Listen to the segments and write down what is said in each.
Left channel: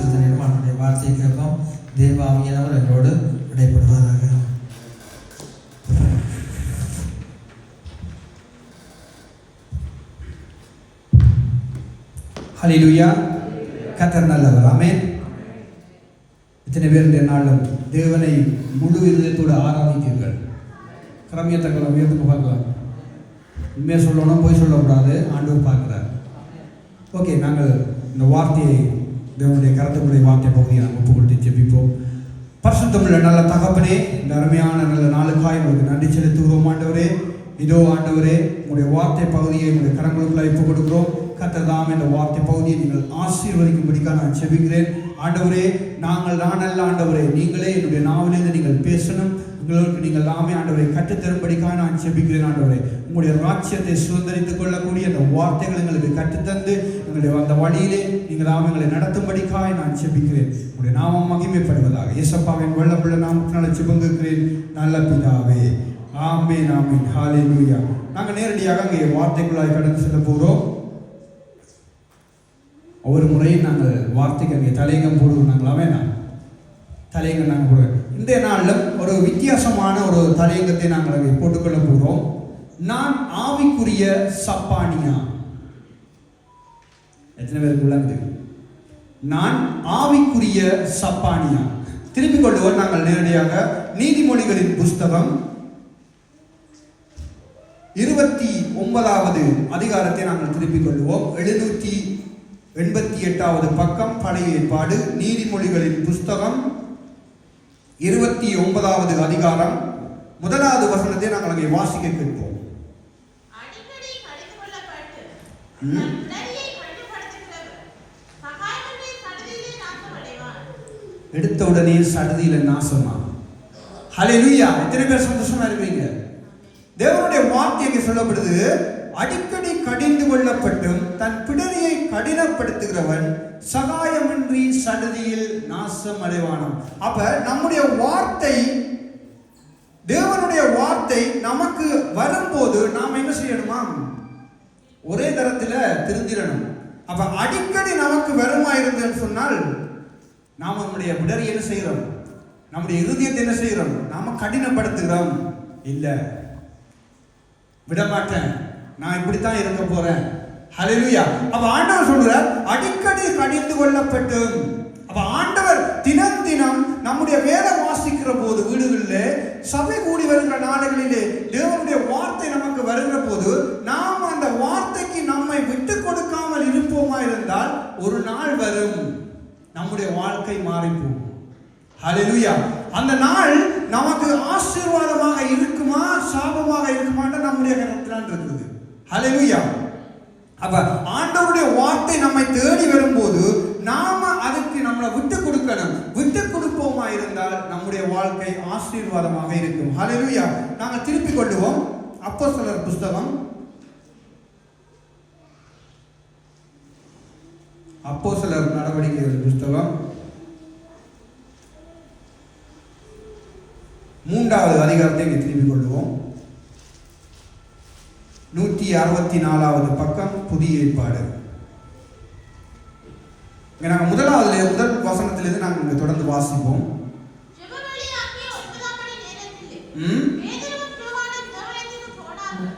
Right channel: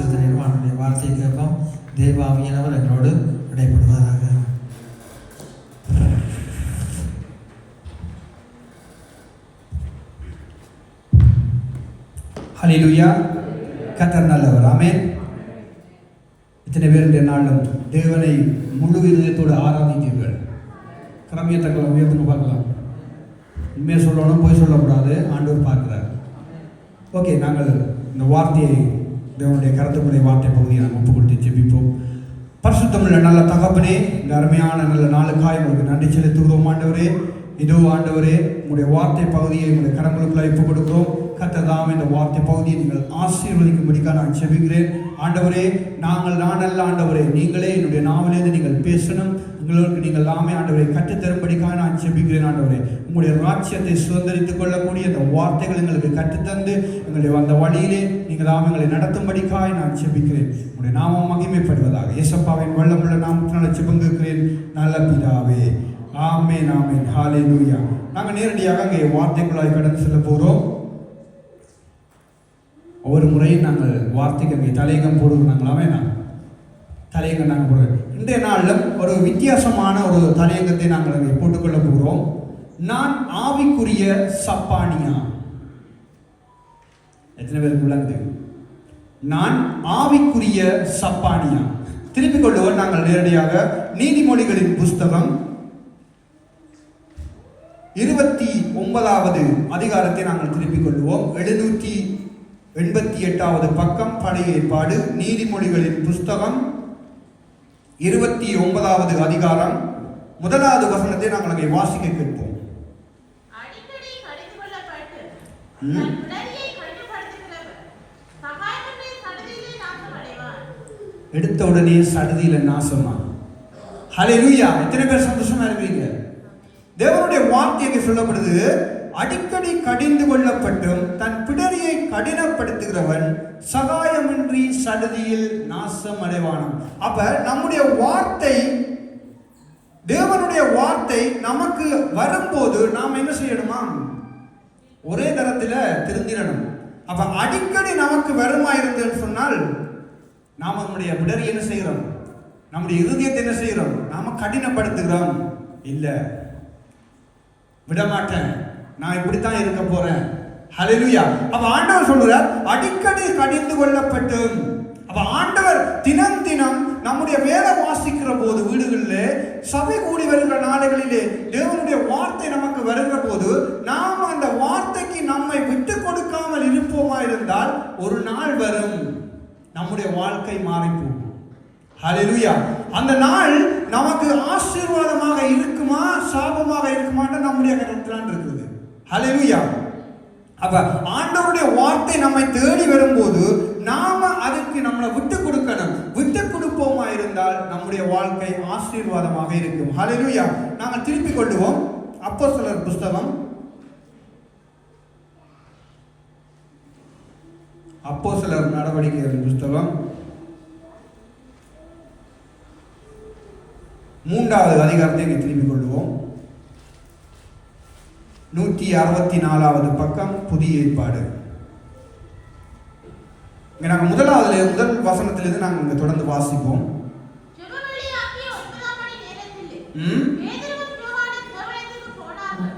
செலுத்தின வார்த்தையை கேட்போம். தேவாவியனவர் என்னோடு இடைப்படுவாராக. ஹல்லேலூயா. கர்த்தர் நல்லவர். ஆமென். இத்தனை பேர் இந்த நாளும் தேவனை முழு இதயத்தோடு ஆராதித்தீர்கள். புறமியத்தங்களை உயர்ந்து பார்க்கலாம். உண்மையை சொல்லணும், போய் சொல்லக்கூடாது. ஆண்டவர் பார்க்கிறார். ஓகே, நாங்கள் இந்த வார்த்தையை தேவனுடைய கருத்துக்குடைய வார்த்தை பகுதியை நாங்கள் ஒப்பு கொடுத்து ஜெபிப்போம். பரிசுத்தமுள்ள நல்ல தகப்பனே, இந்த அருமையான நல்ல நாளுக்காய் உங்களுக்கு நன்றி செலுத்துகிறோம். ஆண்டவரே, இதோ ஆண்டவரே, உங்களுடைய வார்த்தை பகுதியை உங்களுடைய கரங்களுக்குள்ள ஒப்பு கொடுக்கிறோம். கர்த்தர் இந்த வார்த்தை பகுதியை நீங்கள் ஆசீர்வதிக்கும்படிக்காக நான் ஜெபிக்கிறேன். ஆண்டவரே, நானல்ல ஆண்டவரே, நீங்களே என்னுடைய நாவிலிருந்து நீங்கள் பேசணும். உங்களுக்கு நீங்கள் எல்லாமே ஆண்டவரை கற்றுத்தரும்படிக்காக நான் ஜெபிக்கிறேன். ஆண்டவரே, உங்களுடைய ராஜ்யத்தை சுதந்திரித்துக் கொள்ளக்கூடிய அந்த வார்த்தைகள் எங்களுக்கு கற்றுத்தந்து எங்களுடைய அந்த வழியிலே நீங்கள் எங்களை நடத்தும்படிக்காக நான் ஜெபிக்கிறேன். உங்களுடைய நாமம் மகிமைப்படுவதாக இயேசுவின் வல்லமுள்ள நாமத்தினால் ஜெபிக்கிறேன் நல்ல பிதாவே. ஆமென், ஆமென். ஹல்லேலூயா. நாங்கள் நேரடியாக அங்கே வார்த்தைக்குள்ளாக கடந்து செல்ல போகிறோம். ஒரு முறை நாங்கள் வார்த்தைக்கு அங்கே தலையங்கம் போடுவோம். தலையங்கம் நாங்கள் போடுறோம். இன்றைய நாளில் ஒரு வித்தியாசமான ஒரு தலையங்கத்தை நாங்கள் அங்கே போட்டுக்கொள்ள போகிறோம். நான் ஆவிக்குரிய சப்பானியா. எத்தனை பேருக்கு உள்ளது? நான் ஆவிக்குரிய சப்பானியா. திருப்பிக் கொள்வோம். நாங்கள் நேரடியாக நீதிமொழிகளின் புஸ்தகம் 29வது அதிகாரத்தை நாங்கள் திருப்பிக் கொள்வோம். 788வது பக்கம், பழைய ஏற்பாடு, நீதிமொழிகளின் புஸ்தகம் 29வது அதிகாரம் 1வது வசனத்தை நாங்கள் அங்கே வாசிக்க கேட்போம். எடுத்த உடனே சடுதியில நாசமா. ஹல்லேலூயா. எத்தனை பேர் சந்தோஷமா இருக்கீங்க? தேவனுடைய வார்த்தையை சொல்லப்படுது, அடிக்கடி கடிந்து கொள்ளப்பட்டும் தன் பிடரியை கடினப்படுத்துகிறவன் சகாயமின்றி சடுதியில் நாசம் அடைவானாம். அப்ப நம்முடைய வார்த்தை, தேவனுடைய வார்த்தை நமக்கு வரும்போது நாம் என்ன செய்யணுமா? ஒரே தரத்துல திருந்திடணும். அப்ப அடிக்கடி நமக்கு வருமா இருந்ததுன்னு சொன்னால் நாம நம்முடைய பிடரி என்ன செய்கிறோம்? நம்முடைய இருதயத்தை என்ன செய்கிறோம்? நாம கடினப்படுத்துகிறோம். இல்ல, விடமாட்டேன், நான் இப்படித்தான் இருக்க போறேன். ஹல்லேலூயா. அப்ப ஆண்டவர் சொல்றார், அடிக்கடி கடிந்து கொள்ளப்பட்டு. அப்ப ஆண்டவர் தினம் நம்முடைய வேதம் வாசிக்கிற போது, வீடுகளிலே சபை கூடி வருகிற நாடுகளிலே தேவனுடைய வார்த்தை நமக்கு வருகிற போது நாம் அந்த வார்த்தைக்கு நம்மை விட்டு கொடுக்காமல் இருப்போமா இருந்தால் ஒரு நாள் வரும் நம்முடைய வாழ்க்கை மாறி போகும். ஹல்லேலூயா. அந்த நாள் நமக்கு ஆசீர்வாதமாக இருக்குமா சாபமாக இருக்குமான்னு நம்முடைய கருத்தான் இருக்குது. ஹல்லேலூயா. அப்ப ஆண்டவருடைய வார்த்தை நம்மை தேடி வரும்போது நாம அதுக்கு நம்மளை விட்டு கொடுக்கணும். விட்டு கொடுப்போமா இருந்தால் நம்முடைய வாழ்க்கை ஆசீர்வாதமாக இருக்கும். ஹல்லேலூயா. நாங்கள் திருப்பிக் கொள்வோம். அப்போஸ்தலர் புஸ்தகம், அப்போஸ்தலர் நடவடிக்கைகள் புஸ்தகம் 3வது அதிகாரத்தை திருப்பிக் கொள்வோம். 164வது பக்கம், புதிய ஏற்பாடு. நாங்கள் முதல் வசனத்திலிருந்து நாங்கள் தொடர்ந்து வாசிப்போம்.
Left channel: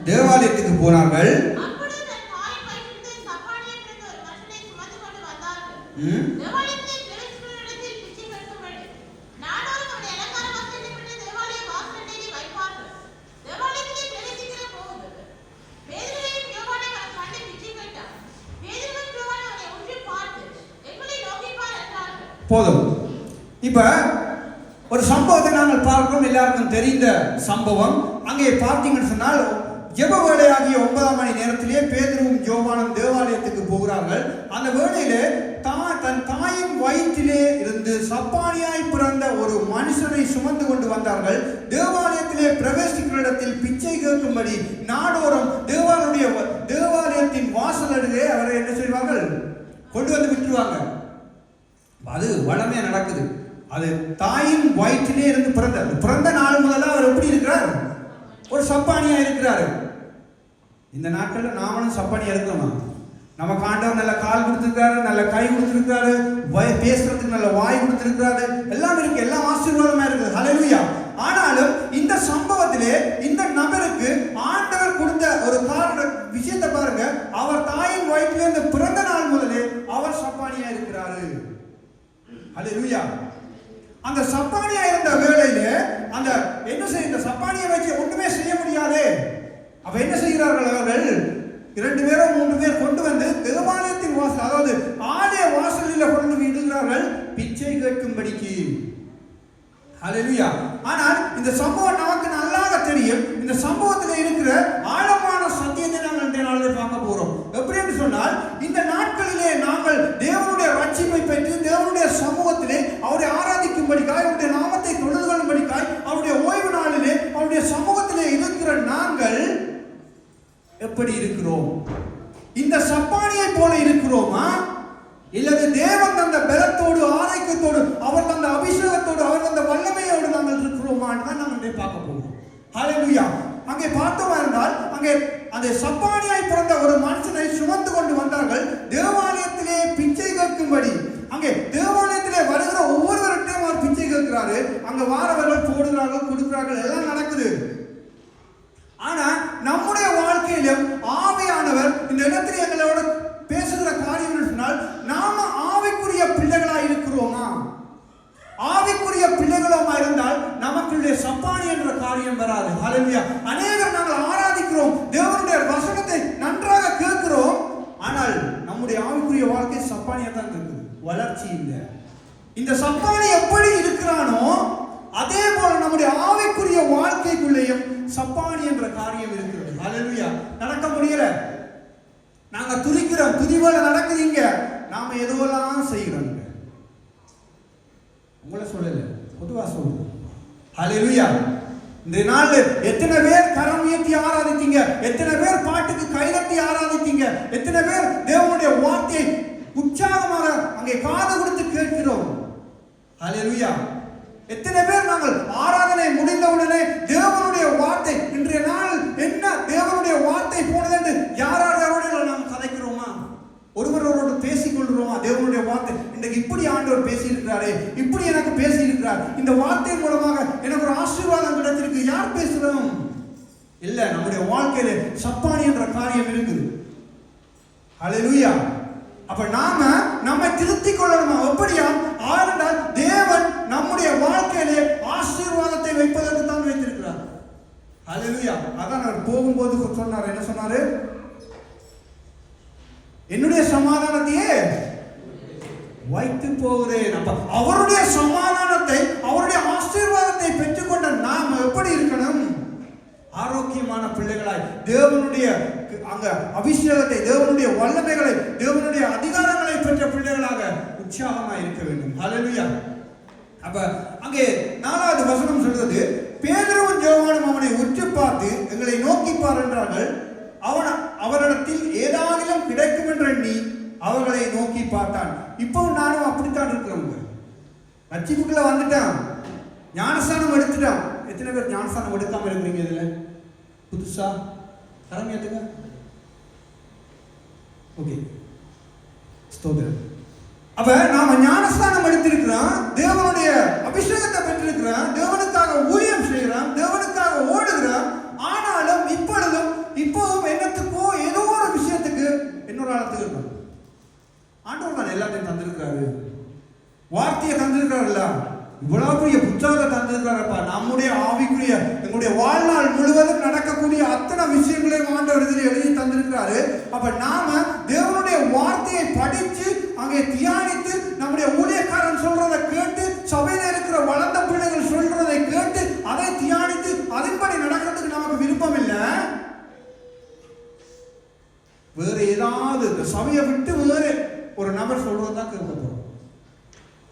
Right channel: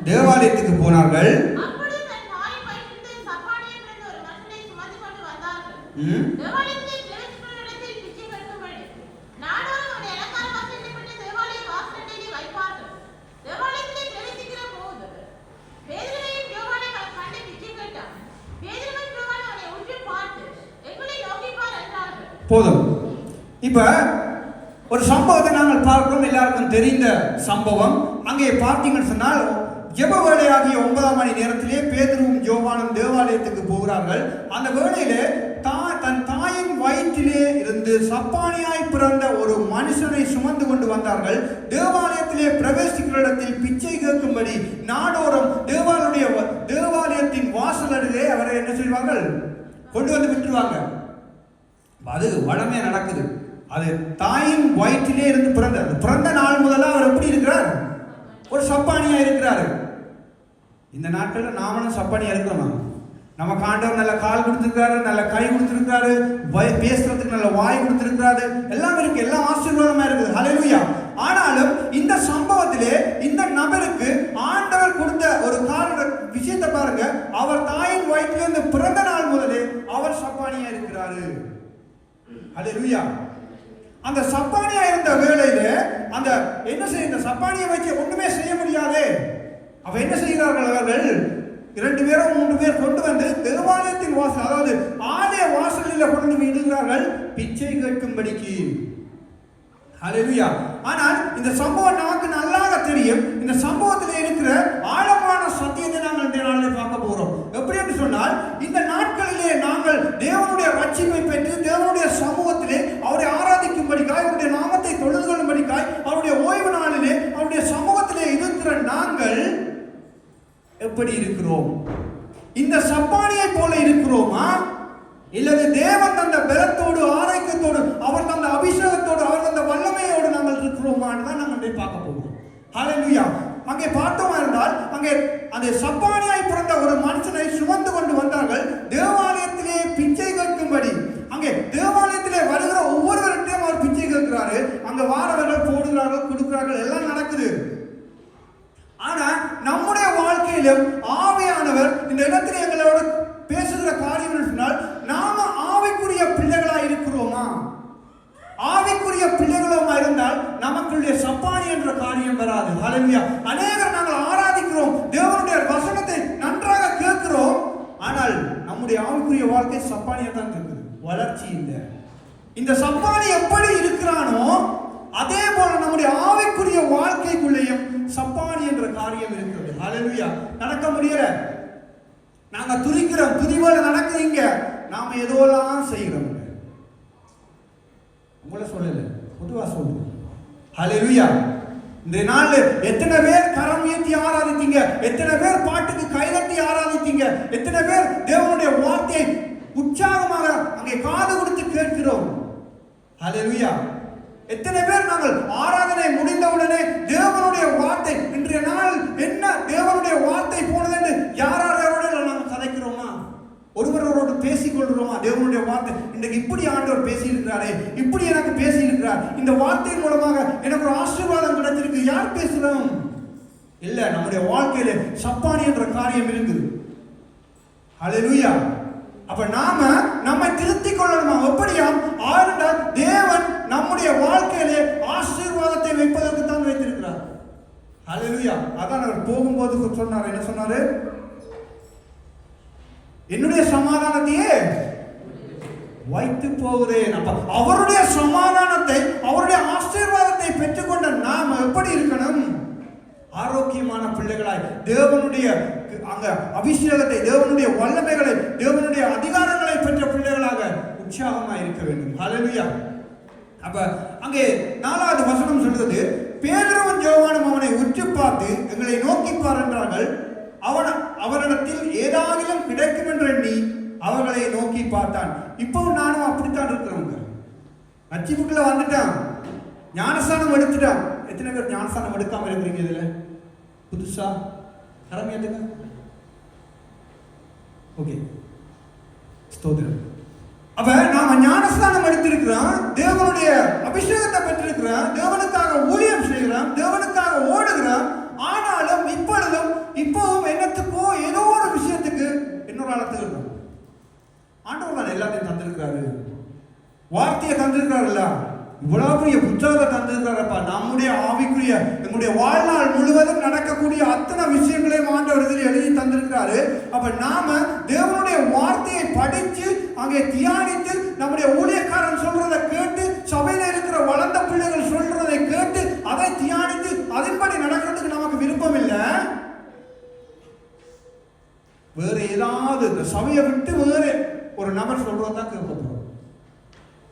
தேவாலயத்துக்கு போனார்கள். போதும். இப்ப ஒரு சம்பவத்தை நாங்கள் பார்க்கிறோம். எல்லாருக்கும் தெரிந்த சம்பவம். அங்கே பார்த்தீங்கன்னு சொன்னால் ஜெப வேளையாகிய 9 மணி நேரத்திலே பேதுருவும் யோவானும் தேவாலயத்துக்கு போகிறார்கள். அந்த வேளையிலே தன் தாயின் வயிற்றிலே இருந்து சப்பானியாய் பிறந்த ஒரு மனுஷனை சுமந்து கொண்டு வந்தார்கள். தேவாலயத்திலே பிரவேசிக்கிற இடத்தில் பிச்சை கேட்கும்படி நாடோறும் தேவாலயத்தின் வாசலிலே அவரை என்ன செய்வார்கள்? கொண்டு வந்து விட்டுருவாங்க. அது வளமே நடக்குது. அது தாயின் வயிற்றிலே இருந்து பிறந்த நாள் முதல்ல அவர் எப்படி இருக்கிறார்? ஒரு சப்பானியா இருக்கிறார். இந்த நாட்களில் நாமளும் சப்பானியா இருக்கணும். நமக்கு ஆண்டவர் நல்ல கால் கொடுத்திருக்காரு, நல்ல கை கொடுத்திருக்காரு, பேசுறதுக்கு நல்ல வாய் கொடுத்திருக்காரு, எல்லாம் இருக்கு, எல்லாம் ஆசீர்வாதமா இருக்குது. ஹல்லேலூயா. ஆனாலும் இந்த சம்பவத்திலே இந்த நபருக்கு ஆண்டவர் கொடுத்த ஒரு விஷயத்தை பாருங்க. அவர் தாயின் வயிற்றிலிருந்து பிறந்த நாள் முதலே அவர் சப்பானியா இருக்கிறாரு. ஹல்லேலூயா. அந்த சப்பானியா இருந்த வேளையில அந்த என்ன செய்ய, இந்த சப்பானியை வச்சு ஒண்ணுமே செய்ய முடியாது. அப்ப என்ன செய்கிறார்கள் அவர்கள்? 2 பேரோ 3 பேர் கொண்டு வந்து தேவாலயத்தின் வாசல், அதாவது ஆலய வாசலில் கொண்டு விடுகிறார்கள் பிச்சை கேட்கும்படிக்கு. ஹல்லேலூயா. ஆனால் இந்த சம்பவம் நமக்கு நல்லா தெரியும். இந்த சம்பவத்தில் இருக்கிற ஆழமான சத்தியத்தை நாங்கள் இந்த நாளில் பார்க்க போறோம். எப்படி சொன்னால், இந்த நாட்களிலே நாங்கள் தேவனுடைய ரட்சிப்பை பெற்று தேவனுடைய சமூகத்திலே அவரை ஆராதிக்கும்படிக்காய், அவருடைய நாமத்தை தொழுது கொள்ளும்படிக்காய், அவருடைய ஓய்வு நாளிலே அவருடைய சமூகத்திலே இருக்கிற நாங்கள் எப்படி இருக்கிறோம்? இந்த சப்பானியை போல இருக்கிறோமா? இல்லது தேவன் தந்த பலத்தோடு, ஆரோக்கியத்தோடு, அவர் தந்த அபிஷேகத்தோடு, அவர் தந்த வல்லமையோடு நாங்கள் இருக்கிறோமான்னு தான் நம்ம பார்க்க போகிறோம். ஹல்லேலூயா. அங்கே பார்த்தோம் என்றால், அங்கே அந்த சப்பானியாய் பிறந்த ஒரு மனுஷனை சுமந்து கொண்டு வந்தார்கள் தேவாலயத்திலே பிச்சை கேட்கும்படி. அங்கே தேவாலயத்திலே வருகிற ஒவ்வொருவர்கிட்டையும் அவர் பிச்சை கேட்கிறாரு. அங்க வாரவர்கள் போடுகிறார்கள், கொடுக்கிறார்கள், எல்லாம் நடக்குது. ஆனா நம்முடைய வாழ்க்கையிலும் ஆவியானவர் இந்த இடத்துல எங்களோட பேசுகிற காரியம் சொன்னால், நாம ஆவிக்குரிய பிள்ளைகளா இருக்கிறோமா? ஆவிக்குரிய பிள்ளைகளா இருந்தால் நமக்குள்ளே சப்பானி என்ற காரியம் வராது. ஹல்லேலூயா. அநேகர் நாங்கள் ஆராதிக்கிறோம், தேவனுடைய வசனத்தை நன்றாக கேட்கிறோம், ஆனால் நம்முடைய ஆவிக்குரிய வாழ்க்கை சப்பானியா தான் இருக்குது, வளர்ச்சி இல்லை. இந்த சப்பானி எப்படி இருக்கிறானோ அதே போல நம்முடைய ஆவிக்குரிய வாழ்க்கைக்குள்ளேயே சப்பானி என்ற காரியம் இருக்கிறது. ஹல்லேலூயா. நடக்க முடியல, நாங்க துதிக்கிறோம், துதிவோட நடக்குதுங்க, நாம எதோலாம் செய்கிறோம். உங்களை சொல்லல, பொதுவா சொல்லுங்க. ஹல்லேலூயா. இந்த நாள்ல எத்தனை பேர் கரம் நீட்டி ஆராதித்தீங்க? எத்தனை பேர் பாட்டுக்கு கைதட்டி ஆராதித்தீங்க? எத்தனை பேர் தேவனுடைய வார்த்தையை உற்சாகமாக அங்கே காது கொடுத்து கேட்கிறோம்? ஹல்லேலூயா. எத்தனை பேர் நாங்கள் ஆராதனை முடிந்தவுடனே தேவனுடைய வார்த்தை, இன்றைய நாள் என்ன தேவனுடைய வார்த்தை போனது என்று யாரோட நாம் கதைக்கிறோமா? ஒருவரோடு பேசிக் கொள்கிறோமா? தேவனுடைய வார்த்தை இன்றைக்கு இப்படி ஆண்டவர் பேசியிருக்கிறாரே, இப்படி எனக்கு பேசியிருக்கிறார், இந்த வார்த்தையின் மூலமாக எனக்கு ஒரு ஆசீர்வாதம் கிடைச்சிருக்கு, யார் பேசுறோம்? இல்ல, நம்முடைய வாழ்க்கையில சப்பானி என்ற காரியம் இருக்குது. ஹல்லேலூயா. அப்ப நாம நம்மை திருத்திக் கொள்ளணுமா? எப்படியா? ஆண்டால் தேவன் நம்முடைய வாழ்க்கையிலே ஆசீர்வாதத்தை வைப்பதற்கு தான் வைத்திருக்கிறார். ஹல்லேலூயா. அதான் அவர் போகும்போது சொன்னார், என்ன சொன்னாரு? என்னுடைய சமாதானத்தையே வைத்து போகிறேன். அவருடைய சமாதானத்தை, அவருடைய ஆசீர்வாதத்தை பெற்றுக்கொண்ட நாம் எப்படி இருக்கணும்? ஆரோக்கியமான பிள்ளைகளாய், தேவனுடைய அபிஷேகத்தை, தேவனுடைய வல்லமைகளை, தேவனுடைய அதிகாரங்களை பெற்ற பிள்ளைகளாக உற்சாகமாக இருக்க வேண்டும். ஹல்லேலூயா. அப்ப அங்கே 4வது வசனம் சொல்றது, பேதுருவும் யோவானும் அவனை உற்று பார்த்து எங்களை நோக்கிப்பார் என்றார்கள். அவரிடத்தில் ஏதாவது கிடைக்கும் என்று எண்ணி அவர்களை நோக்கி பார்த்தான். இப்போ நானும் அப்படித்தான் இருக்கிறோங்க. ரட்சிப்புக்குள்ள வந்துட்டான், ஞானஸ்தானம் எடுத்துட்டான். எத்தனை பேர் ஞானஸ்தானம் எடுக்காம இருக்கிறீங்க? இதுல புதுசா கடமையாட்டுங்க. ஓகே, ஸ்தோத்திரம். அப்ப நாம ஞானஸ்தானம் எடுத்திருக்கிறோம், தேவனுடைய அபிஷேகத்தை பெற்றிருக்கிறோம், தேவனுக்காக ஊழியம் செய்கிறோம், தேவனுக்காக ஓடுகிறோம். ஆனாலும் இப்போதும் என்னத்துக்கோ ஏதோ ஒரு விஷயத்துக்கு இன்னொரு ஆழத்துக்கு இருக்கும். ஆண்டவர் எல்லாத்தையும் தந்திருக்காரு, வார்த்தையை தந்திருக்காருல்ல, இவ்வளவு பெரிய புத்தகத்தை தந்திருக்காரப்பா. நம்முடைய ஆவிக்குரிய எங்களுடைய வாழ்நாள் முழுவதும் நடக்கக்கூடிய அத்தனை விஷயங்களையும் ஆண்டவர் இதில் எழுதி தந்திருக்காரு. அப்ப நாம தேவனுடைய வார்த்தையை படிச்சு அங்கே தியானித்து நம்முடைய ஊழியக்காரன் சொல்றதை கேட்டு, சபையில இருக்கிற வளர்ந்த பிள்ளைகள் சொல்றதை கேட்டு அதை தியானித்து அதன்படி நடக்கிறதுக்கு நமக்கு விருப்பம் இல்லை. வேற ஏதாவது இந்த சபையை விட்டு வேற ஒரு நபர் சொல்றதான் கேட்க போறோம்.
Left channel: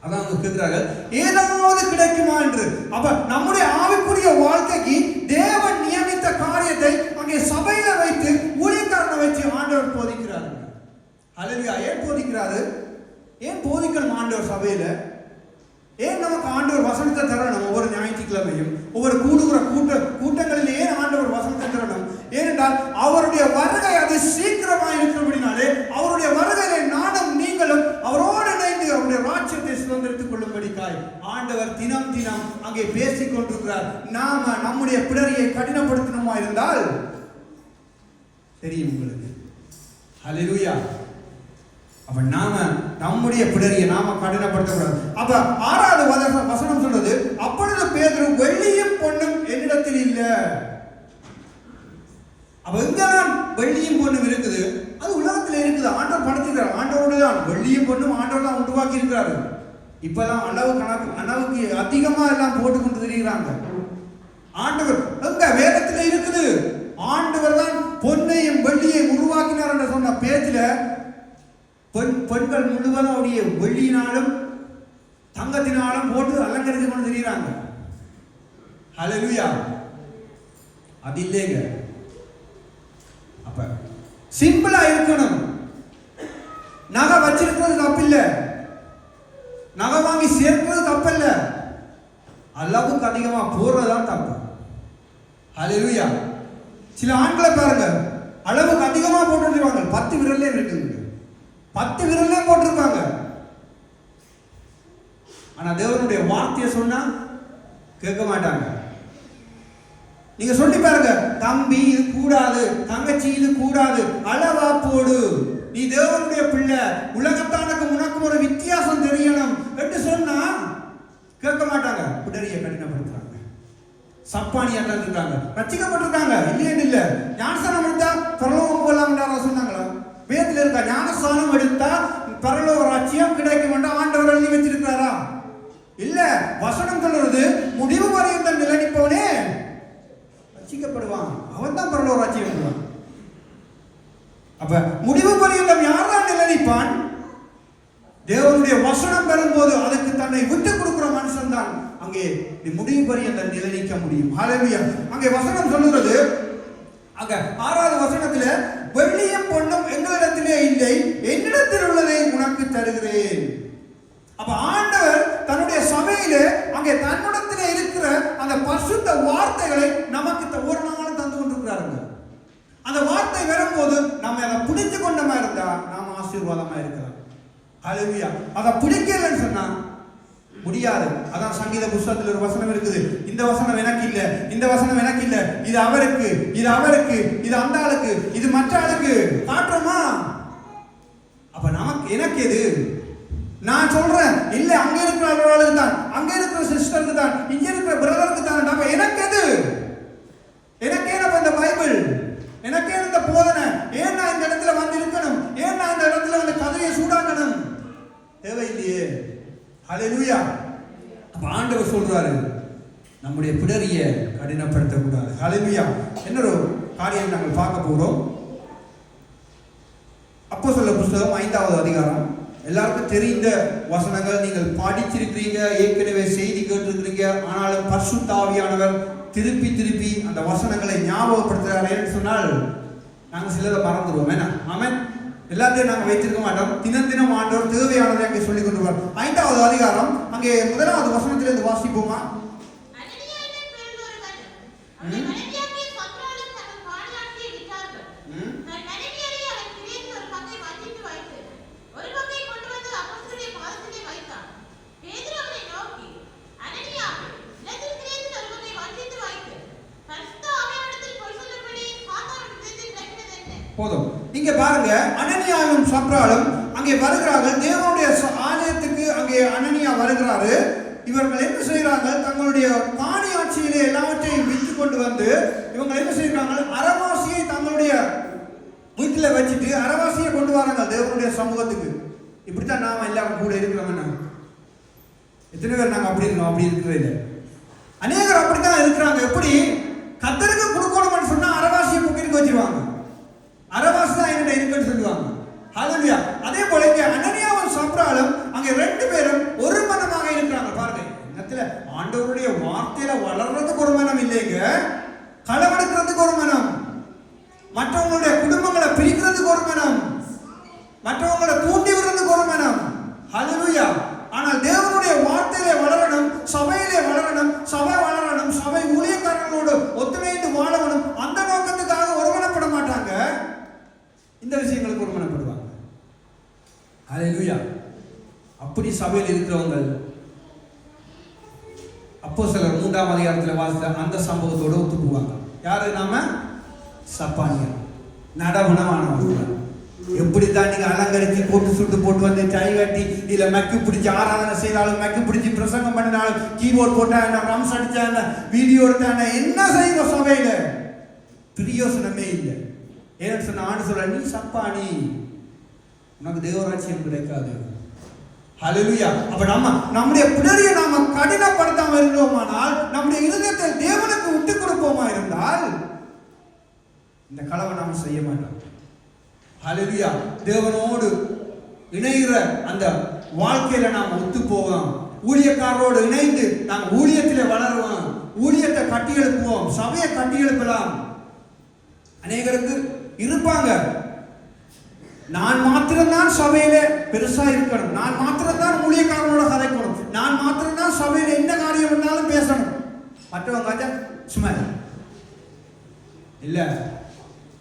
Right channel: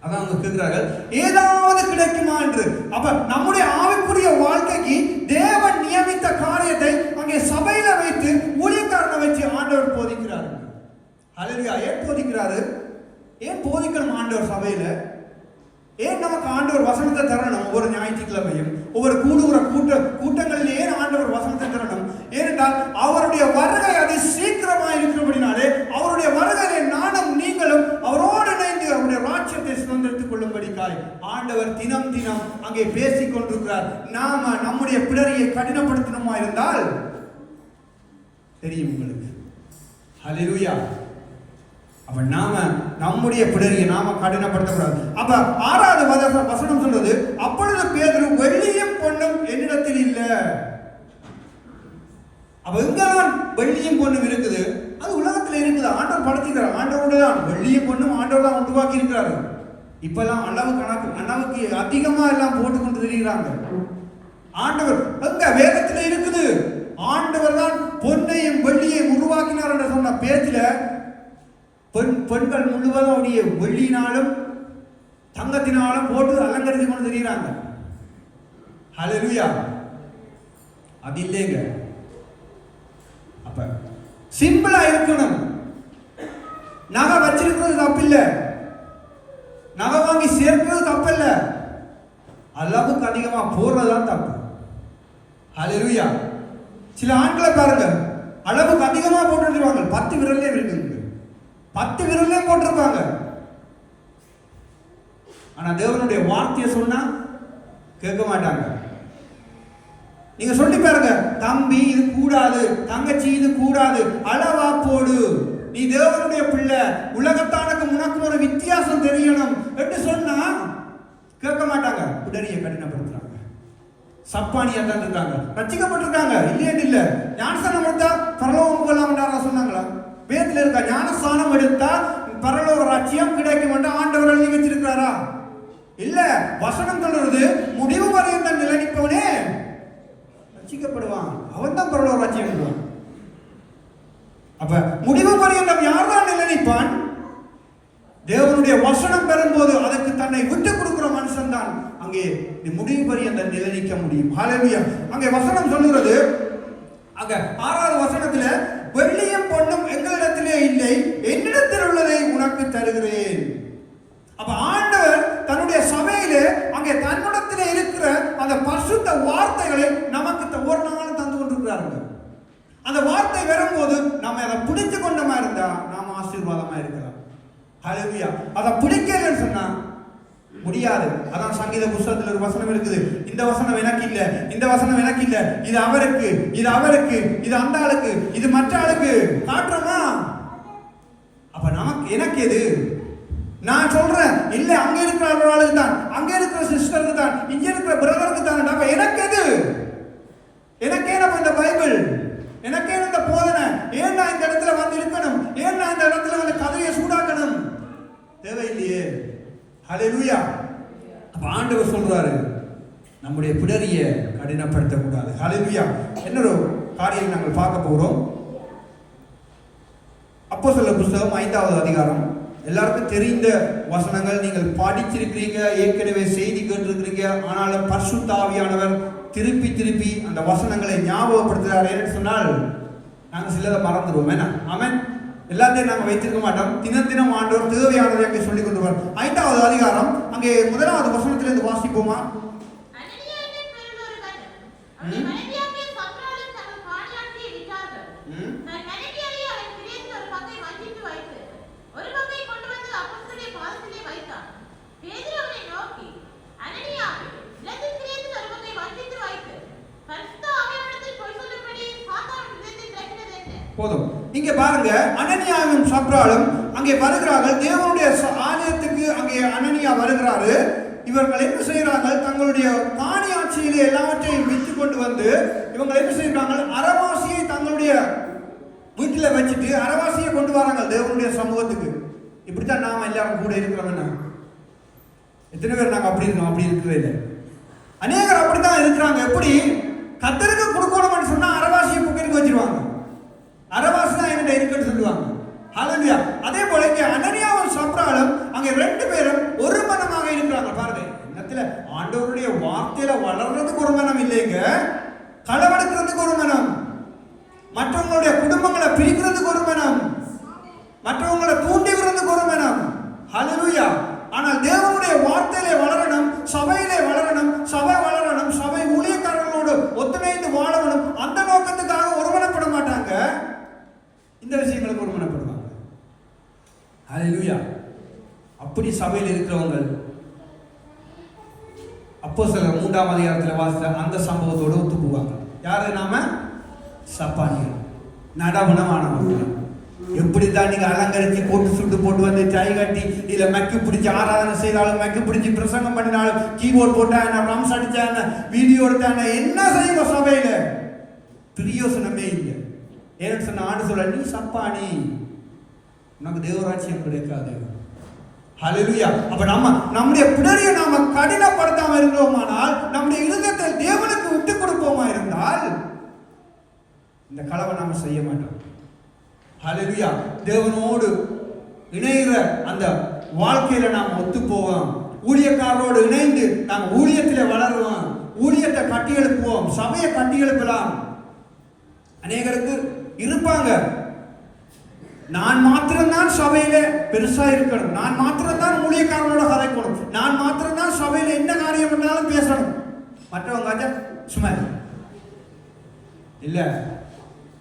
அதான் அவங்க கேட்கிறார்கள், ஏதாவது கிடைக்குமா என்று. அப்ப நம்முடைய ஆவிக்குரிய வாழ்க்கைக்கு தேவன் நியமித்த காரியத்தை அங்கே சபையில வைத்து ஊழியக்காரனை வச்சு ஆண்டவர் போதிக்கிறார். ஹல்லேலூயா. ஏன் போதிக்கிறாரு? ஏன் போதிக்கணும் ஆண்டவர் சபையில? ஏன் நமக்கு ஆண்டவர் வசனத்தை தரணும்? ஒவ்வொரு ஞாயிற்றுக்கிழமையும் ஒவ்வொரு கூட்டங்களில் ஏன் ஆண்டவர் வசனத்தை தரணும்? ஏனென்றால் அவருடைய வருகை அது சீக்கிரமாக இருக்கிறபடினாலே அவருடைய என்பதற்காக ஆண்டவர் தினம் தினம் அங்கே பேசிக் கொண்டிருக்கிறார். நாம நம்முடைய பிடரியை கடினப்படுத்தணுமா இருந்தால் தெரியும் உங்களுக்கு. ஹல்லேலூயா. அப்ப நாம நம்முடைய பிடரியை நாம கடினப்படுத்தக்கூடாது. அப்ப 6வது வசனம் சொல்றது, அப்பொழுது பேதுரு வெள்ளியும் பொன்னும் என்னிடத்தில் இல்லை. அப்ப எங்கெல்லாம் வெள்ளியும் பொண்ணும் இருக்குது? அது உலகத்தில் இருக்குது. ஆண்டவர் படைத்திருக்கிறார். ஆண்டவரோட தான் வெள்ளியும் பொண்ணும் ஆண்டவர் தான் உருவாக்கி இருக்கிறாரு. இப்பெல்லாம் அளவுக்கு அதிகமா எல்லாம் போட்டுக்கொண்டு தெரிகிறாங்க. ஆண்டவர் எங்க வேதத்தில் இருக்குது. ஆண்டவர் தான் பொன்னையும் வெள்ளியையும் உருவாக்கினார் என்று சொன்ன பேச்சில பெண்கள் முழுவதும் அவருடைய வெள்ளியினாலும் தங்கத்தினாலும் போட்டு அலங்கரித்து கொண்டு தெரிகிறாங்க. ஹல்லேலூயா. அது இல்லைங்க. அப்ப சிம்பிளா இருக்கணும். நகை வச்சிருக்கிறது தப்பில்லை, நகை வாங்கி சேர்க்கிறது தப்பில்ல, அளவுக்கு அதிகமா போறதுதான் தப்பு. ஹல்லேலூயா. சில ஆண்களை பாருங்க, அளவுக்கு அதிகமா போட்டுருவாங்க. 10 விரல்லே இருக்குது, 10 விரல்லே போட்டிருக்காங்க. ஆனா தேவனுடைய வார்த்தையை சொன்னா கேட்க மாட்டாங்க. நீங்க சொல்லி பாருங்க, தம்பி இது கூடாது, தங்கச்சி இது கூடாது, அளவா போடு, நீ தேவனுடைய பிள்ளை, உலகத்தானுக்கு உனக்கு ஒரு வித்தியாசம் தெரியணும் என்று சொன்னா கேட்க மாட்டாங்க. பிடரியை கடினப்படுத்துறாங்க. சப்பானியா தான் இருக்காங்க, ரட்சிக்கப்பட்டிருக்காங்க, இல்லைன்னு இல்ல. ஞானஸ்தானம் எடுத்தா பரலோகம் போகலாம் சொன்னாங்களா? வேதத்துல இருக்கா ஞானஸ்தானம் எடுத்தா பரலோக ராஜ்யம் கிடைக்கும் என்று ஆண்டவர் எழுதி வச்சிருக்கிறாரா? இல்ல. வசனம் சொல்றது முடிவு வரையும் நிலைப்போனே ரட்சிக்கப்படுவான், அவன் தான் பரலோக ராஜ்யம். அப்ப முடிவு வரையும் யார் தான் நிலைப்பான்? தேவனுடைய வசனம் வரும்போது அதுக்கு தன்னை விட்டு கொடுக்கிற மனுஷன் தான் அங்கே முடிவு வரையும் நிலைக்க முடியும். ஹல்லேலூயா. அங்கே வசனம் சொல்லுகிறது, அங்க 6வது வசனத்துல, வெள்ளியும் பொன்னும் எங்களிடத்திலே இல்லை, என்னிடத்தில் உள்ளதை உனக்கு தருகிறேன். அப்ப ஆண்டவர் தன்னுடைய சபையிலே அங்கே தன்னிடத்திலே இருக்கிற அந்த பரிசுத்த வார்த்தைகளை நமக்கு ஒரு நாளும் தந்து கொண்டிருக்கிறார்கள். அந்த வார்த்தை வரும்போது நம்ம அதை பிடித்து கொண்டமா இருந்தா நாம் ஆசீர்வாதமா இருக்கலாம். ஹல்லேலூயா. அதை பிடிக்கலன்னு சொன்னா முடியாது. அதான் சங்கீத புத்தகத்தில் ஒரு வசனம் இருக்குது, இந்த வசனம் எனக்கு இல்ல, இந்த வசனம் எனக்கு இல்ல, இது அவருக்கு, இது அவருக்கு, இது அந்த ஆளுக்கு, இது மற்ற ஆளுக்கு காட்டுறோமா? அப்ப நமக்கு எனக்கு எது? நான் சொல்றேன் இல்ல, அங்க இருக்கிற ஆளுக்கு தான், அங்க இருக்கிற சிஸ்டருக்கு தான், இங்க இருக்கிற பிரதருக்கு தான். அப்ப எனக்கு எது? எனக்கே இந்த பைபிள், எனக்கே இந்த போதனை, ஏன் நான் இந்த இடத்துல வந்து இருக்கணும்? ஏன் நான் இந்த இடத்துல இந்த கதையை சூடாக்கணும்? தேவையில்லையே. ஹல்லேலூயா. அப்ப ஆண்டவர் சொல்றாரு, நம்முடைய பிடரியை கடினப்படுத்த கூடாது. ஹல்லேலூயா. இன்னொரு காரியம் நாங்கள் பார்க்க போறோம். அப்போஸ்தலர் புத்தகம் 5வது அதிகாரம். எல்லாருக்கும் தெரிந்த வசனங்கள், நீங்கள் படிச்சிருக்கிறீங்க, ஏற்கனவே செய்தி கேட்டிருக்கிறீங்க. ஆனாலும் பரிசுத்த ஆவியானவர் திருப்பி திருப்பி அந்த வசனங்களை ஞாபகப்படுத்துகிறார் என்று சொன்னால் நாங்கள் சிலதை மறந்துடுவோம். என்ன? ஆமென். எல்லாத்தையும் நாங்கள் வைத்திருக்க மாட்டோம். தினம் தினம் ஆண்டவர் தேவையானதை அங்கே சொல்லிக் கொண்டு 5வது அதிகாரம் அங்கே 1வது வசனத்திலிருந்து வாசிப்போமா? போதும். இங்க பாருங்க, அனனியாவும் சப்ராலும் அங்கே வருகிறார்கள். தேவனுடைய ஆலயத்துக்கு அங்கே அனனியா வருகிறாரு. இவர்கள் என்ன செய்கிறார்கள்? தங்களுடைய காணி ஆட்சியிலே எல்லாவற்றையும் விற்று கொண்டு வந்து இவங்க என்ன செய்கிறார்கள்? அரவாசியை தங்களுடைய வீட்டில் வச்சுட்டு அரவாசியை கொண்டு வராங்க தேவனுடைய சமூகத்துக்கு. இப்படித்தான் நாம எல்லாரும் கூட இருக்கிறோம்னா எத்தனை பேர் நாங்க அப்படி இருக்கோம்? அப்படி இருக்கிறது அநேகர் அப்படித்தான் இருக்கிறாங்க. எப்படி? கத்தருக்கு கொடுக்கணும்னு சொன்னா அரவாசியை புக்கரிக்கு வச்சிருவாங்க. அரவாசி தான் என்கிட்ட இருக்குன்னு சொல்லுவாங்க. ஹல்லேலூயா. அதே போல இங்கே அனனியாவும் சப்ராலும் அங்கே 2 பேரும் ஒரு மனமாக இருக்கிறாங்க. பாருங்க, என்னத்துல ஆண்டவருடைய வார்த்தையில வளர்றதுக்கு ஒரு மனம் இல்லைங்க, களவெடுக்கிறதுக்கு ஒரு மனம், மற்றவங்களுடைய குடும்பங்களை பிரிக்கிறதுக்கு ஒரு மனம், மற்றவங்களை தூண்டி விடுறதுக்கு ஒரு மனம். ஹல்லேலூயா. ஆனால் தேவனுடைய வார்த்தையிலே வளரணும், சபையிலே வளரணும், சபை வளரணும், சபை ஊழியக்காரர்களோடு ஒத்துழைந்து வாழணும். அந்த நோக்கத்துக்காக ஒருமனப்பட மாட்டாங்க, இந்த விஷயங்களுக்கு ஒருமனப்படுவாங்க. ஹல்லேலூயா. அப்படி சபையில் இருக்கிறவங்க அப்போஸ்தலர் 3ஆம் அதிகாரத்தில் வாசித்த அந்த சம்பவத்தோடு ஒத்து போவாங்க. யாரு? நாம சப்பானியர், நடகுணமானவர்கள். எப்படித்தான் நீங்க அலங்கரிச்சு போட்டு சுட்டு போட்டு வந்து டை கட்டி இல்ல மக்கி பிடிச்சி ஆராதனை செய்தாலும் மக்கி பிடிச்சி பிரசங்கம் பண்ணினாலும் கீபோர்ட் போட்டாங்க ரம்ஸ் அடிச்சாங்க வீடியோ எடுத்தாங்க என்ன செய்யுங்க சபையில பிரியோசனமே இல்லை. ஏன்னு சொன்ன ஆண்டு சொல்ல நீ சப்பானி, உனக்கு தேவராட்சியம் கிடைக்காது. ஹல்லேலூயா. அப்ப நம்முடைய பின்னணியை நாம கடினப்படுத்தாம இருந்தோமானால், நம்முடைய இதயத்தை தேவனுக்கு விட்டு கொடுப்போமா இருந்தால் இந்த களவை நாம செய்ய மாட்டோம். ஹல்லேலூயா. தேவனோடு இணைகிற அந்த வாழ்க்கையில நாம் ஒத்து போவோம். ஊழியக்காரரோடு இணைந்து நாம் ஊழியத்திலே வளருவோம். ஊழியத்தை கட்டி எழுப்புவோம். சபையை கட்டி எழுப்பலாம். அநேகருக்கு இருப்பாங்க, நான் மாத்திரம்தான் சபையில பெருசா இருக்கணும், நான் மாத்திரம்தான் ஊழியக்காரரோட கதைக்கணும், நான் மாத்திரம்தான் சபையில என்ன காரியம் இருந்தாலும் பேசணும், மற்றவங்க சும்மா இல்ல.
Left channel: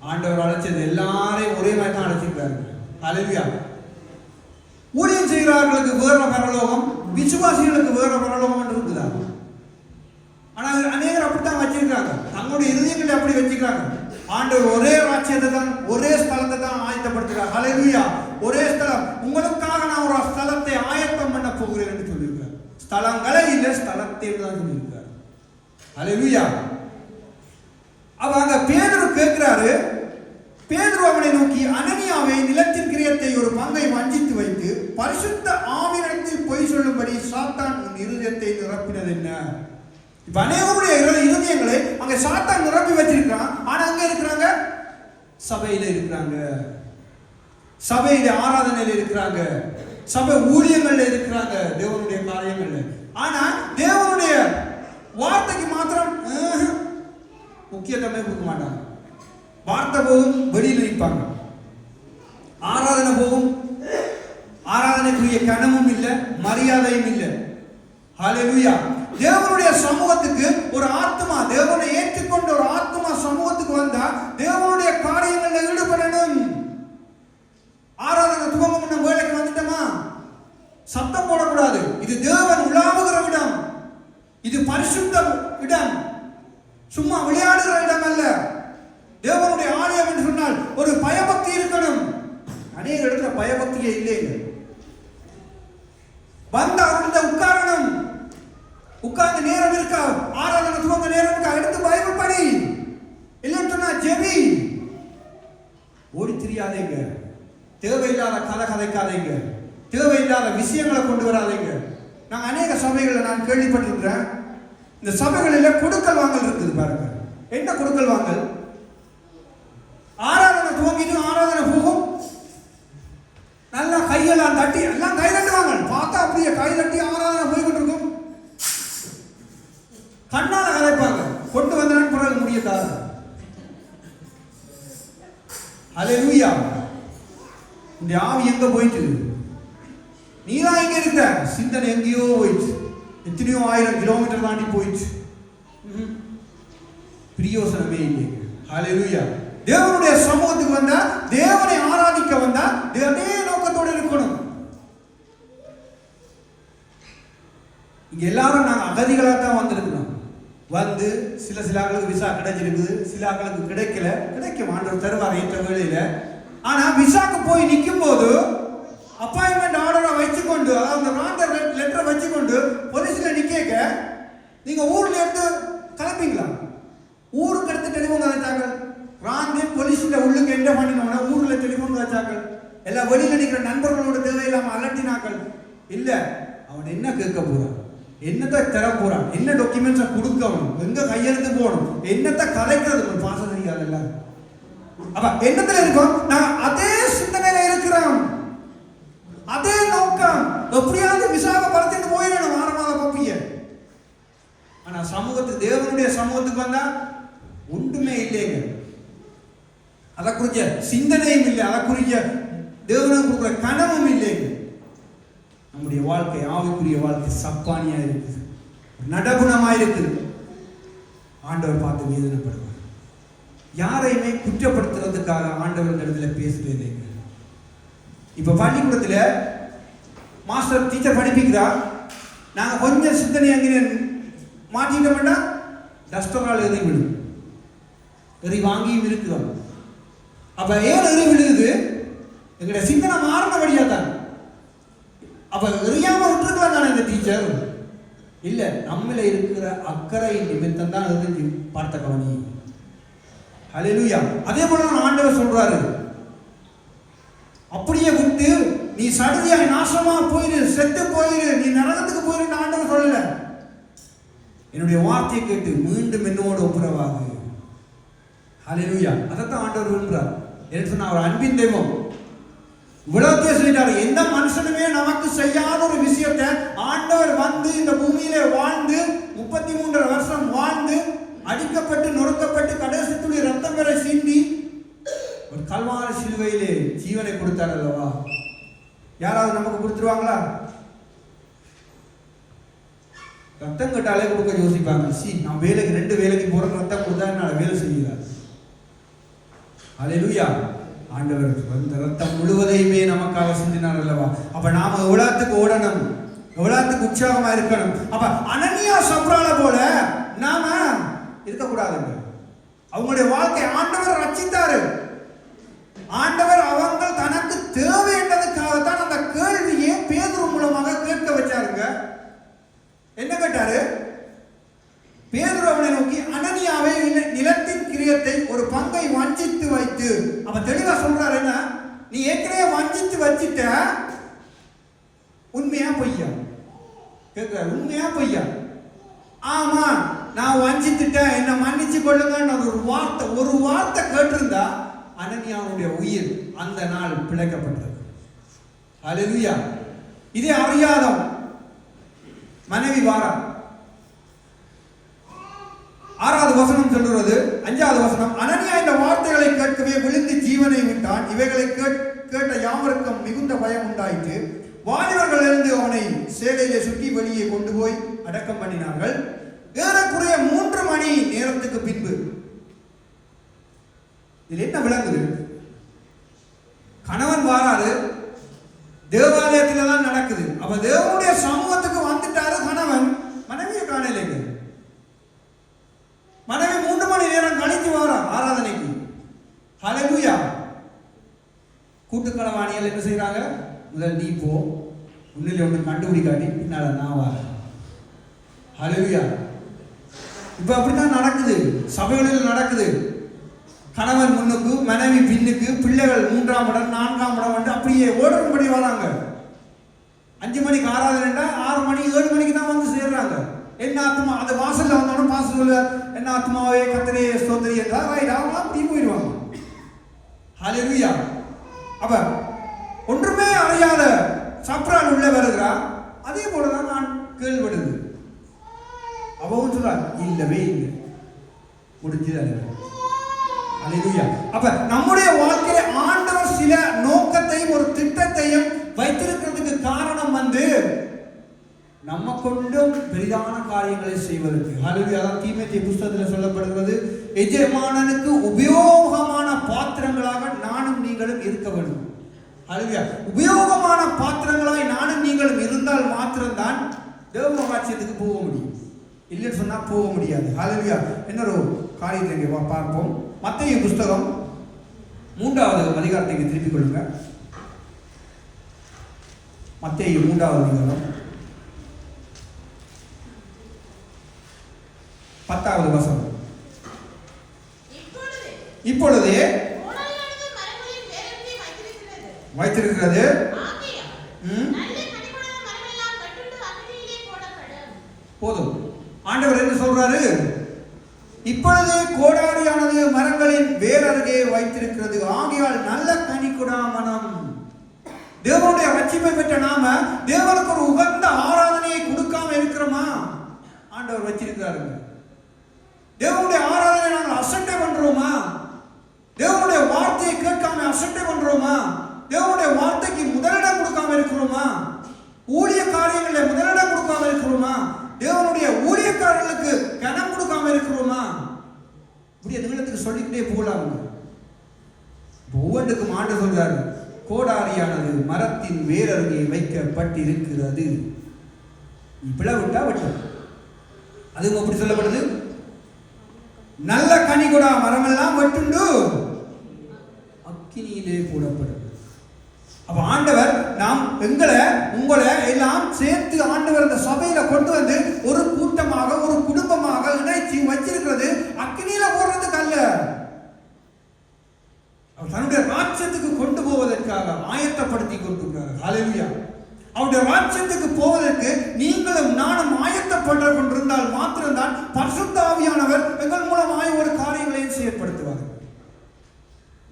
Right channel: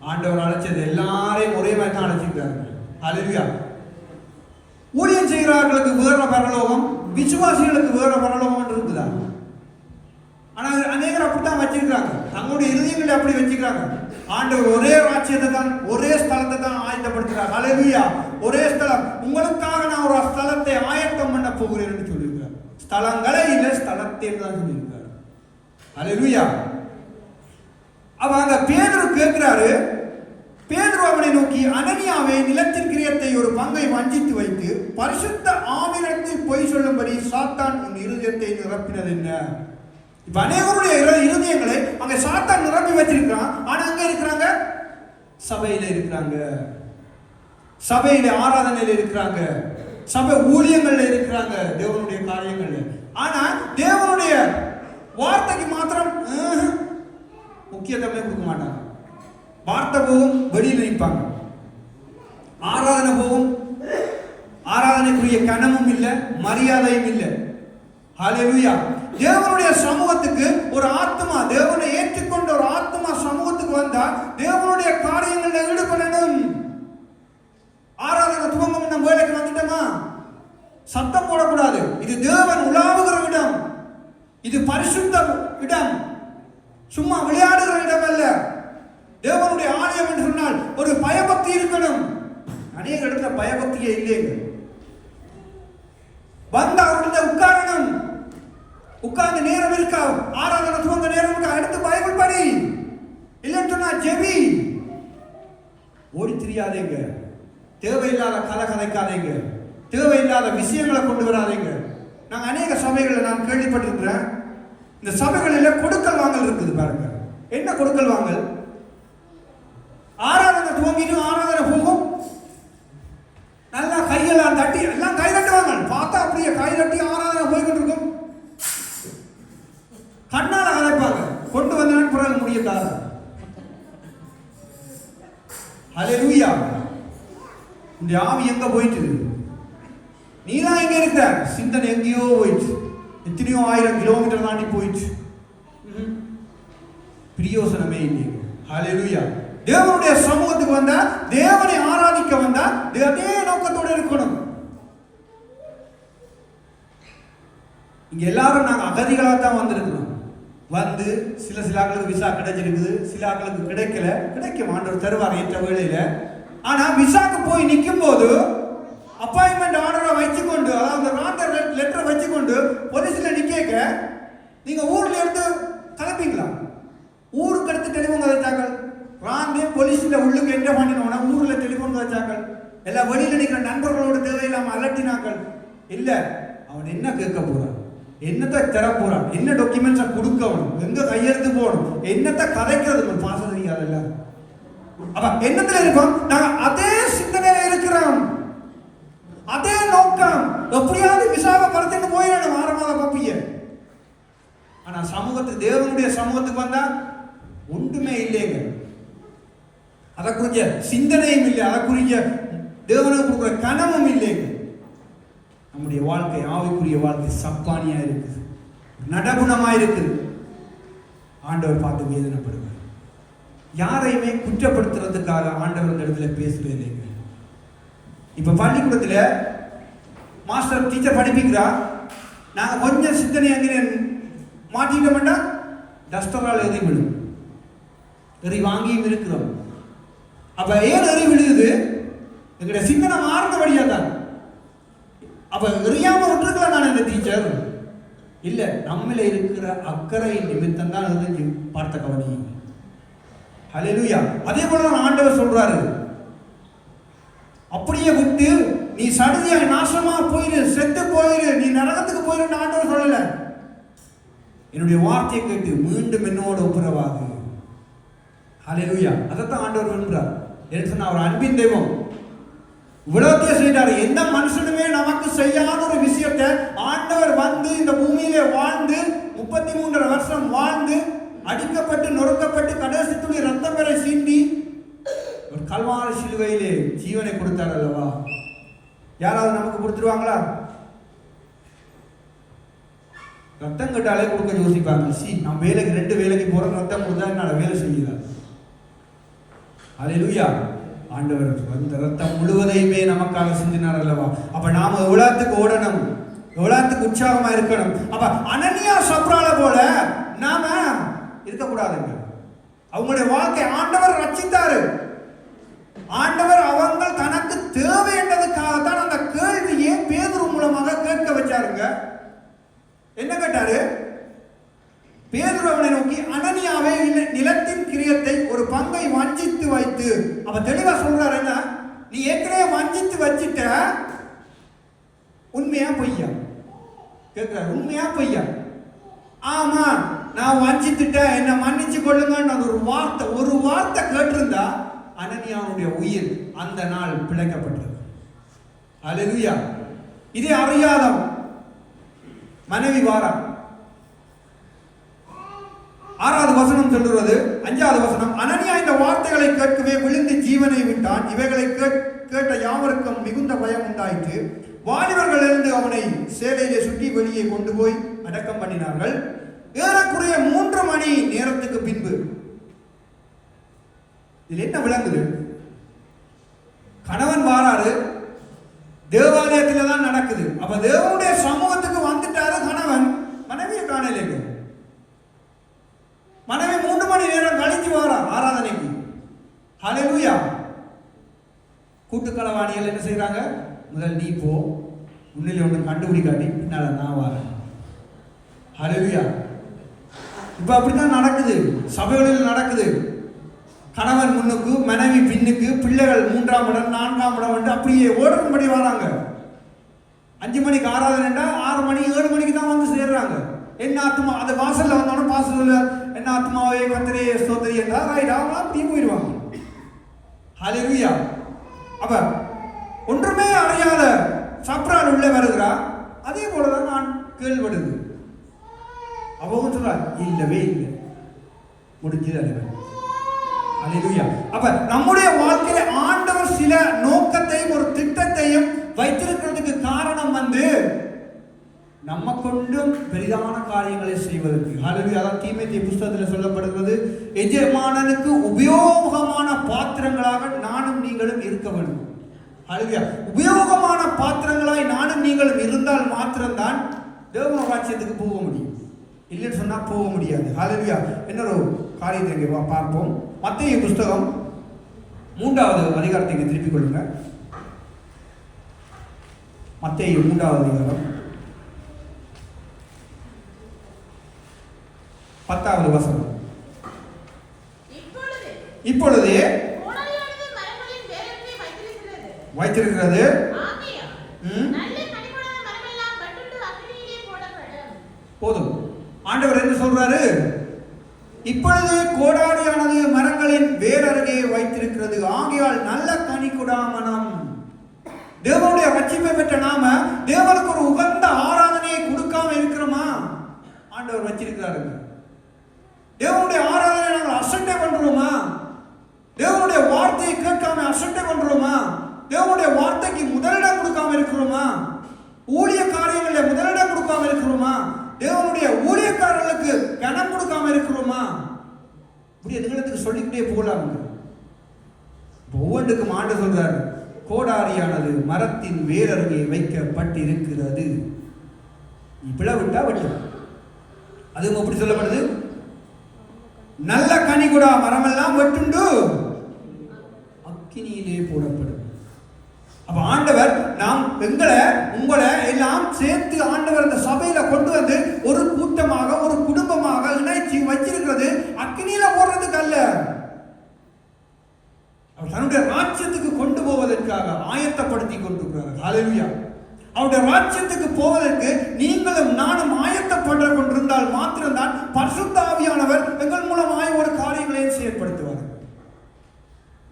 ஆண்டவர் அழைச்சது எல்லாரையும் ஒரே மாதிரி தான் அழைச்சிருக்காரு. ஹல்லேலூயா. ஊழியம் செய்கிறவர்களுக்கு வேற பரலோகம், விசுவாசிகளுக்கு வேற பரலோகம் இருக்குதா? ஆனால் அநேகர் அப்படித்தான் வச்சிருக்காங்க. தங்களுடைய இறுதிகளை அப்படி வச்சுக்கிறாங்க. ஆண்டவர் ஒரே ராஜ்யத்தை தான், ஒரே ஸ்தலத்தை தான் ஆயத்தப்படுத்துகிறார். ஹல்லேலூயா. ஒரே ஸ்தலம், உங்களுக்காக நான் ஒரு ஸ்தலத்தை ஆயத்தம் பண்ண போகிறேன் என்று சொல்லியிருக்கார். ஸ்தலங்களே இல்லை, ஸ்தலத்தை தான் சொல்லியிருக்கார். ஹல்லேலூயா. அவங்க பேதுரு கேட்கிறாரு. பேதுரு அவனை நோக்கி, அனனியாவை நிலத்தின் கிரியத்தை ஒரு பங்கை வஞ்சித்து வைத்து பரிசுத்த ஆவியிடத்தில் பொய் சொல்லும்படி சாத்தான் உன் இருதயத்தை நிரப்பினது என்ன? இப்ப அநேகருடைய இருதயங்களை அங்க சாத்தான் நிரப்பி வச்சிருக்கான். ஆனா அங்க இருக்கிறாங்க, சபையில இருக்கிறாங்க, சபையில ஆராதனையில இருக்கிறாங்க, சபை ஊழியங்கள்ல இருக்கிறாங்க, தேவனுடைய காரியங்கள்ல. ஆனா தேவனுடைய வார்த்தைக்கு மாத்திரம் முக்கியத்துவமே கொடுக்க மாட்டாங்க. வார்த்தை போகும், வெளியில் நிற்பாங்க. ஆராதனை போகும், ஆராதனைக்குரிய கனமும் இல்லை, மரியாதையும் இல்லை. ஹல்லேலூயா. தேவனுடைய சமூகத்துக்கு ஒரு ஆத்மா, தேவனை ஏற்றுக்கொண்ட ஒரு ஆத்மா சமூகத்துக்கு வந்தா தேவனுடைய காரியங்கள்ல ஈடுபடணும். ஆராதனை துவங்கம் நம்ம வேலைக்கு வந்துட்டோமா சத்தம் போடக்கூடாது. இது தேவன் உலாவுகிற இடம், இது பரிசுத்த இடம், சும்மா விளையாடுகிற இடம் அல்ல. தேவனுடைய ஆலயம் என்று சொன்னால் ஒரு பயபக்தி இருக்கணும். அநேக இடத்துல பயபக்தியே இல்லை. வந்தா உட்காரணும், உட்கார்ந்து நேரம் இருக்கா, ஆராதனை துவங்க நேரம் இருக்கா, அடுத்து பைபிள் படி, இல்லைன்னு சொன்னா ஜெபி. ஓடி தெரியாதீங்க, தேவையில்லாத கதை கதைக்காதீங்க, தேவையில்லாத விஷயங்களை கொண்டு வராதீங்க. நான் அநேக சபைகளை நான் கேள்விப்பட்டிருக்கிறேன். இந்த சபைகளில் கொடுக்கல் வாங்கல் இருக்குது பாருங்க. என்ன கொடுக்கல் வாங்கல்? ஆராதனை துவங்கிட்டு ஆராதனை போகும், நல்லா கையெல்லாம் தட்டி எல்லாம் கை தட்டுவாங்க. பார்த்தா அப்படியே கை தட்டி ஆராதனை போய்கிட்டு இருக்கும். கண்ணால கதைப்பாங்க, கொண்டு வந்தான் பிறகு முடியாது. ஹல்லேலூயா. இந்த ஆவி எங்க போயிட்டு? நீதான் எங்க இருக்க? சிந்தனை எங்கேயோ போயிடுச்சு, எத்தனையோ 1000 கிலோமீட்டர் தாண்டி போயிடுச்சு. பிரியோசனமே இல்லை. ஹல்லேலூயா. தேவனுடைய சமூகத்துக்கு வந்தா, தேவனை ஆராதிக்க வந்தா அதே நோக்கத்தோடு இருக்கணும். இங்க எல்லாரும் நாங்க அகதிகளாக தான் வந்திருக்கணும். வந்து சில ஆட்களுக்கு விசா கிடைச்சிருக்குது, சில ஆட்களுக்கு கிடைக்கல, கிடைக்க ஆண்டவர் தருவார் ஏற்ற வேளையில. ஆனா விசாக்கு போய் நிற்கும் போது அப்பாயின்மெண்ட் ஆர்டரை வச்சுக்கொண்டு, அந்த கான்ட்ராக்ட் லெட்டரை வச்சுக்கொண்டு போலீஸ்ல நிக்க, நீங்க ஊர்ல இருந்து கிளம்பிங்களா? ஊருக்கு எடுத்து டெலிஃபோன் வச்சாங்க. ராங்கே போலீஸ்ல உள்ளுக்கு என்ன பண்ணினா ஊர்ல டெலிஃபோன் வச்சாங்க. எல்லா வெளியில நிற்கிற நண்பர்களோட தேவையில்லாம அலட்டினாக்கள். இல்ல, அவன் என்ன கேட்க போறான், என்னத்தை தர போறான், என்ன டாக்குமெண்ட்ஸை கொடுக்கணும், எங்க கையெழுத்து போகணும், என்னத்தை கலைக்கிறது பாசம் செய்யாதுல்ல. அப்ப என்னத்துல இருக்கோம்? நான் அதே சிந்தனையில இருக்கிறோம், அதே நோக்கம். எப்படியாவது விசாகப்படுத்திட்டு போயிடணும் வாரமாத பப்பிய. ஆனா சமூகத்துக்கு, தேவனுடைய சமூகத்துக்கு வந்தா ஒன்றுமே இல்லைங்க. அதை குறிஞ்ச சிந்தனையும் இல்லை, அதை குறிஞ்ச தேவனுக்கு கொடுக்குற கனமும் இல்லைங்க. நம்முடைய வாழ்க்கை, ஆவிக்குரிய வாழ்க்கை சப்பானியா இருக்குது, நடகுணமா இருக்குது. ஆண்டவர் பார்த்து வேதனைப்படுவார். யாரையுமே குற்றப்படுத்துறதுக்காக ஆண்டவர் இடத்துல பேசுறது. இப்ப பள்ளிக்கூடத்துல மாஸ்டர் டீச்சர் படிப்பிக்கிறா, நாங்க கொஞ்சம் சிந்தனை மாற்றிட்டோம்னா டஸ்டரால் எரி விடும். எரி வாங்கியும் இருக்கிறோம். அப்ப ஏன் எரி விடுது? எங்களுடைய சிந்தனை மாறினபடியா தான். அப்ப எரியாம விட்டுருக்கலாம் தானே இந்த டீச்சர்? இல்ல, நம்மள இருக்கிற அக்கறை நிமித்தம் தான் எரிஞ்சு பார்த்த கவனி. ஹல்லேலூயா. அதே போல ஆண்டவர் சொல்றாரு, அப்படியே விட்டு நீ சடுதியாய் நாசமா போயிரு, செத்து போயிரு, நீ நரகத்துக்கு போயிரு ஆண்டவர் சொல்லல. என்னுடைய வார்த்தையை கேட்டு மீண்டும் என்னோட உப்புரவாகு. ஹல்லேலூயா. அதைத்தான் ஆண்டவர் விரும்புறார். என்று அவர் அன்பின் தெய்வம் உலகத்தை செஞ்சாரு. எந்த மனுஷனுமே நமக்கு செய்யாத ஒரு விஷயத்தை ஆண்டவர் வந்து இந்த பூமியிலே வாழ்ந்து 33 வருஷம் வாழ்ந்து அடிக்கப்பட்டு நொறுக்கப்பட்டு கடைசி துளி ரத்தம் வரை சிந்தி ஒரு கல்வாரி சிலுவையிலே ஜீவனை கொடுத்தார் அல்லவா? யாராவது நமக்கு கொடுத்துருவாங்களா? ரத்தம் கட்டாலே கொடுக்க யோசிப்பாங்க. நான் வேலைக்கு 2 வேலைக்கு போற ரத்தம் கொடுத்தா என்னால வேலை செய்யல. ஹல்லேலூயா. ஆண்டவர் அந்த ரத்தம் முழுவதையுமே நமக்காக சிந்தினார் அல்லவா? அப்ப நாம எவ்வளவுக்கு ஓடணும், எவ்வளவுக்கு உற்சாகமா இருக்கணும். அப்ப அனனியா சப்ரால போல நாம இருக்கக்கூடாதுங்க. அவங்களுடைய வாழ்க்கை ஆண்டவர் ரட்சித்தாரு. ஆண்டவர் அவங்க தனக்கு தேவை என்பதற்காகத்தான் அந்த கேள்வியை பேதுரு மூலமாக கேட்க வச்சாருங்க. என்ன கேட்டாரு? பேதுரு அவனை நோக்கி, அனனியாவை நிலத்தின் கிரியத்தை ஒரு பங்கை வஞ்சித்து வைத்து, அவன் தெளிவா சொல்றாரு, என்ன நீ ஏற்கனவே வஞ்சித்து வச்சிட்ட, உண்மையா பொய்யா கேட்கிறார். உண்மையா பொய்யா? ஆமா, நான் வஞ்சித்துட்டேன், என்ன மன்னிச்சு கொள்ளுங்க. ஒரு வார்த்தை கேட்டிருந்தா அனனியாவுடைய உயிர் அந்த நாள் பிழைக்கப்பட்டது. ஹல்லேலூயா. இதே அறியாத மனைவி வாரா 6வது வசனம் சொல்கிறது. 5வது வசனம், அனனியா இந்த வார்த்தைகளை கேட்கவே விழுந்து ஜீவனை விட்டான். இவைகளை கேட்ட யாவருக்கும் மிகுந்த பயம் உண்டாயிற்று. வாலிபர்கள் இருந்து அவனை சேலையிலே சுற்றி வெளியே கொண்டு போய் அடக்கம் பண்ணினார்கள். ஏறக்குறைய 3 மணி நேரத்துக்கு பின்பு இது என்ன விளங்குது? கணவன் வாராரு, தேவாலயத்தில் தான் நடக்குது. அப்ப தேவனுடைய சமூகத்துக்கு வந்துட்டாரு கணவன். மனைவியை காணலைங்க. மனைவி 3 மணி நேரம் கழித்து வாரா ஆராதனைக்கு. ஹல்லேலூயா. கூட்டுக்களவாணிகள் என்ன செய்யறாங்க? முதல் நீ போ, முன்னிலை ஒன்று கண்டுபிடிக்காட்டி பின்னால நான் வாரேன். ஹல்லேலூயா. இப்ப அப்படித்தான் நடக்குது, சபைகளில் நடக்குது. கணவன் முன்னுக்கு, மனைவி பின்னுக்கு, பிள்ளைகள் 3ஆம் இடம் 4ஆம் இடம் வந்து அப்படியே ஓடும்படி வராங்க. 5 மணிக்கு ஆராதனை 6 மணி 7 மணிக்கு தான் வந்து சேர்றாங்க. என்ன ஆத்மா அந்த வாசல்ல வந்தாலும் வாசல்ல என்ன ஆத்மாவே கர்த்தரே ஸ்தோத்திரி என்றால் தீ போயிடுவாங்க. ஹல்லேலூயா. அப்ப ஒன்றுமே அறியாத சப்ரால் உள்ள வருகிறா. அதே போலதான் நான் கேள்விப்படுது. அவன் சொல்றா, இல்லவே இல்லை, முடிஞ்சது. ஹல்லேலூயா. அப்ப நம்முடைய வாழ்க்கையில ஆண்டவர் சில நோக்கத்தையும் ஒரு திட்டத்தையும் வைத்திருக்கிறதுக்கு காரணம் வந்து நம்ம கொண்டும் பெரிதான காரியங்களை செய்வதற்கு. ஹல்லேலூயா. தீமோத்தேயு புத்தகத்தில் சொல்லப்படுகிறது, எஜமானனுக்கு உபயோகமான பாத்திரங்களாக நானும் நீங்களும் இருக்க வேண்டும். ஹல்லேலூயா. உபயோகமான பாத்திரங்களாய் நானும் நீங்களும் இருந்தால் மாத்திரம்தான் தேவ ராஜ்யத்துக்கு போக முடியும். இல்லைன்னு சொன்னா போக முடியாது. ஹல்லேலூயா. இன்னொரு காரியத்தை பார்ப்போம். மத்தேயு புத்தகம் 3வது அதிகாரத்தை திருப்பிக் கொள்ளுங்க. மத்தேயு 3வது அதிகாரம் 10வது வசனம். இப்பொழுது வைத்திருக்கிறது போதும். ஆண்டவர் என்ன சொல்றாரு? இப்பொழுது கோடாரியானது மரங்களின் வேரருகே வைத்திருக்கிறது, ஆகையால் நல்ல கனி கொடாமனம். தேவனுடைய ரட்சிப்பை பெற்ற நாம தேவனுக்கு ஒரு உகந்த ஆராதனையை கொடுக்காம இருக்கிறோமா? ஆண்டவர் வச்சிருக்கிறாரு. தேவனுடைய ஆராதனை நாங்கள் அசட்டை பண்றோமா? தேவனுடைய வார்த்தையை கேட்காம அசட்டை பண்றோமா? தேவனுடைய வார்த்தைக்கு முதலிடம் கொடுக்காம இருக்கிறோமா? ஊழிய காரியங்களில் முதலிடம் கொடுக்காம இருக்கிறோமா? தேவனுடைய ஊழியக்காரர்களுக்கு கனம் கொடுக்காம இருக்கிறோமா? இப்படி நிகழ்த்துக்கு சொல்லிக்கிட்டே போகலாம். ஒவ்வொன்றுக்கும் ஆண்டு சொல்றாரு, கோடாரியானது மரத்தின் வேரருகே வைக்கப்பட்டிருக்கிறது. நீ பிளவிட்டா வெட்டும், அதுவும் எப்படி சொல்லப்படுது? நல்ல கனி கொடா மரமெல்லாம் வெட்டுண்டு அக்கினியிலே போடப்படும். அப்ப ஆண்டவர் நாம் உங்களை எல்லாம் சேர்த்து ஆண்டவர் அந்த சபையில கொண்டு வந்து ஒரு கூட்டமாக ஒரு குடும்பமாக இணைச்சி வச்சிருக்கிறது அக்கினியில போடுறதுக்கு அல்ல, தன்னுடைய ராஜ்யத்துக்கு கொண்டு போவதற்காக ஆயத்தப்படுத்தி கொண்டிருக்கிறார். ஹல்லேலூயா. அவருடைய ராஜ்யத்துக்கு போவதற்கு நீங்களும் நானும் ஆயத்தப்பட்டு கொண்டிருந்தால் மாத்திரம்தான் பரிசுத்த ஆவியானவர் எங்கள் மூலமாய் ஒரு காரியங்களையும் செயல்படுத்துவார்.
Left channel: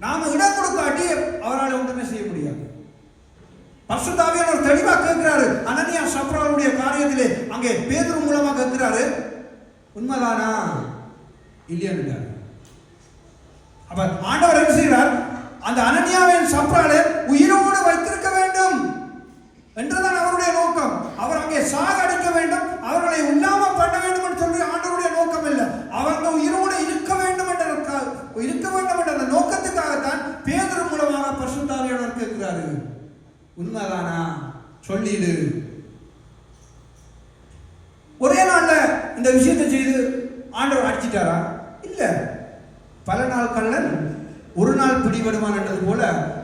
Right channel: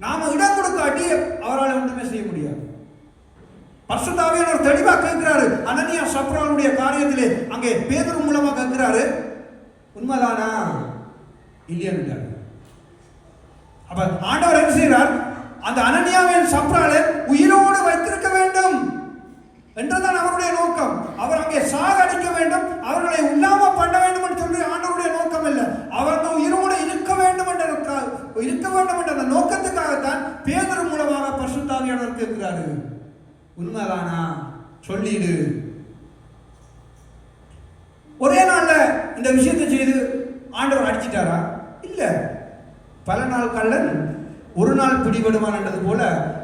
நாம இடம் கொடுக்காட்டி அவரால் ஒன்றுமே செய்ய முடியாது. பரிசுத்த ஆவியானவர் தெளிவாக கேட்கிறாரு. அனனியா சப்ராளுடைய காரியத்திலே அங்கே பேதுரு மூலமா கேட்கிறாரு, உண்மைதானா இல்லையா? அப்ப ஆண்டவர் என்ன செய்கிறார்? அந்த அனனியாவின் சப்ராளை உயிரோடு வைத்திருக்க வேண்டும் என்றுதான் அவருடைய நோக்கம். அவர் அங்கே சாகடிக்க வேண்டும், அவர்களை உண்ணாம பண்ண வேண்டும் என்று சொல்லி ஆண்டவருடைய நோக்கம் இல்லை. அவர்கள் உயிரோடு இருக்க வேண்டும் என்ற நோக்கத்துக்காகத்தான் பேதுரு மூலமாக பரிசுத்த ஆவியானவர் கேட்கிறாரு. உண்மைதானா சொல்லிடு. ஒரே நாள்ல இந்த விஷயத்தை செய்து ஆண்டவர் அடிச்சிட்டாரா? இல்ல. பல நாள் கள்ளன் ஒரு நாள் பிடிபடுவான் என்றது போல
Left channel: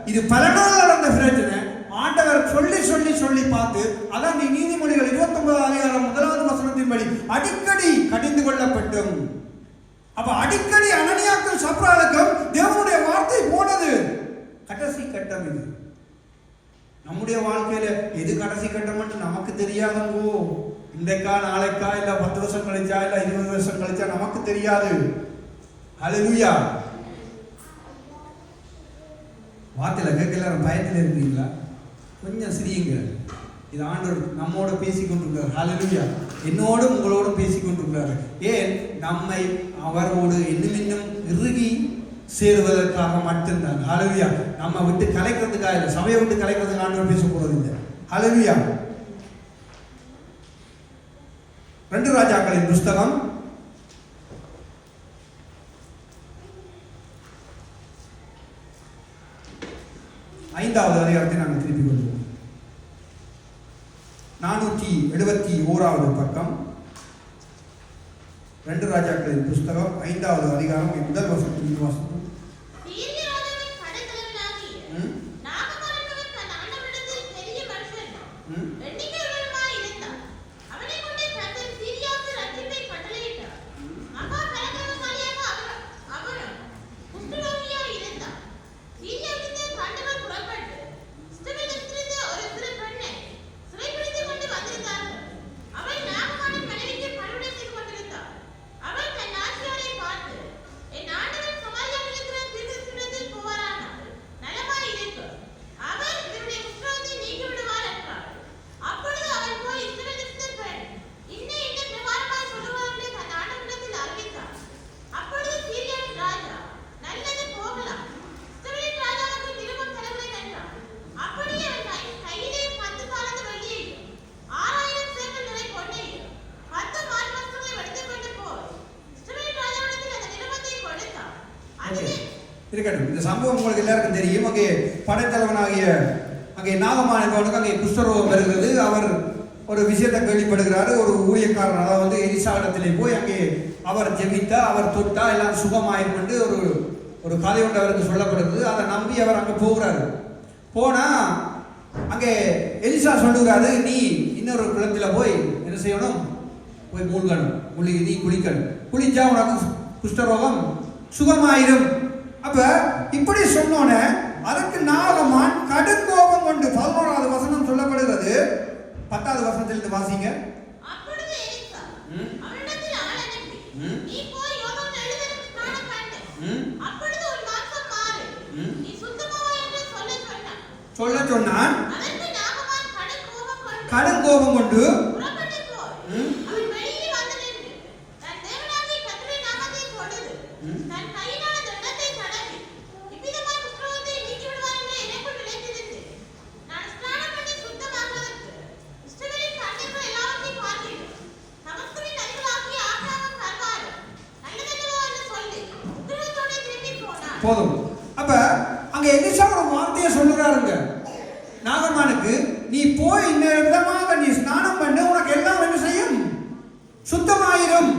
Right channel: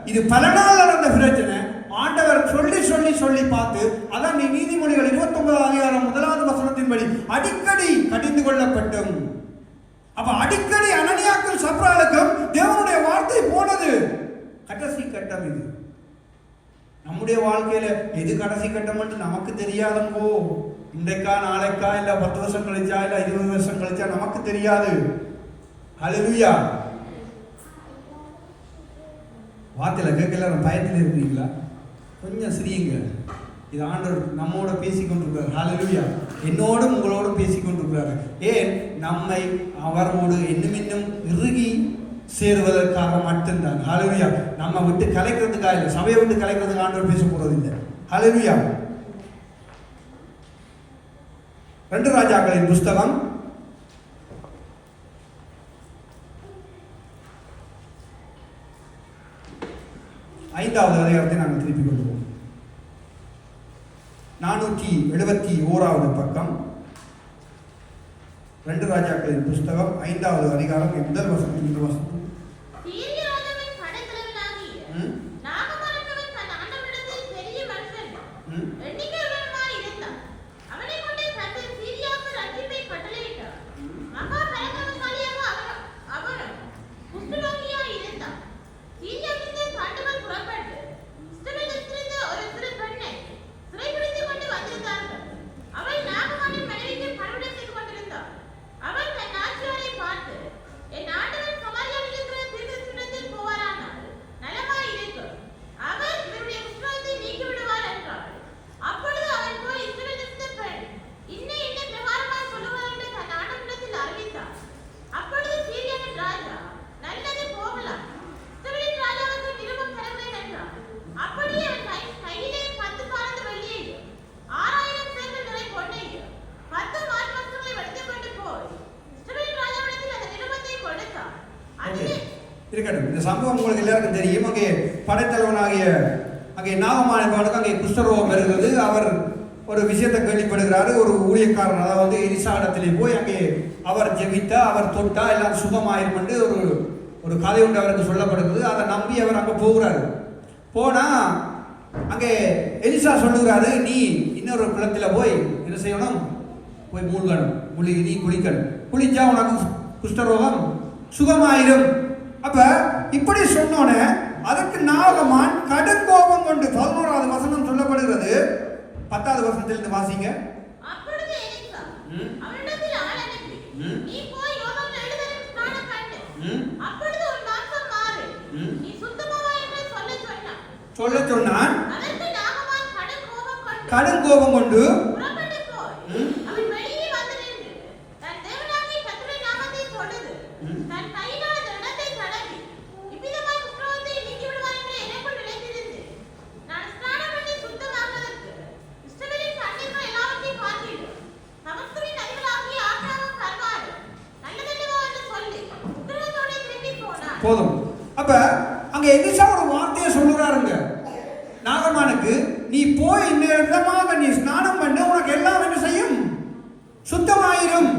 இது பல நாள் நடந்த பிரச்சனை. ஆண்டவர் சொல்லி சொல்லி சொல்லி பார்த்து அதான் நீதிமொழிகள் 29 அதிகாரம் 1வது வசனத்தின்படி அடிக்கடி கடிந்து கொள்ளப்பட்டும். அப்ப அடிக்கடி அனனியாக்கள் சப்ராளுக்கும் தேவனுடைய வார்த்தை போனது. கடைசி கட்டம் இது. நம்முடைய வாழ்க்கையில எது கடைசி கட்டம் என்று நமக்கு தெரியாதோ. இன்றைக்கா நாளைக்கா இல்ல 10 வருஷம் கழிச்சா இல்ல 20 வருஷம் கழிச்சா நமக்கு தெரியாது. ஹல்லேலூயா. வார்த்தையில கேட்கல பயத்தில் இருக்கீங்களா? கொஞ்சம் சிரியுங்க. இது ஆண்டவர் நம்மோட பேசிக்கொண்டிருக்கிறார். ஹல்லேலூயா. என்னோடும் உங்களோடும் பேசிக்கொண்டிருக்கிறார். ஏன்? நம்மை அவரோடு இன்னும் இன்னும் இறுகி சேருவதற்காக மட்டும்தான். ஹல்லேலூயா. நம்ம விட்டு கலைக்கிறதுக்காக இல்லை, சபையை விட்டு கலைக்கிறதுக்கு ஆண்டவர் பேச போறது இல்லை. ஹல்லேலூயா. 2 ராஜாக்களின் புஸ்தகம் 5வது அதிகாரத்தை நாங்கள் திருப்பி கொள்வோம். 471வது பக்கம் 2 ராஜாக்களின் புஸ்தகம் 5வது அதிகாரம் 1 வசனத்திலிருந்து வாசிப்போம். இருக்கட்டும். இந்த சம்பவம் உங்களுக்கு எல்லாருக்கும் தெரியும். அங்கே படைத்தலைவனாகிய அங்கே நாகமானவனுக்கு அங்கே குஷ்டரோகம் வருகிறது. அவர் ஒரு விஷயத்தை கேள்விப்படுகிறாரு. ஒரு ஊழியக்காரன் அதாவது எலிசா இடத்திலே போய் அங்கே அவர் ஜெபித்தா அவர் தொட்டா எல்லாம் சுகமாயிரும் என்று ஒரு கதை ஒன்று அவருக்கு சொல்லப்படுகிறது. அதை நம்பி அவர் அங்கே போகிறாரு. போனா அங்கே எலிசா சொல்லுகிறாரு, நீ இன்னொரு குளத்தில் போய் என்ன செய்யணும்? போய் மூழ்கணும், நீ குளிக்கணும். குளிச்சா உனக்கு குஷ்டரோகம் சுகமாயிரும். அப்ப இப்படி சொன்னோன்னு அதற்கு நாகமான் கடும் கோபம் கொண்டு 11வது வசனம் சொல்லப்படுகிறது. 10வது வசனத்திலிருந்து வாசிங்க. சொல்ல சொன்னான். கடும் கோபம் கொண்டு போதும். அப்ப அங்க எலிசா ஒரு வார்த்தையை சொல்லுறாருங்க நாகமானுக்கு, நீ போய் இந்த இடமாக நீ ஸ்நானம் பண்ண உனக்கு எல்லாம் என்ன செய்யும்? சுத்தமாயிரும்.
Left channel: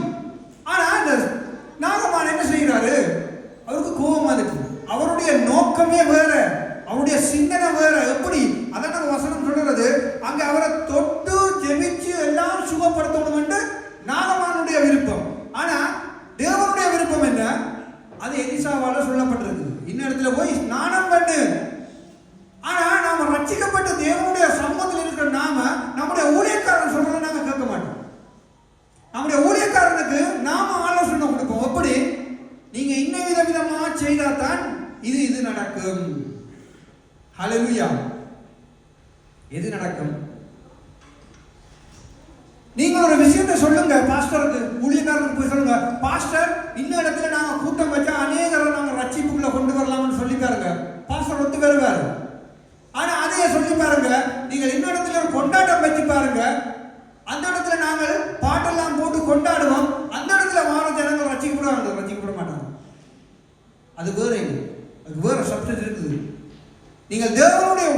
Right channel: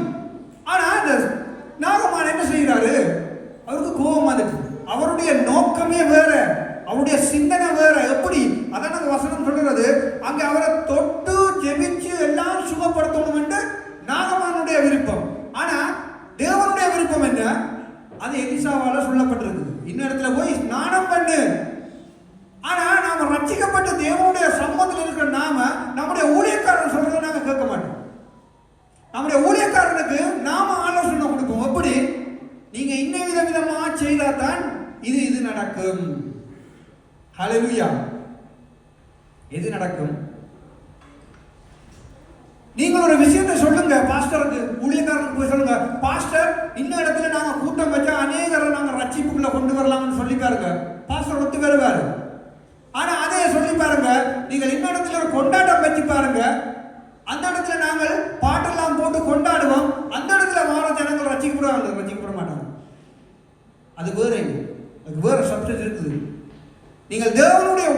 பார்த்து சொல்லுங்க, பாஸ்டர் இன்னும் இடத்துல நாங்க கூட்டம் வச்சா அநேகரை நாங்க ரட்சிப்புக்குள்ள கொண்டு வரலாம்னு சொல்லி பாருங்க. பாஸ்டர் ஒத்து வருவாரு. ஆனா அதையே சொல்லி பாருங்க, நீங்கள் இன்னும் இடத்துல ஒரு கொண்டாட்டம் வச்சு பாருங்க, அந்த இடத்துல நாங்கள் பாட்டெல்லாம் போட்டு கொண்டாடுவோம், அந்த இடத்துல வார ஜனங்கள் ரட்சிக்கப்பட மாட்டாங்க. அது வேற, அது வேற சப்ஜெக்ட் இருக்குது. நீங்கள் தேவனுடைய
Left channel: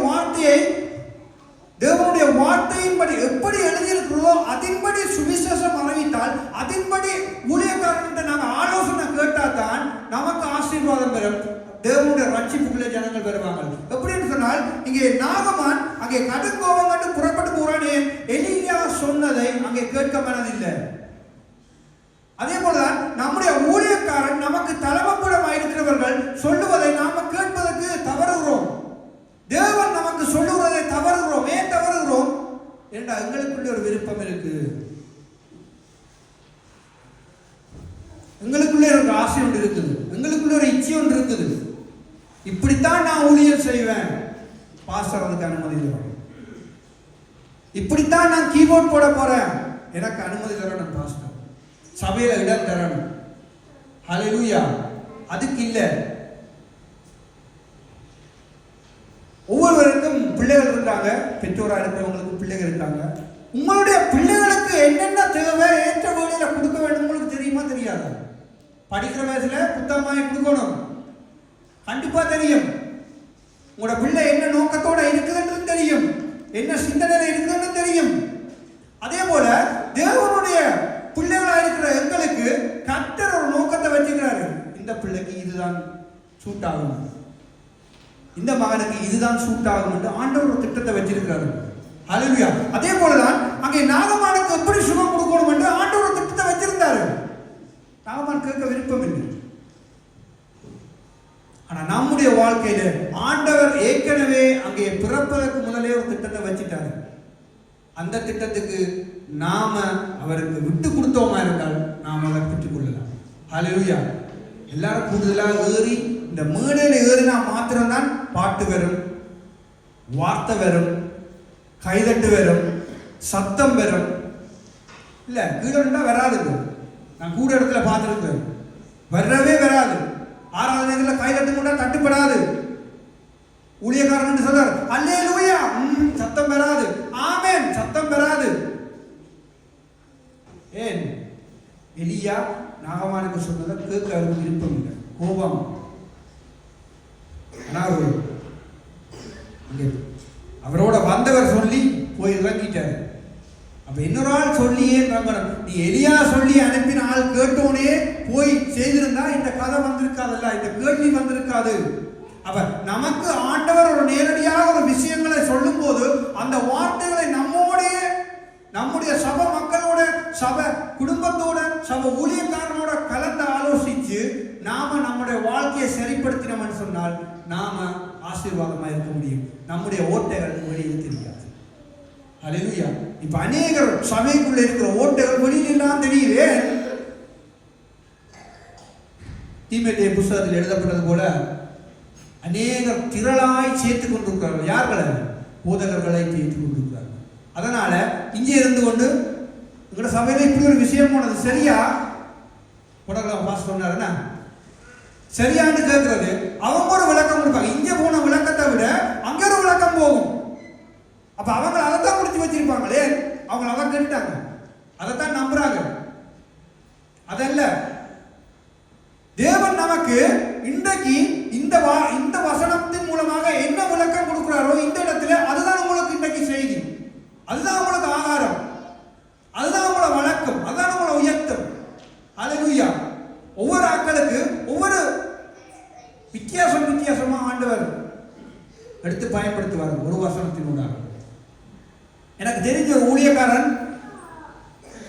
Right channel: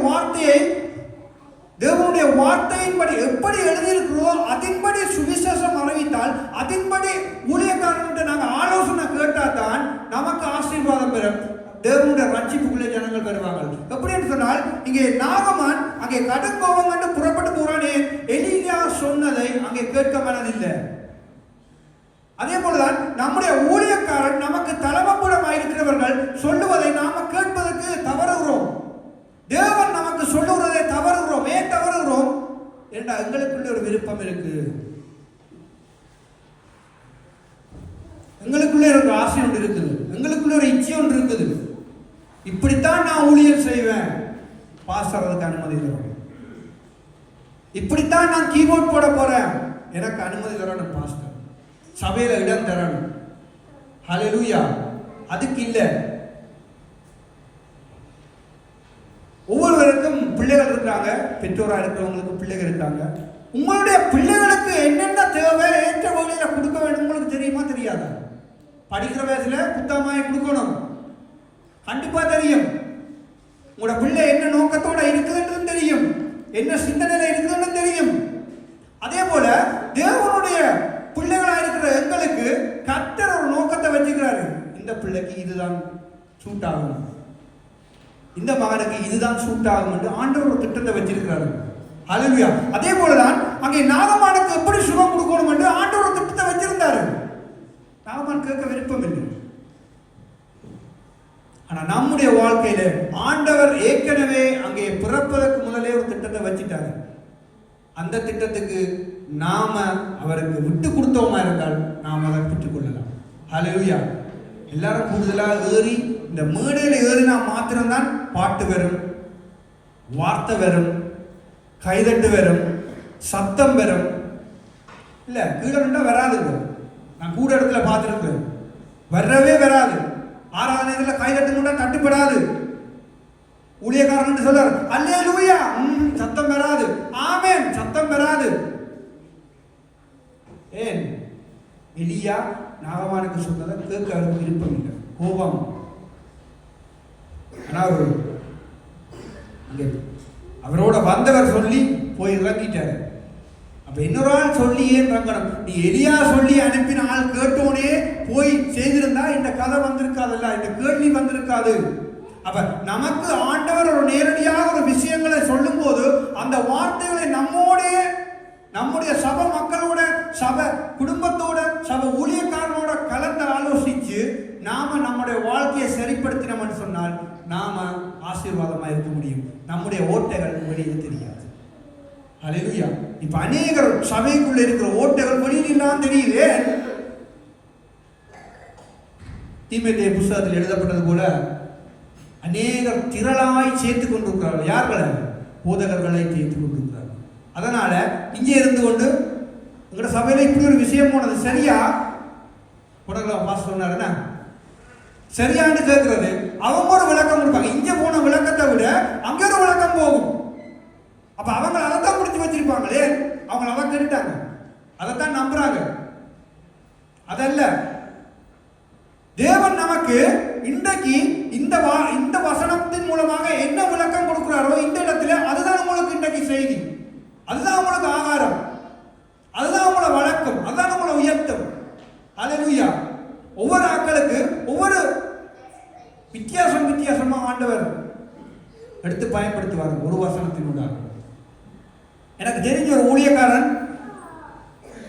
வார்த்தையின்படி எப்படி எழுதியிருக்கிறோ அதன்படி சுவிசேஷம் அறிவித்தால், அதன்படி ஊழியக்காரன்கிட்ட நாங்கள் ஆலோசனை கேட்டாதான் நமக்கு ஆசீர்வாதம் பெறும். தேவனுடைய ரட்சிப்புக்குள்ளே ஜனங்கள் பெறுவாங்க. எப்படின்னு சொன்னால், இங்கே நாகமான் அங்கே கடுங்கோபம் கண்டு புறப்பட்டு போறானே, எலியா சொன்னதை அங்கே கேட்க மனதில்லை. அதே போலதான் நம்முடைய ஊழியக்காரன் நமக்கு தலைமைப்படமாக இருக்கிறவர்கள் சொல்லுவதை நாம கேட்பதற்கு தவறுகிறோம். தேவன் நமக்கு சொல்லுவதை தவறுகிறோம். ஏன் தவறுகிறோம் என்றால் எங்களுக்குள்ள ஒரு விருப்பம் இருக்கு, எங்களுக்குள்ளே ஒரு ஆசை ஒன்று இருக்குது, எங்களுக்குள்ள ஒரு இச்சை ஒன்று இருக்குது. இப்படித்தான் நான் ஊழியர் செய்வேன், பாஸ்டர் அதுக்கு அனுமதி தரணும். இப்படித்தான் நான் கீபோர்ட் போட போறேன், எனக்கு அனுமதி தரணும் பாஸ்டர். சபையில இடம் தரணும். ஹல்லேலூயா. அதுக்கு இல்ல. ஒவ்வொருவருக்கும் பிள்ளைகள் இருக்காங்க, பெற்றோராக இருக்கிறவங்களுக்கு பிள்ளைகள் இருக்காங்க. உங்களுடைய பிள்ளைகளுக்கு என்னென்ன தேவை என்ற வகையில கொடுக்க வேண்டும் உங்களுக்கு தெரியுமா தெரியாதா? படிக்கிற வயசுல புத்தகமாய் கொடுக்கணும், கண்டிப்பா தெரியும். உங்களோட பிள்ளை என்ன நோக்கத்தோட இருக்குதுன்னு தெரியும், என்ன சிந்தனையில இருக்குதுன்னு தெரியும். அதே போல தேவனுடைய பிள்ளைகளாக இருக்கிற எங்களுக்கு கர்த்தர் ஒரு நோக்கத்தை வச்சுக்கிறாரு. இந்த பிள்ளைக்கு இதுதான் சூட் ஆகும், இந்த மகனுக்கு இதுதான் சூட் ஆகும் என்று ஆண்டவர் ஒரு திட்டத்தை வச்சிருக்கிறாரு. ஹல்லேலூயா. அதே போலதான் அங்கே நாகமானுக்கு எப்படி சுகம் கொடுக்கணும் என்று ஆண்டவர் ஒரு திட்டத்தை வச்சிருந்தாரு. நாகமான் கேட்க விருப்பம் இல்லை. ஆனா நம்முடைய வாழ்க்கையில ஆண்டவர் ஏற்கனவே அங்கே பிறப்பதற்கு முதலே ஒரு திட்டத்தை வச்சிட்டாரு. அந்த திட்டத்துக்கு நாம அவருக்கு விட்டு கொடுத்தோமா இருந்தால் நாம் அதை பெற்றுக் கொள்ளலாம். ஹல்லேலூயா. எல்லாரும் கூடுதலாக ஏறி இந்த மேடையில ஏறினா மாத்திரம்தான் பாட்டு வரும், வார்த்தை வரும், கைதட்டு வரும், சத்தம் வரும். இல்ல கீழே வராது. நான் கூட இடத்துல பார்த்துருக்கேன், வரவே வராது. ஆராதனைகளை கைதட்டு தட்டுப்படாது. ஊழியக்காரன் சொல்றாரு அல்லேலூயா, சத்தம் வராது. ஆமென், சத்தம் வராது. ஏன்? எலியா நாகமானுக்கு சொன்னதை கேட்க அவருக்கு விருப்பம் இல்லை, கோபம். அவரோட வந்தவர் சொல்லி போய் இறங்கிட்டாரு. அப்ப இன்னொரு ஆள் சொல்லியே நீ எலியா சொல்லி அனுப்பின ஆள் கேட்டோனே போய் செய்திருந்தா இந்த கதை வந்திருக்காதுல்ல, இந்த கேள்வி வந்திருக்காது. அப்ப நமக்கு ஆண்டவர் ஒரு நேரடியாக ஒரு விஷயங்களை சொல்லும் போது அந்த வார்த்தைகளை நம்முடைய சபை மக்களோட, சபை குடும்பத்தோட, சபை ஊழியக்காரனோட கலந்து ஆலோசிச்சு நாம நம்முடைய வாழ்க்கையை சரிப்படுத்தினோம்னு சொன்னால் நாம ஆசீர்வாதமா இருக்க முடியும். நம்முடைய ஓட்டைகள் வெளியே தெரியாது. ஹல்லேலூயா. இப்ப அநேகர் சபைக்குள்ள இருக்கிற ஓட்டைகள் வெளியில தெரியல. தீமோத்தேயு புத்தகத்தில் எழுதப்பட்டது போல அநேகர் திரளாய் சேர்த்துக் கொண்டிருக்கிறார்கள். யார்களை? போதகர்களை சேர்த்துக் கொண்டிருக்கிறார்கள். அதனால இங்கே இருந்து கொண்டு உங்களோட சபையில இப்படி ஒரு விஷயம் போனது சரியா உடலாம் பாஸ் சொன்னாருன்னா சரியான்னு கேட்கறது, அவங்க ஒரு விளக்கம் கொடுப்பாங்க. இங்க போன விளக்கத்தை விட அங்க ஒரு விளக்கம் போகும். அப்ப அவங்க அதைத்தான் முடிச்சு வச்சிருப்பாங்களே, அவங்க அதை கேட்டாங்க, அதைத்தான் நம்புறாங்க. அதல்ல, தேவன் நமக்கு இன்றைக்கு இந்த வசனத்தின் மூலமாக என்ன விளக்கம் கொடுக்கிறாரோ இந்த இடத்துல அதுதான் உங்களுக்கு இன்றைக்கு செய்தி, அதுதான் உங்களுக்கு ஆகாரம், அதுதான் உங்களோட வழக்கம், அதுதான் உங்களோட உயர்த்தம். ஹல்லேலூயா. ஒவ்வொரு ஆட்களுக்கு ஒவ்வொரு வித்தியாசமா ஆண்டவர் எடுத்து பயன்படுத்துவார். ஒரு வசனத்தினுடைய எனக்கு தெரிஞ்ச ஊழியக்காரன்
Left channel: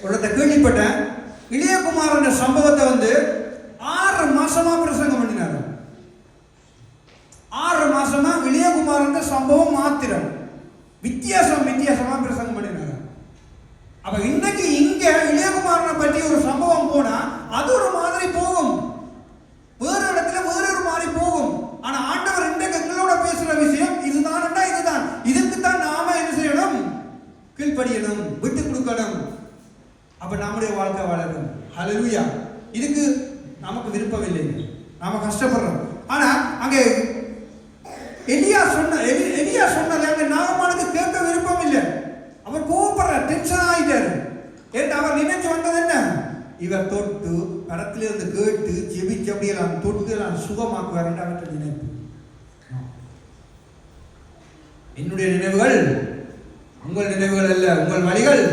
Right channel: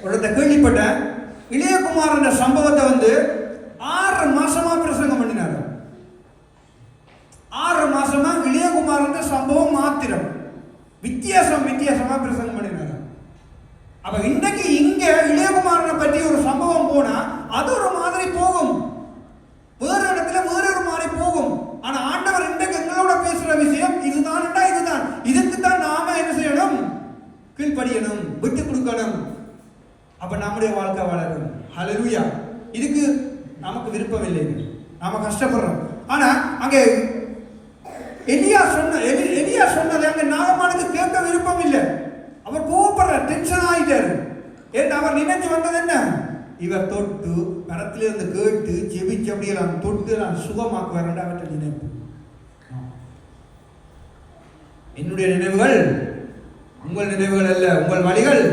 ஒருத்த கேள்விப்பட்ட இளையகுமாரன் சம்பவத்தை 6 மாசமா பிரசங்கம் பண்ணினார். 6 மாசமா இளையகுமாரன் சம்பவம் மாத்திரம் வித்தியாசமா பிரசங்கம் பண்ணினார். அப்ப இன்றைக்கு இங்க இளையகுமாரனை பற்றி ஒரு சம்பவம் போனா அது ஒரு மாதிரி போகும், வேறு இடத்துல வேறு ஒரு மாதிரி போகும். ஆனா ஆண்டவர் இன்றைக்கு எங்களோட பேசுற விஷயம் இதுதான். இதுக்கு தான் நாம என்ன செய்யணும்? கீழ்ப்படியணும், விட்டு கொடுக்கணும். அப்ப நம்முடைய வாழ்க்கை வளரும். ஹல்லேலூயா. இதுக்கு நமக்கு விருப்பம் இல்லை, நாம கஷ்டப்படுறோம். ஆனா அங்கே எலியா சொன்னது அங்க நாகமானுக்கு கேட்க விருப்பம் இல்லை. அவர் கோபப்படுற, டென்ஷன் ஆயிட்டாரு. ஏன்னா அவர் நினைச்சு வந்தது என்ன, இவர் தொட்டு படத்திலிருந்து கேட்டு ஜெபிச்சு அப்படியே நான் தொட்டு நான் சுகமாக்குவார். நினைப்பு, என்னுடைய நினைவுகள் உங்கள் நினைவுகள் அல்ல, உங்கள் வழிகள்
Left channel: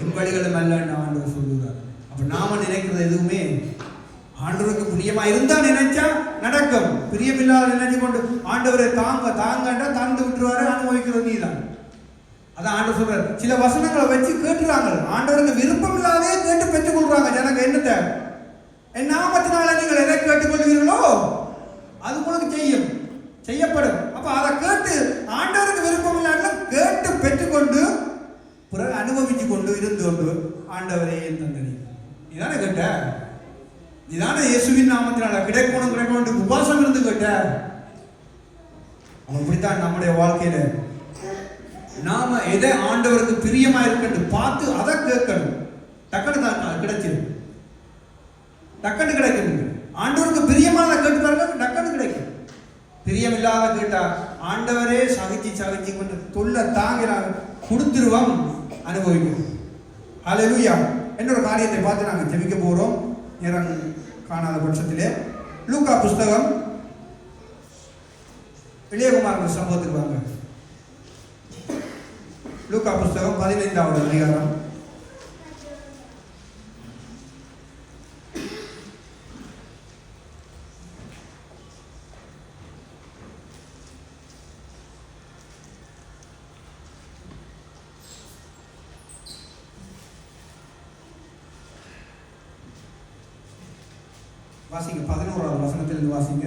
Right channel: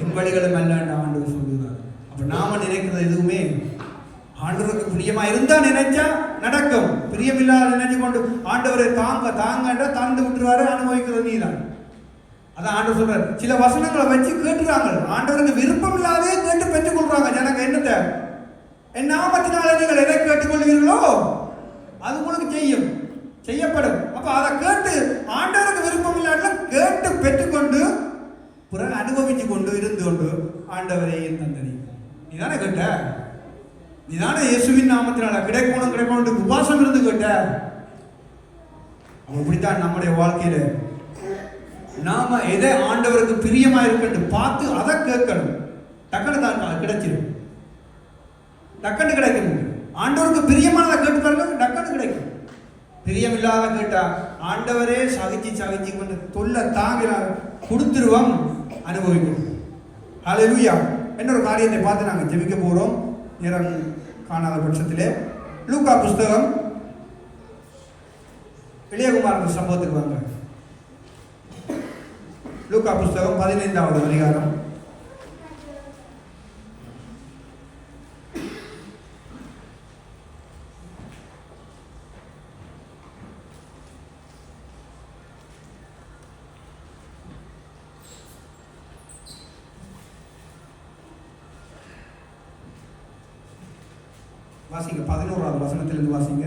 என் வழிகளும் அல்ல ஆண்டவர் சொல்லுகிறார். அப்ப நாம நினைக்கிறது எதுவுமே ஆண்டவருக்கு பிரியமா இருந்தா நினைச்சா நடக்கும். பிரியமில்லாத நினைச்சு கொண்டு ஆண்டவரை தாங்கன்ற தந்து விட்டுருவாரு, அனுபவிக்கிறது நீதான். அதான் ஆண்டவர் சொல்றாரு. சில வசனங்களை வச்சு கேட்டுறாங்க, ஆண்டவருக்கு விருப்பம் இல்லாதே கேட்டு பெற்றுக் கொள்றாங்க. எனக்கு என்னத்தை என் நாமத்தினால நீங்கள் எதை கேட்டுக் கொள்வீர்களோ அது உங்களுக்கு செய்யப்படும். அப்ப அதை கேட்டு ஆண்டவருக்கு விருப்பம் இல்லாத கேட்டு பெற்றுக்கொண்டு பிறகு அனுபவிச்சு கொண்டு இருந்து கொண்டு ஆண்டவரை தந்தனி நீதானே கேட்ட, நீதானே இயேசுவின் நாமத்தினால கிடைக்கணும் உபாசம் இருந்து கேட்ட. அப்படித்தான் நம்முடைய வாழ்க்கையில நாம எதை ஆண்டவருக்கு பிரியமா இருக்கு பார்த்து அதை கேட்கணும். டக்குனு கிடைச்சிடும், டக்குனு கிடைக்கணும். ஆண்டவருக்கு பிரியமான கேட்கணும், டக்குனு கிடைக்கும். பிரியமில்லாத கேட்டா ஆண்டவரே சகிச்சு கொண்டு தொல்லை தாங்கிறார், கொடுத்துருவோம், அனுபவிக்கும். ஹல்லேலூயா. இன்னொரு காரியத்தை பார்த்து நாங்கள் ஜெபிக்க போறோம். நேரம் காணாத பட்சத்திலே லூக்கா புஸ்தகம் இளையகுமாரன் சம்பவத்துக்கு வாங்க. லூக்கா புஸ்தகம் 15வது அதிகாரம். வாசிங்க, 11வது வசனத்திலிருந்து வாசிங்க.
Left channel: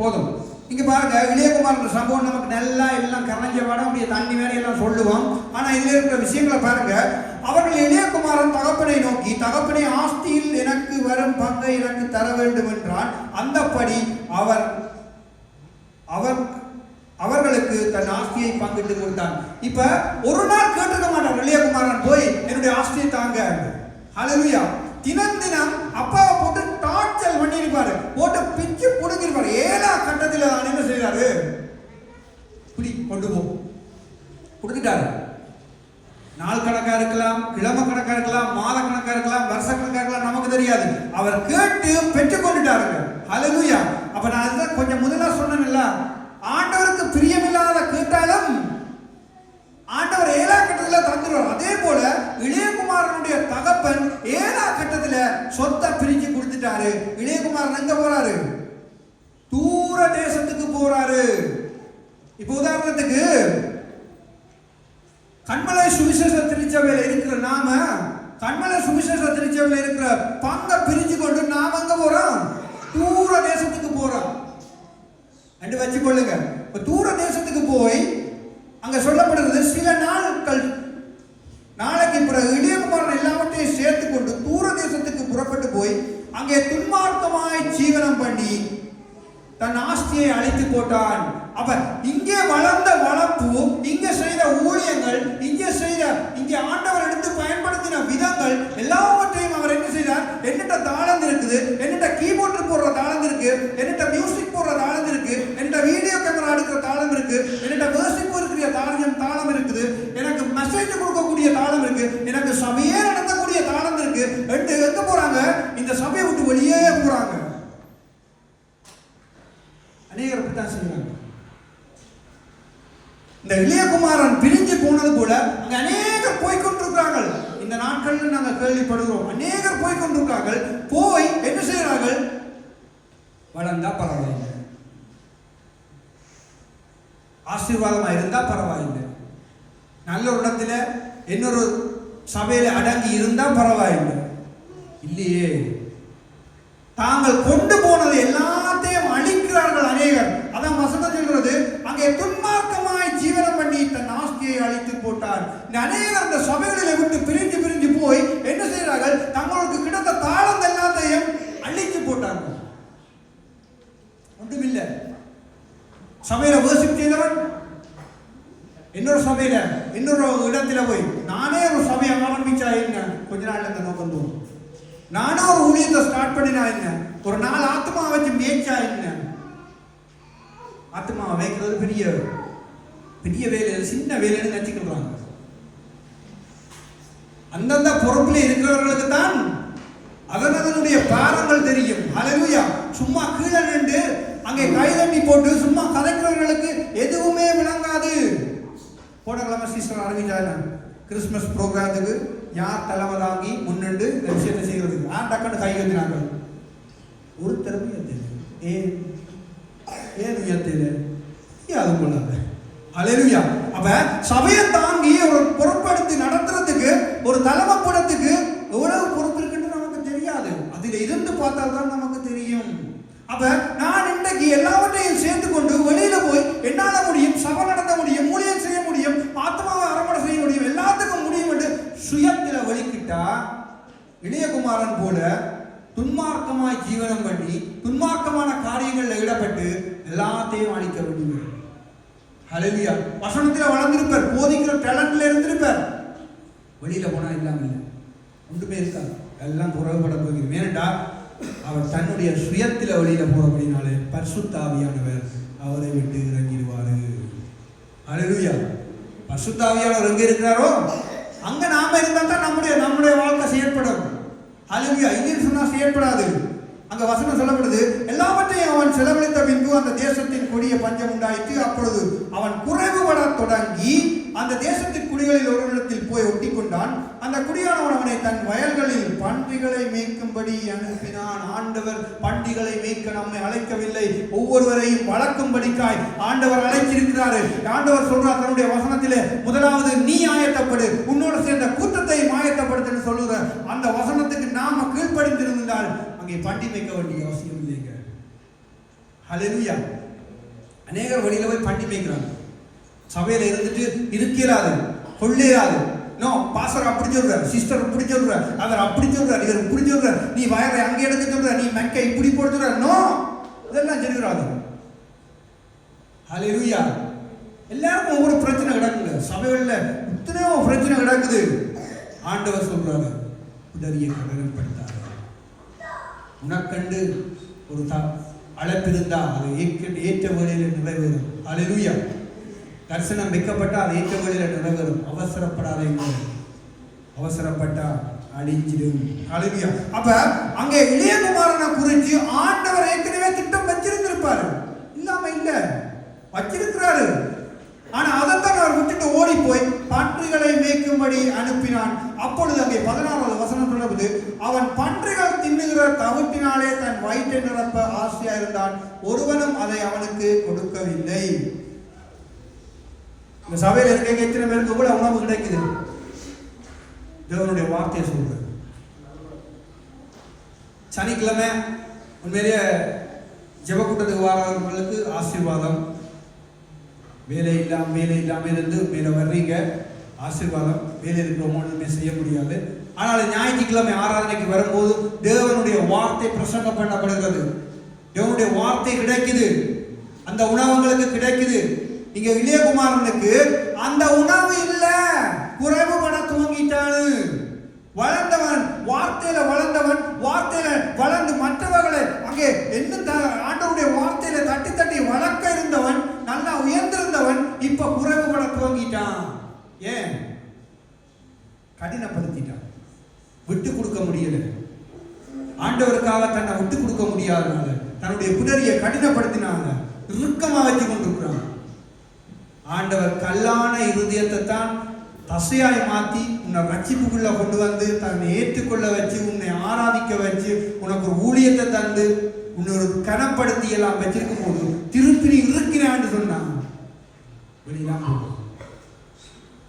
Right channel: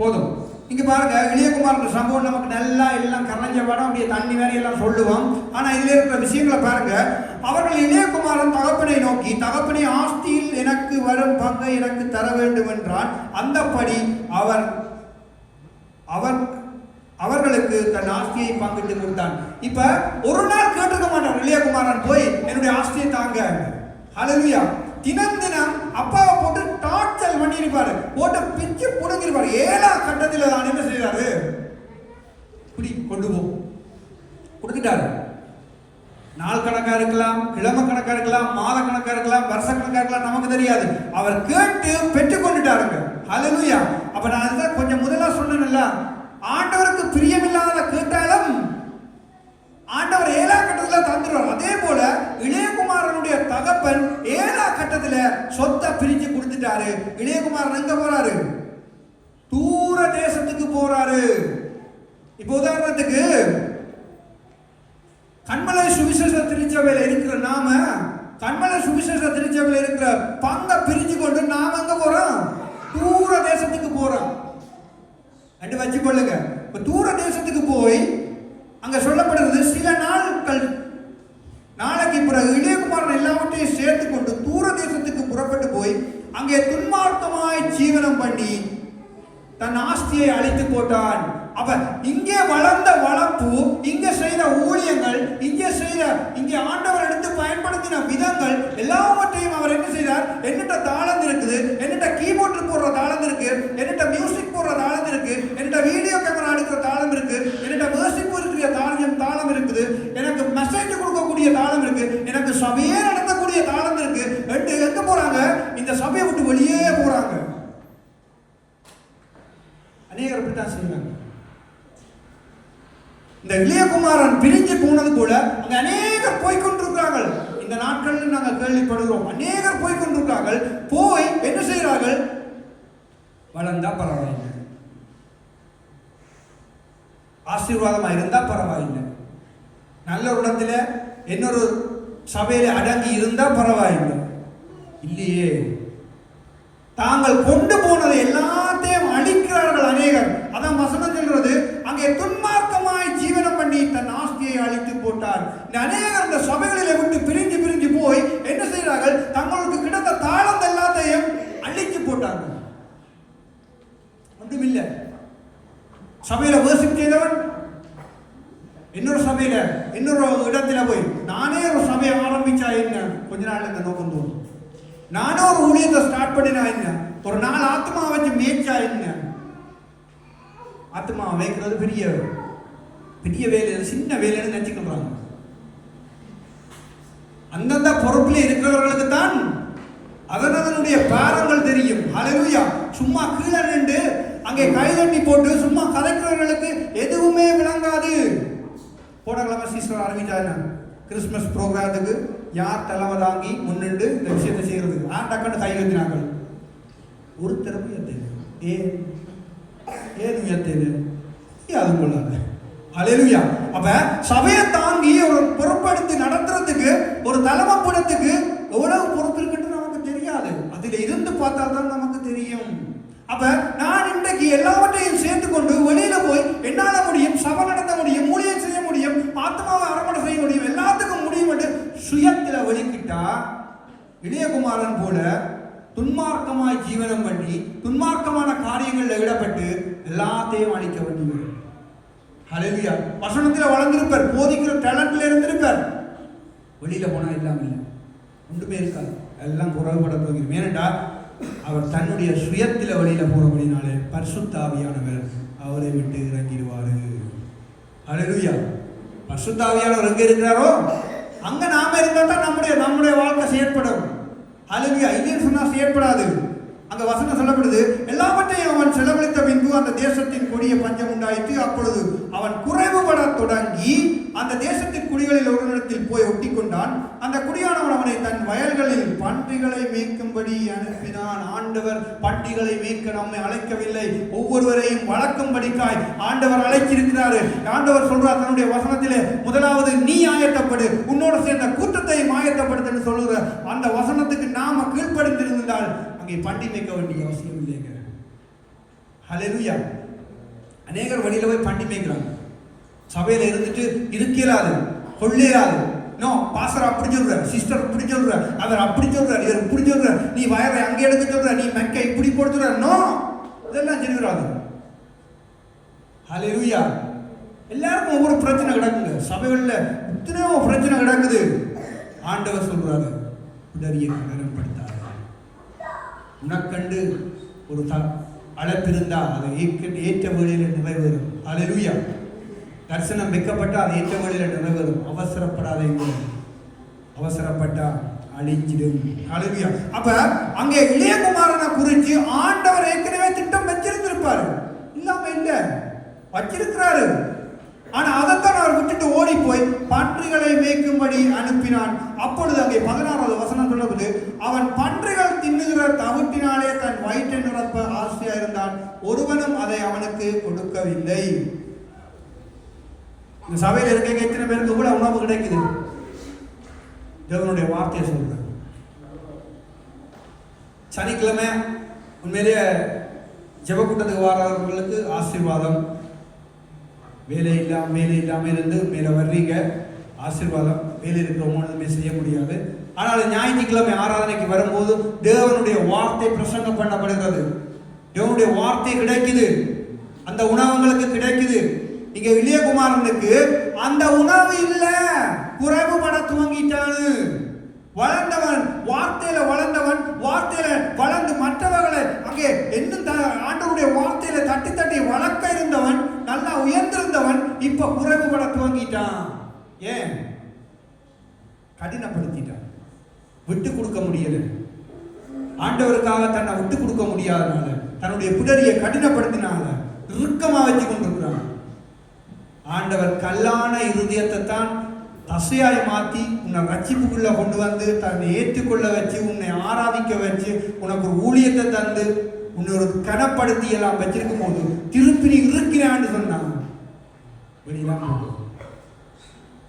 போதும். இங்க பாருங்க, இளையகுமாரன் சம்பவம் நமக்கு நல்லா எல்லாம் கரைஞ்ச படம் அப்படியே தண்ணி வேலையெல்லாம் சொல்லுவோம். ஆனா இதுல இருக்கிற விஷயங்களை பாருங்க. அவர்கள் இளையகுமாரன் தகப்பனை நோக்கி, தகப்பனை ஆஸ்தியில் எனக்கு வரும் பங்கை எனக்கு தர வேண்டும் என்றால் அந்தபடி அவர்களுக்கு தன் ஆஸ்தியை பங்கிட்டு கொடுத்தான். இப்ப ஒரு நாள் கேட்டுக்க மாட்டான் இளையகுமாரன் போய் என்னுடைய ஆஸ்தியை தாங்க. ஹல்லேலூயா. தினம் அப்பாவை போட்டு டார்ச்சர் பண்ணிருப்பாரு, போட்டு பிச்சு புடுங்கிருப்பாரு. 7ஆம் கட்டத்தில் தான் என்ன செய்யறாரு, இப்படி கொண்டு போ கொடுத்துட்டாரு. நாள் கணக்கா இருக்கலாம், கிழமை கணக்கா இருக்கலாம், மாத கணக்கா இருக்கலாம், வருஷ கணக்கா இருக்கலாம், நமக்கு தெரியாது. அவர் கேட்டு பெற்றுக் கொண்டுட்டாருங்க. ஹல்லேலூயா. அப்ப நான் அதுதான் கொஞ்சம் முதல்ல சொன்னேன்ல, ஆண்டவருக்கு பிரியமில்லாத கேட்டாலும் ஆண்டவர் 7ஆம் கட்டத்துல தந்துடுவார். அதே போல இளையகுமாரனுடைய தகப்பன் 7ஆம் கட்டத்துல சொத்தை பிரிச்சு கொடுத்துட்டாரு. இளையகுமாரன் எங்க போறாரு, தூர தேசத்துக்கு போறாரு. இப்ப உதாரணத்துக்கு கண்மலை சுவிசேஷ திருச்சபையில இருக்கிற நாம, கண்மலை சுவிசேஷ திருச்சபையில இருக்கிற பங்கை பிரிச்சு கொண்டு நாம எங்க போறோம், தூர தேசத்துக்கு போறோம். ரெண்டு வச்சு கொள்ளுங்க. இப்ப தூர தேசத்துக்கு போய் அங்க சொல்லப்படுறது சில நாளைக்கு பிறகு இளையகுமாரன் எல்லாவற்றையும் சேர்த்து கொண்டு தூர தேசத்துக்கு புறப்பட்டு போய் அங்கே துன்மார்க்கமாய் ஜீவனம் பண்ணி தன் ஆஸ்தியை அழித்து போட்டான். அப்ப இங்கே வளர்ந்த வளர்ப்பு, இங்கே செய்த ஊழியங்கள், இங்கே ஆண்டவர் எடுத்து பயன்படுத்தின விதங்கள் எல்லாவற்றையும் அவர் என்ன செய்தார், என்னிட்ட தாளந்து இருக்குது, என்னிட்ட கீபோர்டு போடுற தாளந்து இருக்கு, என்னிட்ட மியூசிக் போடுற தாளந்து இருக்கு, என்னிட்ட வீடியோ கேமரா எடுக்கிற தாளம் இருக்கு, என்னிட்ட மியூசிக் இருக்கிற தாளம் இருக்குது, எனக்கு மெசேஜ் கொடுக்கக்கூடிய தாளம் இருக்கு, எனக்கு சபையே நடத்தக்கூடிய தாளம் இருக்கு. எங்க போறாங்க, இந்த சபையை விட்டு வெளியே போறாங்க. அநேகர் அப்படித்தான் சொல்லுங்க. இந்த இளையகுமாரன் பிரிஞ்சு போனது போல அங்க அநேகர் போய்கொண்டிருக்கிறார்கள். இந்த நாட்களில் நாங்கள் கேள்விப்படுகிறோம், அநேகர் போய்கொண்டிருக்கிறார்கள். போய் என்ன செய்கிறார்கள், வளர்ந்தா பரவாயில்லை, ஆசீர்வாதமா இருந்தா பரவாயில்லை, நல்ல இடத்துல இன்னொரு சபையில அடங்கி இருந்தா பரவாயில்லை. இல்லையே, தாங்கள் கொண்டு போனது எல்லாத்தையும் அழிக்கிறார்கள் அநேகர். அதான் சபையில வேர்ஷிப் செய்தவன் இன்னொரு சபையில இன்னொரு இடத்துல போய் நானே ஒரு சபையை ஆரம்பிச்சா என்ன, கொஞ்ச நாள் இந்த நோக்கம் தோணும். நானே ஒரு ஊழியத்தை ஸ்டார்ட் பண்ணினா என்ன, ஒரு 4 ஆத்மா வச்சு மேய்ச்சா என்ன. ஆத்மா வைக்கிறது பெரிய பெரிய வேலை, சின்ன வேலைன்னு நினைச்சுக்கிறாங்க. அந்தந்த பொறுப்பில் இருக்கிறவர்களுக்கு தான் அதனுடைய பாரங்கள் தெரியும். ஹல்லேலூயா. சும்மா கீழே நின்று அங்கே கைதட்டி போட்டு சும்மா கலக்கிறவர்களுக்கு எதுவுமே விளங்காது. போடலாமா சிஸ்டர் ஆரம்பிச்சாரு கிறிஸ்துமஸ் ப்ரோக்ராமுக்கு யார் தலைமை தாங்கி முன்னின்று விஷயத்தை செய்யறதுக்கு டக்குன்னு கை கட்டினாங்க. ஒரு திறமை ஏன் அது கொள்ளாங்க. ஹல்லேலூயா. அப்ப சபையை தாங்கி ஒரு பொறுப்படுத்தி நடத்துறதுக்கு ஒரு தலைமைப்படத்துக்கு எவ்வளவு பொறுப்பு இருக்குன்னு நமக்கு தெரியாது. அதுல இருந்து பார்த்தா தான் நமக்கு தெரியும். அப்ப நான் இன்றைக்கு எல்லாவற்றையும் சேர்த்து கொண்டு வெளியில போய் என்னால முடியும், சபை நடத்த முடியும், ஊழியம் செய்ய முடியும், ஆத்மாவை அரவணை செய்ய முடியும், எல்லாத்துக்கும் முடியும் என்று சுயத்துல வெளிக்கிட்டா இளையகுமாரன் போல துன்மார்க்கமாய் ஜீவனம் பண்ணி துன்மார்க்கமான காரியங்களில் ஈடுபட்டு எல்லாத்தையும் அழிக்க வேண்டும். ஹல்லேலூயா. வசனத்தில் வளர்ந்திருப்பார், போதிக்கிற டேலண்ட்ல இருந்திருப்பார், வெளியில போனா இல்லாமல் ஒன்றுமே இருக்காது, எல்லாம் குறைபட போகிறோம். ஏனென்றா அவர் தன்னுடைய சுயத்தில வெளியில போகிறபடினாலே பரிசுத்த ஆவியானவர் அவரை விட்டு இறங்கிடுவாரு. ஹல்லேலூயா. பரிசுத்த ஆவியானவர் எங்க இருக்கிறாரோ அங்க நாம இருந்தா தான் நம்முடைய வாழ்க்கை செயற்படும். ஹல்லேலூயா. இல்லைன்னு சொன்னா செயற்படாது. அங்க வசனம் சொல்லப்படுது, எல்லாவற்றையும் அவன் செலவழித்த பின்பு அந்த தேசத்தின் கொடிய பஞ்சம் உண்டாயிற்று. அப்பொழுது அவன் குறைவுபட தொடங்கி அந்த தேசத்தின் குடிகளில் ஒரு இடத்தில் போய் ஒட்டி கொண்டான். அந்த குடியானவன் அவனை தன் வயல்களில் பன்றிகளை மேய்க்கும்படி அனுப்பினான். ஆண்டவர் பன்றிகளை மேய்க்க நம்மை அழைக்கவில்லை, ஒவ்வொருவரையும் வளர்க்கும்படிக்காய் ஆண்டவர் அழைச்சிருக்கிறாரு. ஆண்டவர் சொல்றார் தன்னுடைய வசனத்திலே, முதலாவது நீ ஆயத்தப்படு, உன்னோடு சேர்ந்த கூட்டத்தையும் ஆயத்தப்படுத்து சொல்லுற அந்த வசனத்துக்கு நாம கீழ்ப்படிந்திருந்தால் அங்கே பண்டி மேய்க்க வேண்டிய அவசியம் இல்லைங்க. ஹல்லேலூயா. அநேகர் வெளியில போய் பண்டி மேய்க்கிறாங்க. சபையில இருந்துட்டு இருக்கலாது, கொள்ளையாது. நோ, பாஸ்டர் அப்படி சொல்றார், சிஸ்டர் இப்படி சொல்றார், அவர் அப்படி சொல்றார், இவர் இப்படி சொல்றார், நீ வயலை அங்கே எடுக்க சொல்ற, நீ மெக்கை இப்படி கொடுத்துற. நோ, இதெல்லாம் சொல்கிறாரு. ஹல்லேலூயா. எல்லாருக்கும் ஒவ்வொரு பிரச்சனை கிடக்குங்க. சபைகள்ல எத்தனையோ பிரச்சனை கிடக்குது. ஆண்டவர் சொல்றாரு, உதவியை கனப்படுத்தார். உனக்கண்டு ஒரு அழைப்பிருந்தா அதை ஏற்ற வேளையில நிறைவேறும். ஹல்லேலூயா. தரிசனம் வைக்கப்பட்டா அதை ஏற்ற வேளையில நிறைவேறும். அவசரப்படாதீங்க, அவசரப்பட்டா அழிஞ்சிடும். ஹல்லேலூயா. அப்ப அங்கே இளையகுமாரனை குறித்து ஆண்டவர் ஏற்கனவே திட்டம் வச்சிருந்திருப்பாரு, இல்லாம இல்ல வச்சிருக்கிறாரு. ஆனா அதைத்தான் அவர் விட்டுட்டு ஓடி போய் பன்றிகளை மேய்க்கும்படி அனுப்பினான். அப்பொழுது அங்கே 16வது வசனம் சொல்லுவது, அவன் பன்றிகள் தின்னுகிற தவிட்டினாலே தன் வயிற்றை நிரப்ப ஆசையா இருந்தான், ஒருவனும் அதை அவனுக்கு கொடுக்கவில்லை. இந்த சபையில் இருக்க எத்தனை பேருக்கு கூட உணவு கிடைக்குது? தேவனுடைய வார்த்தையை சொல்ற. சனிக்கிழமை உண்மையிலேயே ஜெபக்கூட்டத்துக்கு வாரவர்களுக்கு ஆசீர்வாதம். வேலை இல்லாம இருந்து மேல வர்றீங்க, ஆசீர்வாதம். வேலை இருக்கிறவங்க செய்ய முடியாது. ஆனால் ஞாயிற்றுக்கிழமை ஆராதனைக்கு வரும்போது தேவனுடைய வார்த்தை பிரசங்கம் பண்ணப்படுகிறது. தேவனுடைய வார்த்தை கிடைக்குது, அந்த உணவுங்களுக்கு கிடைக்குது. இங்க இளையகுமாரனுக்கு அந்த உணவு இல்ல, குறைவுபட துவங்கிட்டானு. வளர்ந்தவன் வார்த்தையில வளர்ந்தவன், வார்த்தையில வளர்ந்து மற்றவர்களை அங்கே எந்த ஆண்டவருடைய வார்த்தையில தட்டி தட்டி வளர்க்க இருந்தவன், நல்லா உயர்ந்திருந்தவன், இப்ப குறைவுபட துவங்கிட்டான். ஏன்? கடினப்படுத்திட்டான், விட்டு கொடுக்க முடியல. ஆண்டவருக்காக தன்னை விட்டு கொடுக்க முடியாதனால, தன்னுடைய பிடரியை கடினப்படுத்தினால இறுக்கமா வச்சு கொண்டிருக்கிறான். ஆண்டவர் கல்லான இருதயத்தை தான் தசையாய் மாற்றி உன்னை ரட்சிப்புக்குள்ள கொண்டு வந்து தன்னை ஏற்றுக்கொள்ள வச்சு உன்னை ஆராதிக்க வச்சு உனக்கு ஒரு ஊழியத்தை தந்து உன்னை ஒரு கனப்படுத்தி எல்லாம் வச்சிருக்கும் போது திருப்பி நீ இருக்கிறான்னு சொன்னான். வெளியெல்லாம் போகும்.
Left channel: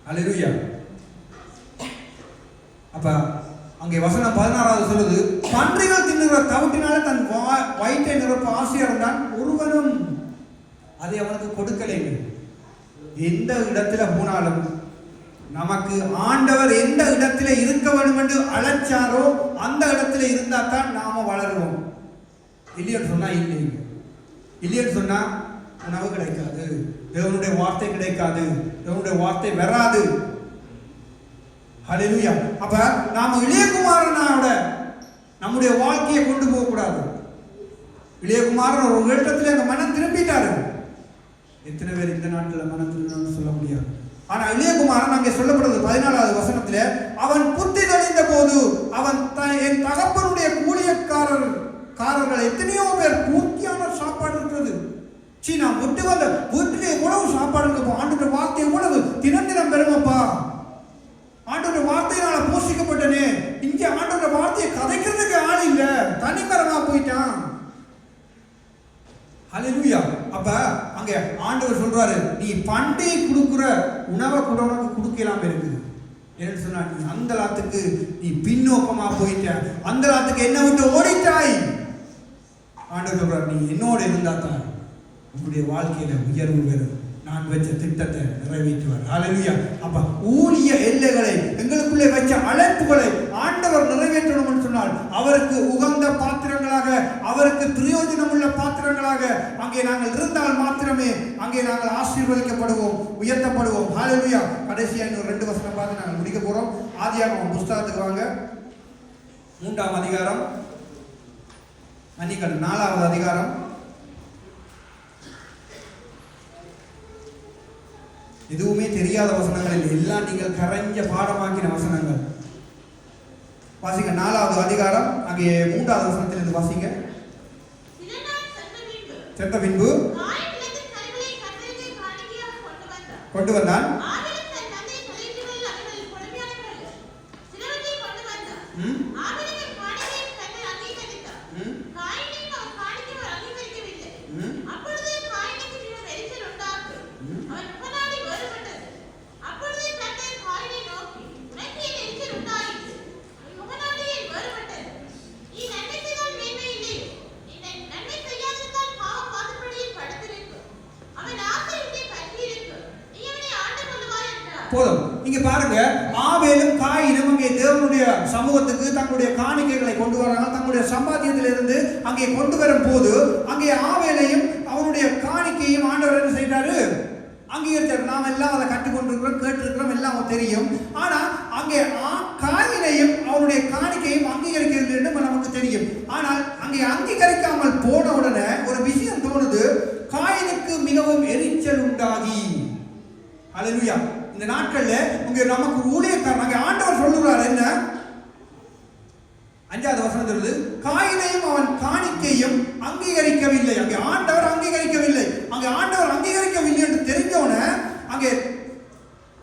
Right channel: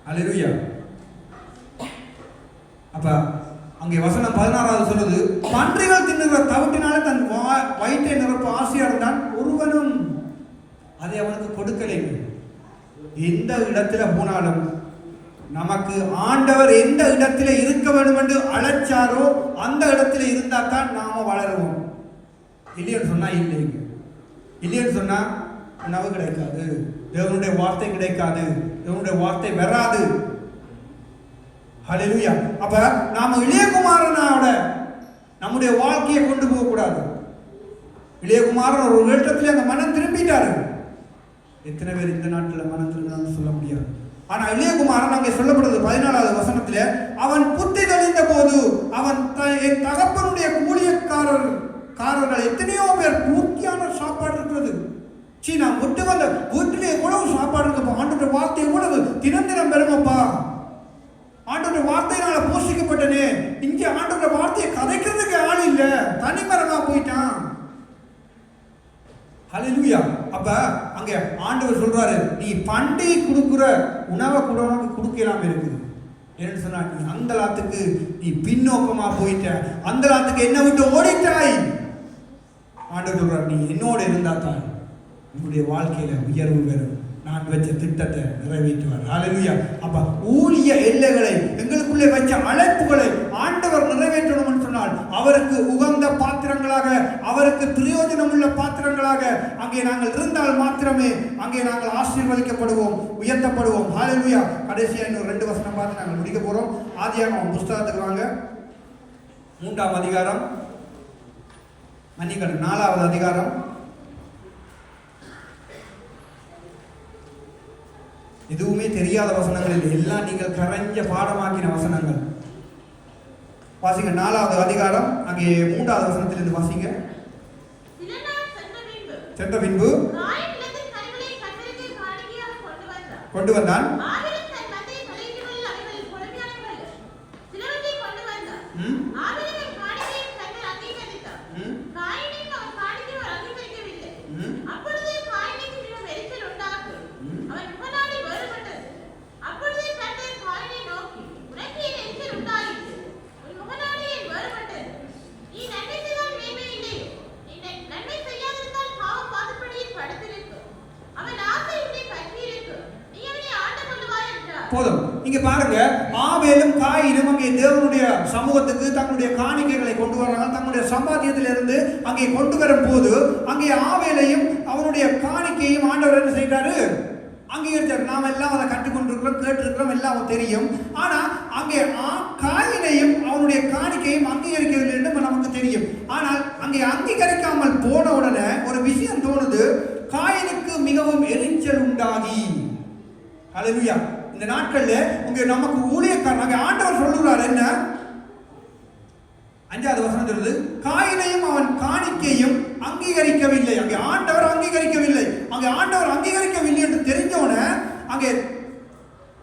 ஹல்லேலூயா. அப்ப அங்கே வசனம் 16வது சொல்லுது, பன்றிகள் தின்னுகிற தவிட்டினால தன் வயிற்றை நிரப்ப ஆசையா இருந்தான், ஒருவனும் அதை அவனுக்கு கொடுக்கலை. எந்த இடத்துல போனாலும் நமக்கு ஆண்டவர் எந்த இடத்துல இருக்க வேண்டும் என்று அழைச்சாரோ அந்த இடத்துல இருந்தா தான் நாம வளருவோம். இல்லைன்னு சொன்னா இல்லைங்க. இல்லைன்னு சொன்னா உணவு கிடைக்காது, தேவனுடைய வார்த்தை கிடைக்காது, தேவனுடைய வார்த்தை வராது. ஹல்லேலூயா. அப்ப நாம இளையகுமாரனோட நம்முடைய வாழ்க்கையை கொண்டு போக கூடாது. இளையகுமாரன் ஒரு நேரத்தில் அந்த மனம் திரும்பிட்டாரு. எத்தனை பேர் இந்த நாட்டில் மனம் திரும்பினான்னு சொல்ல முடியாது. ஆனா இளையகுமாரன் அங்கே சொல்லப்படுது 14வது வசனத்துல, அவன் புத்தி தெளிந்த போது அவன் என் தகப்பனுடைய கூலியக்காரர்கள் எத்தனையோ பேர் பூர்த்தியான சாப்பாடு இருக்கிறது. நான் ஒட்டுவத வீட்டிலே எவ்வளவு சாப்பாடு இருக்கு. ஆண்டுடைய வார்த்தை எவ்வளவு தினம் தினம் பெருங்கப்பா. ஆண்டுடைய வார்த்தையினால பூசிக்கப்பட்டனே. இங்க ஆண்டுடைய வார்த்தையை கதைக்கிறதுக்கு ஆள் இல்ல, தனிமரமா போயிட்டான். ஹல்லேலூயா. அப்ப அங்க ஆண்டவர் சொல்றாரு, நீ பண்டி கொடுக்கிற உணவை கூட உனக்கு கொடுக்கலாம் இருக்குது. என்ன சொன்னா, நீ அந்தலாத்துக்கு நீ பின்னோக்கமா போயிட்ட, அந்தலாத்துக்கு என்ன விட்டு ஓடிட்டாய். ஆண்டவர் சொல்றார், நீ என்னோட இருந்தா தான் உன்னுடைய வாழ்க்கையில உயர்வு பெறும், நான் வச்ச திட்டத்தை நிறைவேற்றுவார். ஹல்லேலூயா. அப்ப ஊழிய எல்லைகளை எங்களுக்குள்ளே வச்ச அழைப்புகளை ஆண்டவர் நிறைவேற்றணும் சொன்னால் அவருக்கு உகந்த பாத்திரங்களாக, அவருக்கு பிரயோஜனம் உள்ள பாத்திரங்களாக அங்கே நாங்கள் இருந்தால் மாத்திரமே அங்கே நாங்கள் ஆசீர்வதிக்கப்படுவோம், உயர்த்தப்படுவோம். ஹல்லேலூயா. கடைசியாக 2 வசனம் பார்த்து நாங்கள் முடிக்க போறோம். ஆதியாகமம் புஸ்தகத்துக்கு வாங்க. 3ஆம் அதிகாரம், 4வது அதிகாரம். எதுவுமே தெரியாத வசனங்கள் இல்லை, எல்லாம் நீங்கள் கரைஞ்ச பாடமாக்கின வசனங்கள். வாசிங்க 4வது அதிகாரம், அங்கே 3வது வசனத்திலிருந்து வாசிங்க. சென்ற பின்பு கொண்டு வந்தான். போதும். இங்க பாருங்க, ஆபேலும் காயினும் அங்கே தேவனுடைய சமூகத்துக்கு தங்களுடைய காணிக்கைகளை கொண்டு வராங்க. தங்களுடைய சம்பாத்தியத்திலிருந்து அங்கே கொண்டு வரும் போது அங்கே ஆபேலையும் அவனுடைய காணிக்கையும் ஆண்டவர் என்ன செய்தாரு, அங்கீகரித்தார். நாம் எல்லாம் அதை கற்றுக்கொண்டிருக்கிறோம், கேட்டிருக்கிறோம், எல்லாம் தெரியும். ஆனா அங்கே காயினையும் அவனுடைய காணிக்கையும் அங்கீகரிக்கவில்லை என்று நமக்கு தெரியும். ஆனால் அங்கே அங்கீகரிக்காமல் போன உடனே ஒரு விஷயம் தோணுது, காயினுக்கு மிகவும் எரிச்சல் உண்டாகி. ஹல்லேலூயா. இந்த நாட்கள்ல உங்க நமக்கு ஊழியக்காரங்க ஆண்டவர் சொல்லுவார் என்ன, 5வது வசனம் சொல்லுது, காயினையும் அவன் காணிக்கையும் அங்கீகரிக்கவில்லை. அங்கே ஆண்டவர் அங்கீகரிக்கவில்லை. அங்கே ஆண்டவர் அங்கீகரிக்கவில்லை என்று தெரிஞ்சோன அங்கே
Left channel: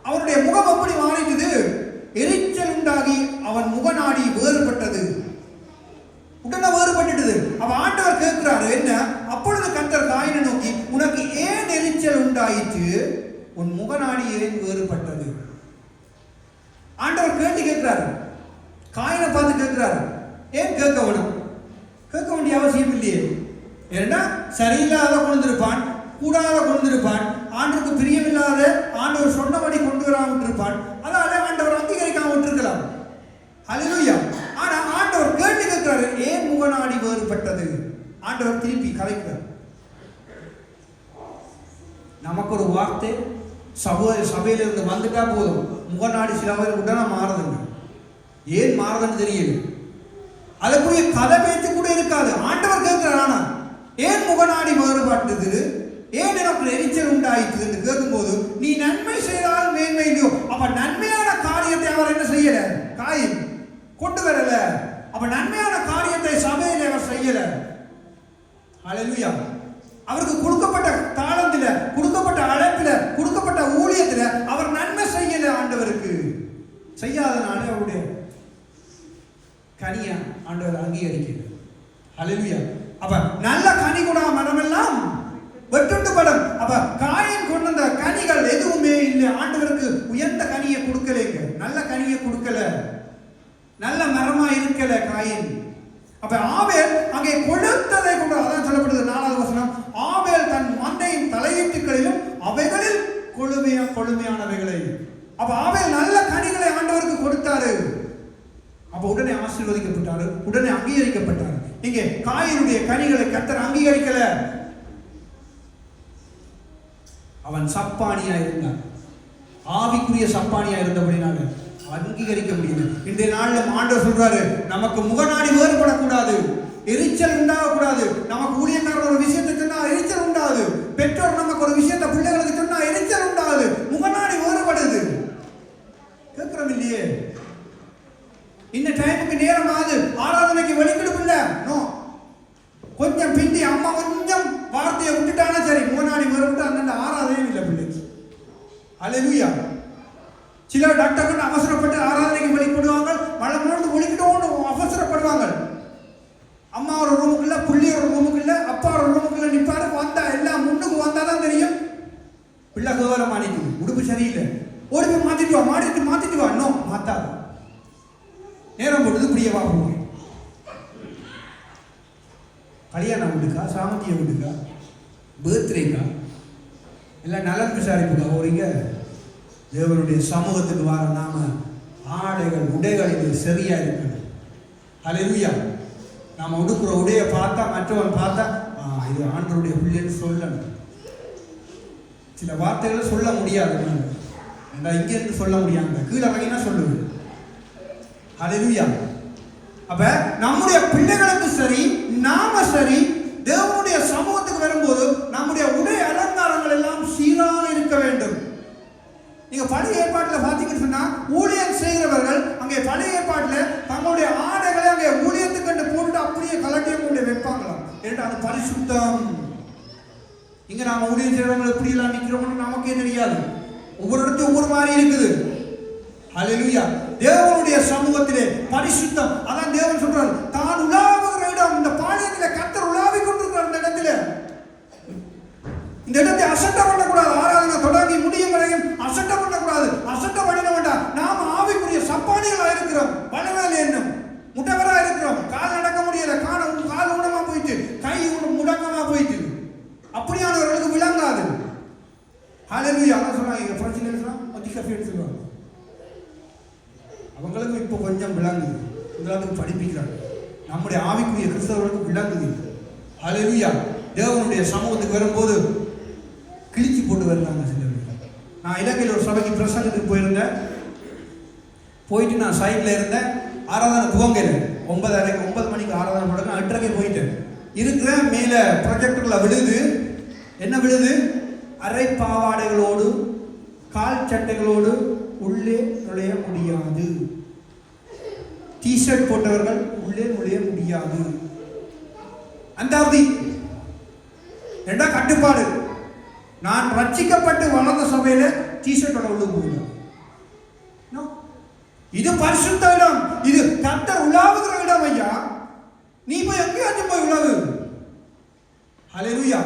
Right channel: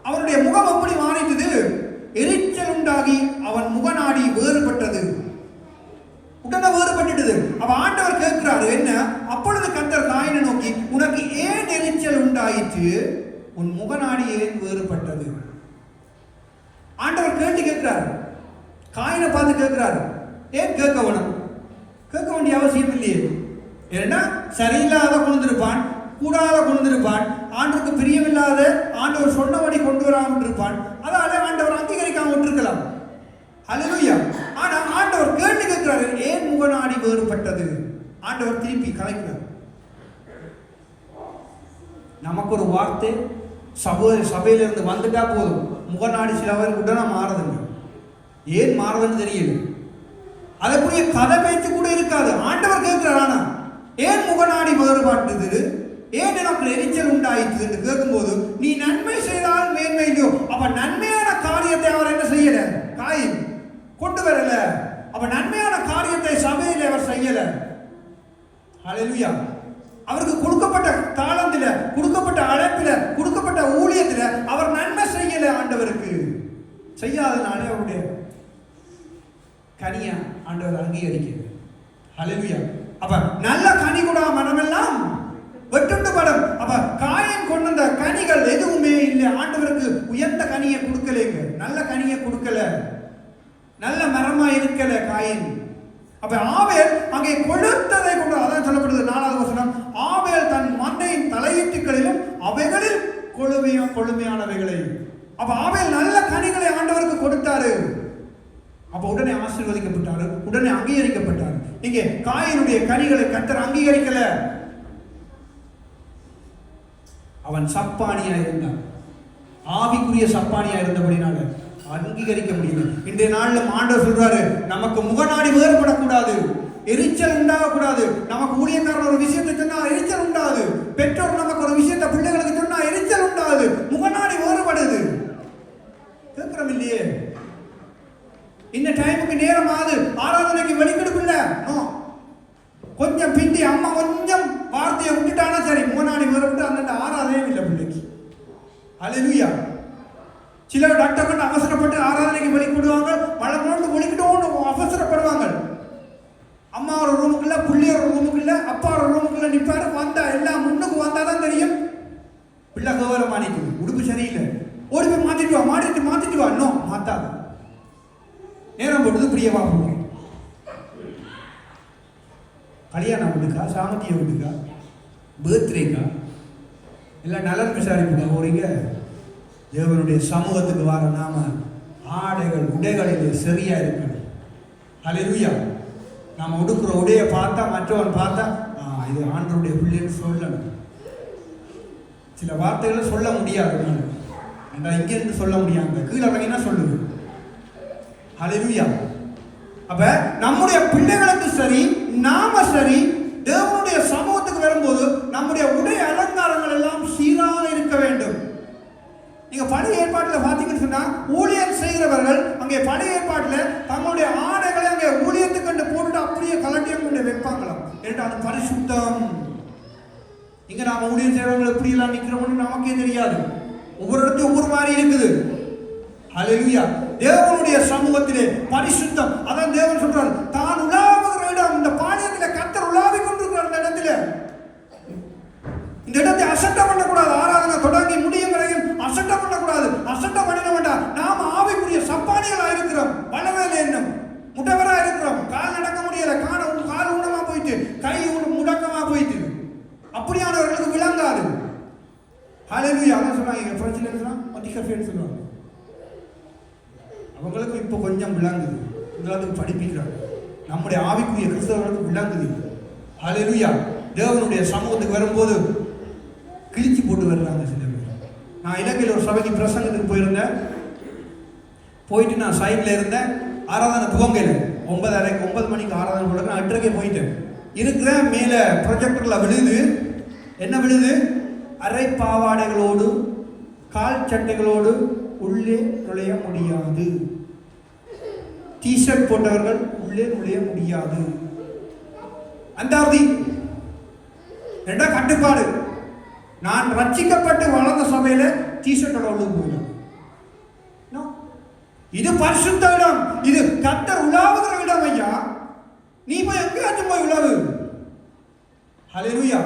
அவனுடைய முகம் எப்படி மாறிட்டது, எரிச்சல் உண்டாகி அவன் முகநாடி வேறுபட்டது. உடனே வேறுபட்டுட்டது. அவன் ஆண்டவர் கேட்கிறாரு என்ன, அப்பொழுது கர்த்தர் காயினை நோக்கி, உனக்கு ஏன் எரிச்சல் உண்டாயிற்று, உன் முகநாடி ஏன் வேறுபட்டது. ஆண்டவர் கேட்டு கேட்கிறார், காயினை பார்த்து கேட்கிறார். ஏன் கேட்க வேணும், கேட்க வேண்டிய அவசியம் இல்லையே. ஏன்னா சரியில்லாத கொண்டிருப்பான், கூடாத கொண்டிருப்பான், ஆண்டவருக்கு பிரியமில்லாத ஆண்டவர் சொன்னபடி கொண்டு வராமல் இருப்பான். அதால ஆண்டவர் அங்கீகரிக்காம விட்டுருக்கலாம். ஹல்லேலூயா. ஆனா ஆண்டவர் கேட்டு கேட்கிறாரு, ஏன் முகநாடி வேறுபட்டது. ஆண்டவர் திருப்பி கலைக்கிறார். நமக்கு ஒரு வார்த்தை சபையிலிருந்து வந்துட்டா போதும், முகநாடி சிலவர் உடனே மாறுதுங்க. ஏன் மாறுதுன்னு தெரியல, அதற்குரிய கதை பேச்சு கூட இருக்காது. ஆண்டவர் கேட்கிறார், ஏன் முகநாடி வேறுபட்டது, ஏன் எனக்கு எரிச்சல் உண்டாயிற்று என்று கேட்கும்போது, நீ நன்மை செய்தால் மேன்மையோ. அப்ப நன்மையான காரியத்தை அவர் என்ன செய்யல, காயின் கொண்டு வரல. அப்ப நன்மையான காரியத்தை சபையில் அவர் செய்யல. ஹல்லேலூயா. அவருக்கு கொடுக்கப்பட்ட தாளத்தில, கொடுக்கப்பட்ட அழைப்பில, கொடுக்கப்பட்ட ஊழியத்தில அவர் நன்மை செய்யல. ஆண்டவருக்கு செய்யாதனால அவருடைய கனியை ஆண்டவர் அங்கீகரிக்கிறது. ஹல்லேலூயா. அப்ப நல்ல கனி கூட மனமெல்லாம் வெட்டுண்டு படம். அப்ப காயின் கொண்டு வந்த கனிகள் எதுவுமே இல்லை. ஆண்டவருக்கு உயர்ந்த கனியை கொடுக்கலைங்க, நல்ல கனியை கொடுக்கல, நல்ல மரமா இருக்கல காயின். அப்ப ஆபேல் அங்கே கொடுத்ததை கொண்டு, அதான் சொல்லப்படுது 4வது வசனம், ஆபேல் தன் மந்தையின் தலையீட்டுகளிலும் அவைகளில் கொழுமையானவைகளை. அப்ப ஆபேல் நல்ல கனிகளை ஆண்டவருக்கு கொடுத்தாரு. அப்ப உடனே ஆசீர்வதிக்கப்பட்டாரு, உடனே அங்கீகரிக்கப்பட்டார். இங்கே காயினுடைய கனிகளை கர்த்தர் அங்கீகரிக்கல. அவன் சப்பானியா இருந்தான். ஆவிக்குரிய சப்பானியா இருந்தபடினால அங்கீகரிக்க முடியல. இன்றைய நாளில் ஆண்டவர் சொல்றாரு, நமக்கு முகநாடி வேறுபடக்கூடாது, எரிச்சல் உண்டாகக்கூடாது. நமக்கு ஊழியக்காரர் ஒரு விஷயத்தை சொன்னா எரிச்சல் உண்டாகுது, பெற்றோர் நமக்கு ஒரு விஷயத்தை பிள்ளைகளுக்கு சொன்னா எரிச்சல் உண்டாகுது, முகநாடி வேறுபடுது. கேட்கிறோம் இல்லையே? இந்த டைமுக்கு நேரம் ஆகுது, ஆராதனைக்கு வெளிக்கெடுக்கல, கொஞ்சம் பிந்தி அம்மா கொஞ்சம் வார்த்தையை விட்டுட்டானா சரி, முகநாடி வேறுபட்டு அந்த ஆராதனையும் இல்லை பிள்ளைக்கு. அல்லேலூயா. சில டாக்டர்கள் அவசரப்பட்டு ஆராதனைக்கு வெளிப்படுவாங்க, மழை மூணு ஒழிக்கிட்டு அவசரப்படுவாங்க. அம்மா ஒரு ரூமுக்குள்ள, பிள்ளை ஒரு ரூமுக்குள்ள, அப்பா ஒரு ரூமுக்குள்ள நிற்பாரு. வந்தா எல்லாம் முன்னுக்கு வந்தாதான் தெரியும் பிள்ளை கவரம் மாறிக்கும், உடுப்பு சரியில்லை, ஓடி போய் மாத்திட்டு வா, மாத்திட்டு வா. இன்னும் மாத்தாது, நேரம் போட்டது பிரியமா போவாங்க. கல்யாணம் வீட்டுக்கா, சாமத்திய வீட்டுக்கா, பர்த்டேக்கா, இல்லை நலன் விசாரிப்புக்கா போறீங்க? தேவனுடைய சமூகத்துக்கு வர நாம ஆடைகள் உடைகள் சரியா இருக்கணும். அல்லேலூயா. நாம் உடுக்கிற உடையை பார்த்தா மற்றவன் பார்த்தா இது ஆண்டவருடைய பிள்ளைன்னு சொல்லணும். சில வார்த்தைகள் சொல்ல முடியாது, இங்கிருந்து சொல்ல முடியாது, கீழே கலைனா சொல்லுது. அல்லேலூயா. அப்ப நம்முடைய பிள்ளைகளுக்கு சரி, நாம சரி, தேவனுடைய சமூகத்துக்கு வரும்போது நம்முடைய உடை அலங்காரங்கள் எல்லாம் சீராக இருக்க வேண்டும். நீங்க பழைய ஏற்பாட்டில் பார்த்தீங்கன்னு சொன்னா, ஊழியம் செய்கிறவர்கள் அங்கே பழைய ஏற்பாட்டில் தங்களுடைய ஆடைகளை அங்கே ஊழியத்துக்கு கண்டு போட்டு அப்படியே கலட்டியை கொண்டு வைப்பாங்களாம். ஏன்றால் பரிசுத்தம். இங்க நாம ஊழியம் செய்கிறவர்கள் எப்படி எல்லாம் நிற்கிறோம்னு நமக்கே தெரியாது, ஒவ்வொரு இடத்தையும் ஒவ்வொரு மாதிரி இருக்குது. அல்லேலூயா. தேவனுடைய சமூகத்திலே பரிசுத்தம். அதான் தேவன் சொல்றார், தான் உலாவுகிற இடம், இந்த பாளையத்திலே கர்த்தர் உலாவி கொண்டிருக்கிற அந்த இடத்துல, இந்த இடத்தை அசட்ட பண்ணக்கூடாது. ஆராதனை தொடங்கி முடியும் வரையும் அசட்ட பண்ணக்கூடாது. அசட்ட பண்ணிட வேண்டாம். நாம் ஆவிக்குரிய சப்பானிகளா இருக்கிறோம், வளவல என்னும் முடவரா இருக்கிறோம். கால் நடக்க முடியல, கால் உண்டமா போயிட்டு, கை முடக்கமா போயிட்டு, அப்படியானவர்களுக்கு விளங்காது. அல்லேலூயா. சொல்றாங்க சொல்லுவாங்க, அவங்களுக்கு இப்போ கொஞ்சம் விளங்குது, உங்களுக்கு படிப்பிக்கிறாங்க. நம்முடைய ஆவிக்குரிய கிறிஸ்தவர்களுக்கு விளங்குது. அல்லேலூயா. தேவனுடைய சமூகத்துக்கு வரும்போது கிழிச்சி போட்டு வருவாங்க சில பேர். நான் இலங்கையில் ஒரு சபைக்கு பிரசங்கத்துக்கு போயிருந்தேன். போயிட்டு நான் சைட்ல இருந்தேன். ஆராதனை துவங்கல, 9 மணிக்கு ஆராதனை போடுங்க, 8:30 போயிட்டேன். இருக்கிற மேல ப்ரொஜெக்டர்ல விழுது. என்ன விழுது? அரை பாவாடைகளோடு கால் சட்டைகளோடு உள்ளே நுழைய முடியாது. டிஷர்ட் போட்டவர்கள் உள்ளே நுழைய முடியாது. அந்தாவதி ரெண்டா கட்டுப்பாடு. நான் ரட்சிக்கப்பட்டு வளர்ந்த சபையில டிஷர்ட்டோட உள்ள போயிடும். இது பரிசுத்த இடம், இது கர்த்தர் உலாவுகிற இடம். ஐயா, நீ போய் எங்கேயாச்சும் போய் உலாவு. அல்லேலூயா.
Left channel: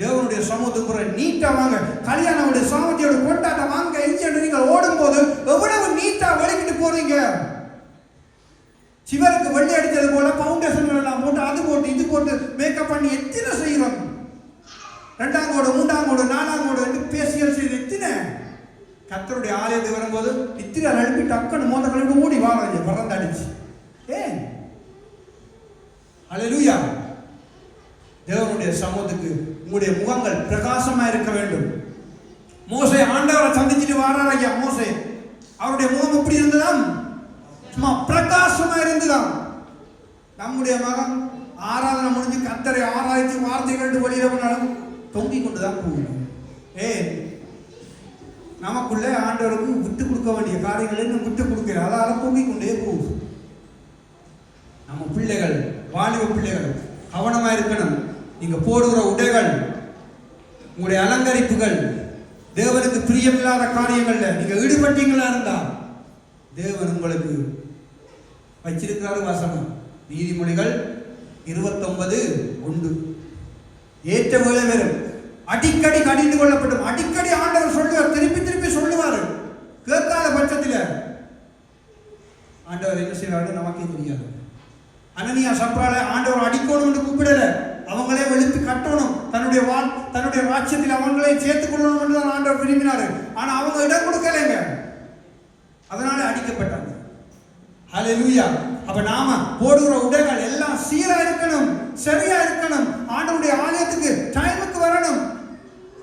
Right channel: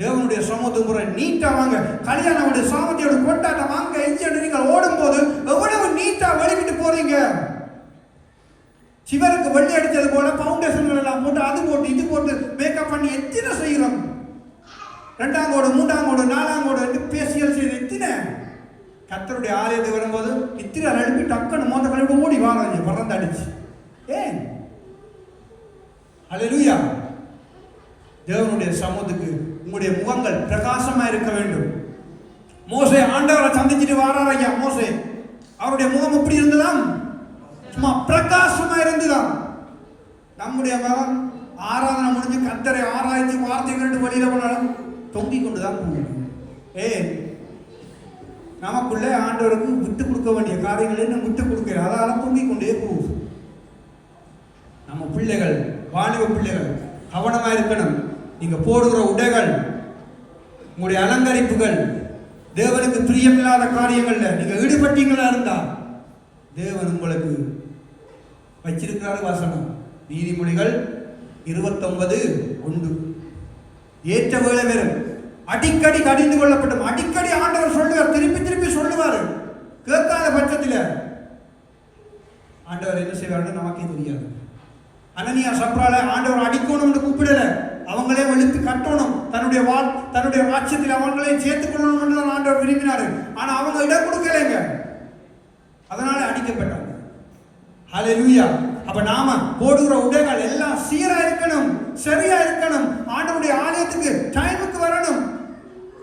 தேவனுடைய சமூகத்துக்கு நீட்டா வாங்க. கல்யாணம் சாமத்தியோட கொண்டாட்டம் வாங்க. நீங்கள் ஓடும் போது எவ்வளவு நீட்டா வலிக்கிட்டு போறீங்க. சிவனுக்கு வெள்ளை அடித்தது போல பவுண்டேஷன் எல்லாம் போட்டு, அது போட்டு, இது போட்டு மேக்கப் பண்ணி எத்தனை செய்யறோம். 2ஆம் கோடு, 3ஆம் கோடு, 4ஆம் கோடு என்று பேசியல் செய்து எத்தனை. கர்த்தருடைய ஆலயத்துக்கு வரும்போது இத்திரை நடுப்பி டக்குன்னு மோத கலந்து ஓடி வாங்க, பிறந்து அடிச்சு. ஏன்? அல்லேலூயா. தேவனுடைய சமூகத்துக்கு உங்களுடைய முகங்கள் பிரகாசமா இருக்க வேண்டும். மோசே ஆண்டவரை சந்திச்சுட்டு வாரார். ஐயா, மோசே அவருடைய முகம் எப்படி இருந்ததாம்? சும்மா பிரகாசமா இருந்ததாம். நம்முடைய மகன் ஆராதனை முடிஞ்சு கர்த்தரை ஆராய்ச்சி வார்த்தைகள் வெளியே பண்ணாலும் தொங்கிக் கொண்டுதான் போகும். நமக்குள்ள ஆண்டவருக்கு விட்டு கொடுக்க வேண்டிய காரியங்களை விட்டு கொடுக்க, அதால தொங்கிக் கொண்டே போகும். நம்ம பிள்ளைகள், வாலிப பிள்ளைகள் கவனமா இருக்கணும். நீங்க போடுகிற உடைகள், உங்களுடைய அலங்கரிப்புகள் தேவனுக்கு பிரியமில்லாத காரியங்கள்ல நீங்க ஈடுபட்டீங்களா இருந்தா தேவன் உங்களுக்கு வச்சிருக்கிறாரு. வசனம் நீதிமொழிகள் 29:1. ஏற்ற வேலை வரும், அடிக்கடி கடிந்து கொள்ளப்படும். அடிக்கடி ஆண்டவர் சொல்லுவார், திருப்பி சொல்லுவார். கேட்காத பட்சத்தில் ஆண்டவர் என்ன செய்வாரு நமக்கே தெரியாது. அனனியா சப்ரால ஆண்டவர் அடிக்கணும்னு கூப்பிடல, அவங்களே வெளுத்து கட்டணும், தன்னுடைய ராஜ்யத்தில் அவங்களையும் சேர்த்துக் கொள்ளணும் ஆண்டவர் விரும்பினாரு. ஆனா அவங்க இடம் கொடுக்கலைங்க, அதனால அடிக்கப்பட்டாங்க. ஹல்லேலூயா. அப்ப நாம போடுகிற உடைகள் எல்லாம் சீரா இருக்கணும், சரியா இருக்கணும். ஆண்டவருடைய ஆலயத்துக்கு டைமுக்கு வரணும்.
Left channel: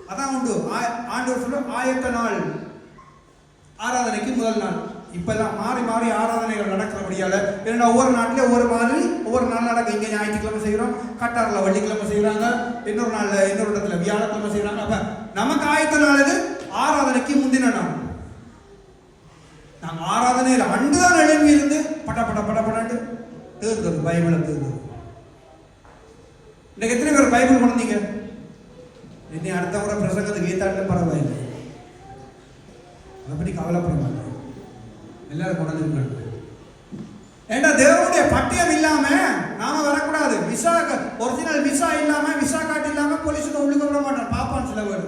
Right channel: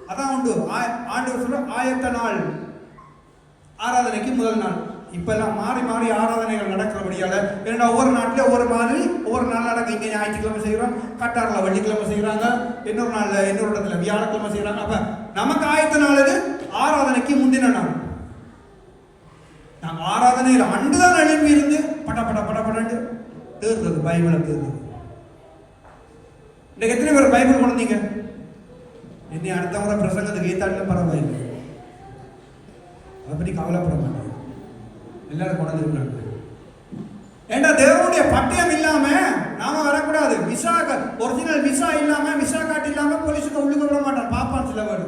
அதான் உண்டு. ஆண்டவர் சொல்ற ஆயத்த நாள் ஆராதனைக்கு முதல் நாள். இப்பெல்லாம் மாறி மாறி ஆராதனைகள் நடக்கிறபடியால ஏன்னா ஒவ்வொரு நாட்டில் ஒவ்வொரு மாதிரி ஒவ்வொரு நாள் நடக்கும். இங்கே ஞாயிற்றுக்கிழமை செய்கிறோம், கட்டாரில் வெள்ளிக்கிழமை செய்கிறாங்க, இன்னொரு நாளில் இன்னொரு இடத்துல வியாழக்கிழமை செய்கிறாங்க. அப்போ நமக்கு ஆயத்த நாள் இது ஆராதனைக்கு முந்தின நாள். நாங்கள் ஆராதனையில் அன்றுதான் எழுப்பி இருந்து பட பட பட படட்டு தேர்ந்தது பைபிளை தேர்ந்தது. இன்னைக்கு எத்தனை பேர் பைபிள் கொண்டீங்க? என்னை அடுத்த முறை பிரசங்கத்துக்கு ஏத்தாட்டில் பரவாயில்லை, அப்படி கவலைப்பட மாட்டாங்க, எல்லாரும் கொண்டிருக்காங்க. ஏன்னா தேவனுடைய பட்டயம் இல்லாம நாம வரக்கூடாது. விசா ஒரிஜினல் விசா இல்லாம விசா கார்டு இல்லாம போலீஸுக்கு உள்ளுக்க விட மாட்டான், பாப்பான் சில பேர்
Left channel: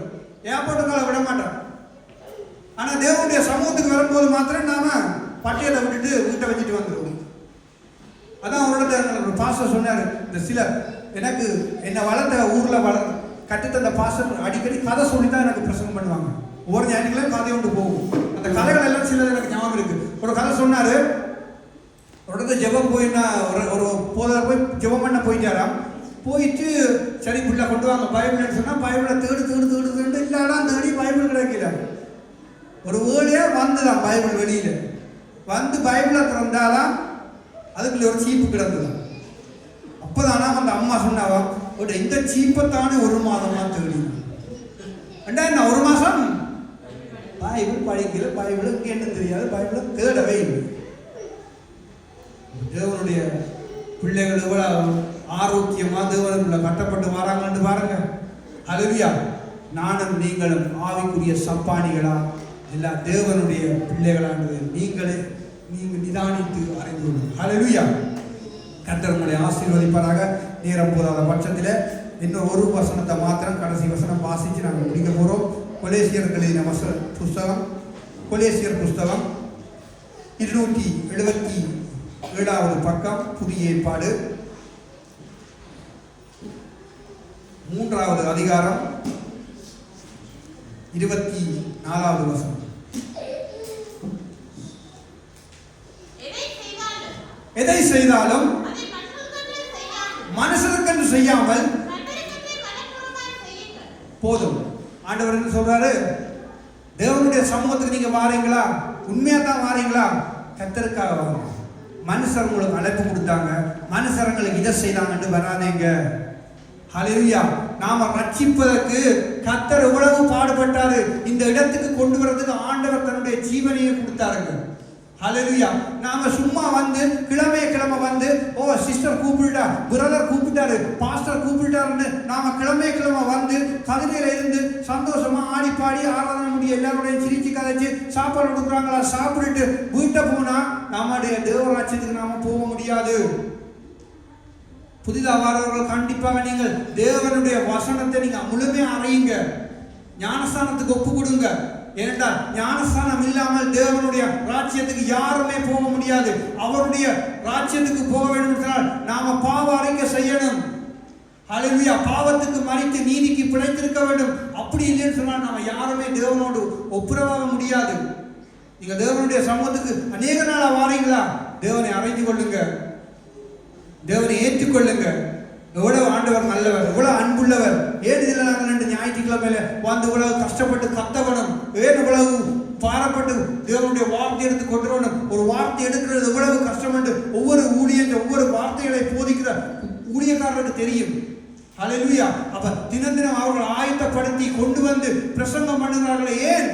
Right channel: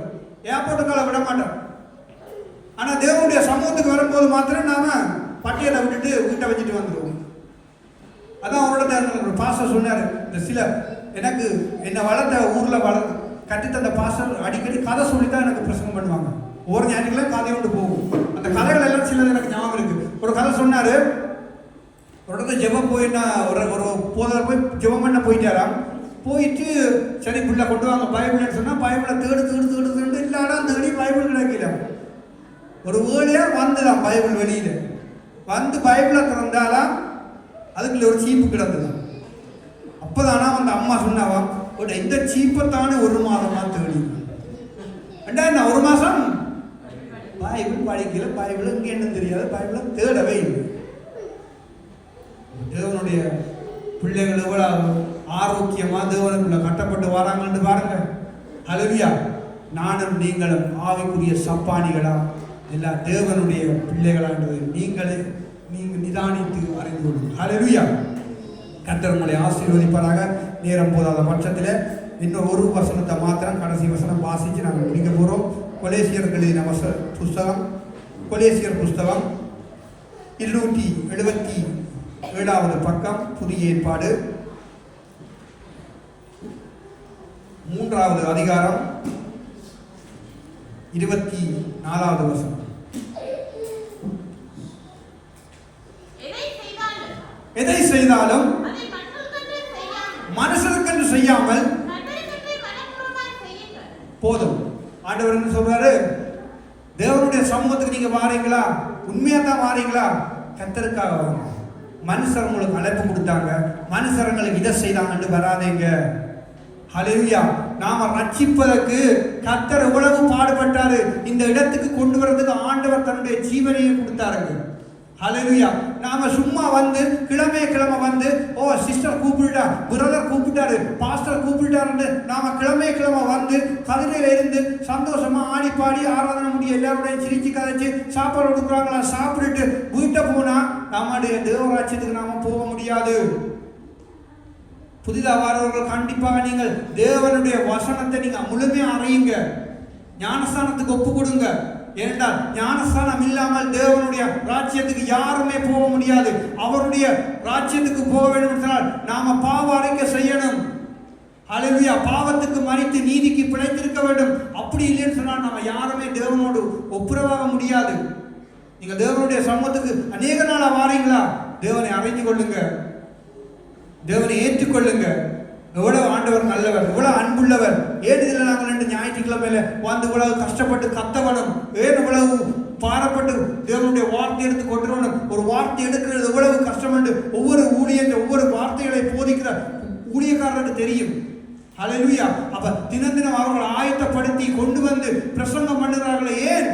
ஏர்போர்ட்டுகளை விட மாட்டான். ஆனா தேவனுடைய சமூகத்துக்கு வரும்போது மாத்திரம் நாம பட்டியலை விட்டுட்டு வீட்டை வச்சுட்டு வந்துடுவோம். அதான் அவரோட பாஸ்டர் சொன்னாரு. இந்த சில எனக்கு என்னை வளர்த்த ஊர்ல கட்டித்த பாஸ்டர் அடிக்கடி கதை சொல்லித்தான் எனக்கு பிரசங்கம் பண்ணுவாங்க. ஒரு ஞானிகளே கதை கொண்டு போகும். அந்த கதைகள் எல்லாம் சில எனக்கு ஞாபகம் இருக்கு. ஒரு கதை சொன்னாரு. ஒரு ஜெபம் போயிட்டா ஒரு போதர் போய் ஜெபம் பண்ண போயிட்டாராம். போயிட்டு சரி பிள்ளை கொண்டு வாங்க பைபிள்னு சொன்னா பைபிளை தேடு இல்லாதான் தேடி பைபிள் கிடைக்கல. ஒரு வேர்டே வந்துதான் பைபிள் வெளியில வந்து பைபிளை திறந்தாலாம் அதுக்குள்ள ஒரு சீப்பு கிடந்தது. அப்பதானா அந்த அம்மா சொன்னாவா இந்த சீப்பத்தானே ஒரு மாதமா தேடி என்ன ஒரு மாசம் பைபிள் படிக்கல, பைபிள் என்ன தெரியாது, பைபிள் தேடவே இல்லை. தேவனுடைய பிள்ளைகள் எவ்வளவு ஆரோக்கியமா தேவனுக்குள்ள கட்டப்பட்டு வராங்கன்னு பாருங்க. ஹல்லேலூயா. நானும் நீங்களும் ஆவிக்குரிய சப்பானிகளா எல்லா தேவனுடைய பிள்ளைகளானது நீங்கள் நிதானித்து அறிந்து கொள்ளுங்கள். ஹல்லேலூயா. கர்த்தர் உங்களை ஆசீர்வதிப்பாராக. நேரம் போதாத பட்சத்தில் இன்னும் ஒரு வசனத்தை மாத்திரம் கடைசி வசனம் வாசிச்சு நாங்கள் முடிக்க போகிறோம். கொலேசியர் எழுதின புஸ்தகம், கொலேசியர் புஸ்தகம் 277வது பக்கம், புதிய ஏற்பாடு 3வது அதிகாரம் 24வது வசனம். எதை செய்தாலும் மனுஷனுக்கு செய்யாமல் போதும். ஆண்டவர் என்ன சொல்றாரு? தேவனுடைய சமூகத்துக்கு நீங்க வாரீங்களா, உண்மையா தான் வாரீங்களா, கர்த்தருக்காக வாங்க. மனுஷர் உங்களுக்கு அழைப்பு கொடுத்தாங்க, மனுஷர்களுக்கு இதை செய்தாங்கன்னு வராதீங்க. ஹல்லேலூயா. நாம ரட்சிப்பதற்கு கர்த்தர் எவ்வளவு பாடுபட்டாரு. இந்த இடத்துக்கு கொண்டு வரதுக்கு ஆண்டவர் தன்னுடைய ஜீவனையை கொடுத்தாருங்க. ஹல்லேலூயா. நாம சும்மா வந்து கிழமை வந்து சிஸ்டர் கூப்பிட்டா, பிரதர் கூப்பிட்டாரு, பாஸ்டர் கூப்பிட்டாருன்னு நாம கிழமை வந்து கதிரையில இருந்து சந்தோஷமா ஆடி பாடி ஆராதனை முடிய எல்லாருடைய சிரிச்சு கதைச்சு சாப்பாடு கொடுக்குறாங்களா சாப்பிட்டுட்டு வீட்டை போனா நம்முடைய தேவராட்சியத்துக்கு நாம போக முடியாது. புதிதாக வரவர்கள் கண்டிப்பாக நீங்கள் தேவனுடைய வசனத்தை நீங்க முழுமையா அறியுங்க, ஞானஸ்தானத்துக்கு ஒப்பு கொடுங்க. ஏனென்றால் ஞானஸ்தானம் இல்லாமல் தேவனுடைய ராஜ்யத்துக்கு யாருமே போக முடியாது. அவருடைய ராஜ்யத்துக்கு போக வேண்டும் என்றால் நாம பாவ அறிக்கை செய்யணும். ஹல்லேலூயா. பாவத்துக்கு மறித்து நீதிக்கு பிழைத்திருக்க வேண்டும். அப்படி இல்லைன்னு சொன்னால் நாம யாருமே தேவனோடு ஒப்புரவாக முடியாது. நீங்க தேவனுடைய சமூகத்துக்கு அநேக நாளா வாரீங்களா, தேவனை அறிந்து கொள்ளுங்க, தேவனை ஏற்றுக்கொள்ளுங்க. எவ்வளவு ஆண்டவர் நல்லவர், எவ்வளவு அன்புள்ளவர். ஏன் இதில் நாங்கள் 2 ஞாயிற்றுக்கிழமையில வந்து இவ்வளவு கஷ்டப்பட்டு கத்தவனும், ஏன் இவ்வளவு பாரப்பட்டு தேவனுடைய வார்த்தை எடுத்து கொண்டு வரணும். ஒரு வார்த்தை எடுக்கிறது எவ்வளவு கஷ்டம் என்று ஒவ்வொரு ஊழியர்கள் ஒவ்வொரு வார்த்தைகளை போதிக்கிற ஊழியக்காரர்களுக்கு தெரியும். ஹல்லேலூயா. அப்ப தினம் தினம் அவர்கள் ஆயத்தப்படுத்தி கொண்டு வந்து பிரசங்கம் பண்ணுகிறார்களே, ஏன்?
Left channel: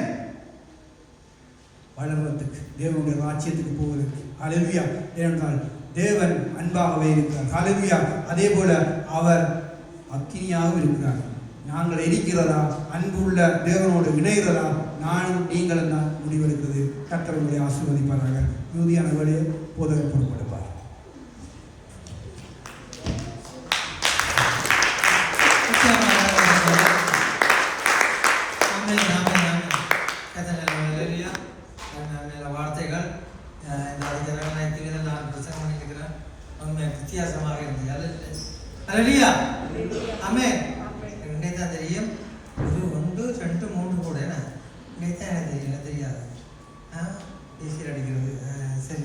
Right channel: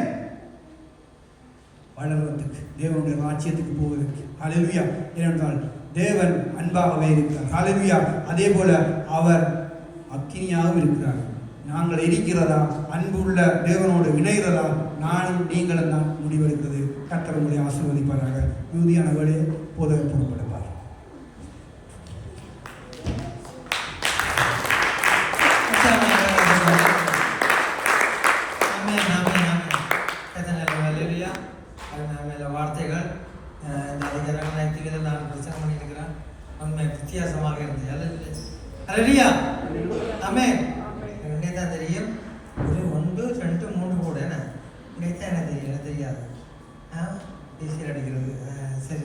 வளர்வதற்கு, தேவனுடைய ராஜ்யத்துக்கு போவதற்கு. ஹல்லேலூயா. ஏனென்றால் தேவன் அன்பாகவே இருக்கிறார். ஹல்லேலூயா. அதே போல அவர் அக்கினியாகவும் இருக்கிறார். நாங்கள் இருக்கிறதா, அன்புள்ள தேவனோடு இணைகிறதா, நானும் நீங்களும் தான் முடிவெடுக்கிறது. கர்த்தருடைய ஆசீர்வதிப்பாராக. யூதியான வேலை போதகர் போகப்படுவார். வார்த்தைகள் நான் பிரசங்கம் பண்ணியிருக்கிறேன். உண்மை வித்தியாசமாக இருந்தது. ஹல்லேலூயா. ஆமென். தான் தெரியும். ஒரு 1 2 3 கூட என்ன தெரியாது. ஈஸியாக அடிக்கிறது. சரி.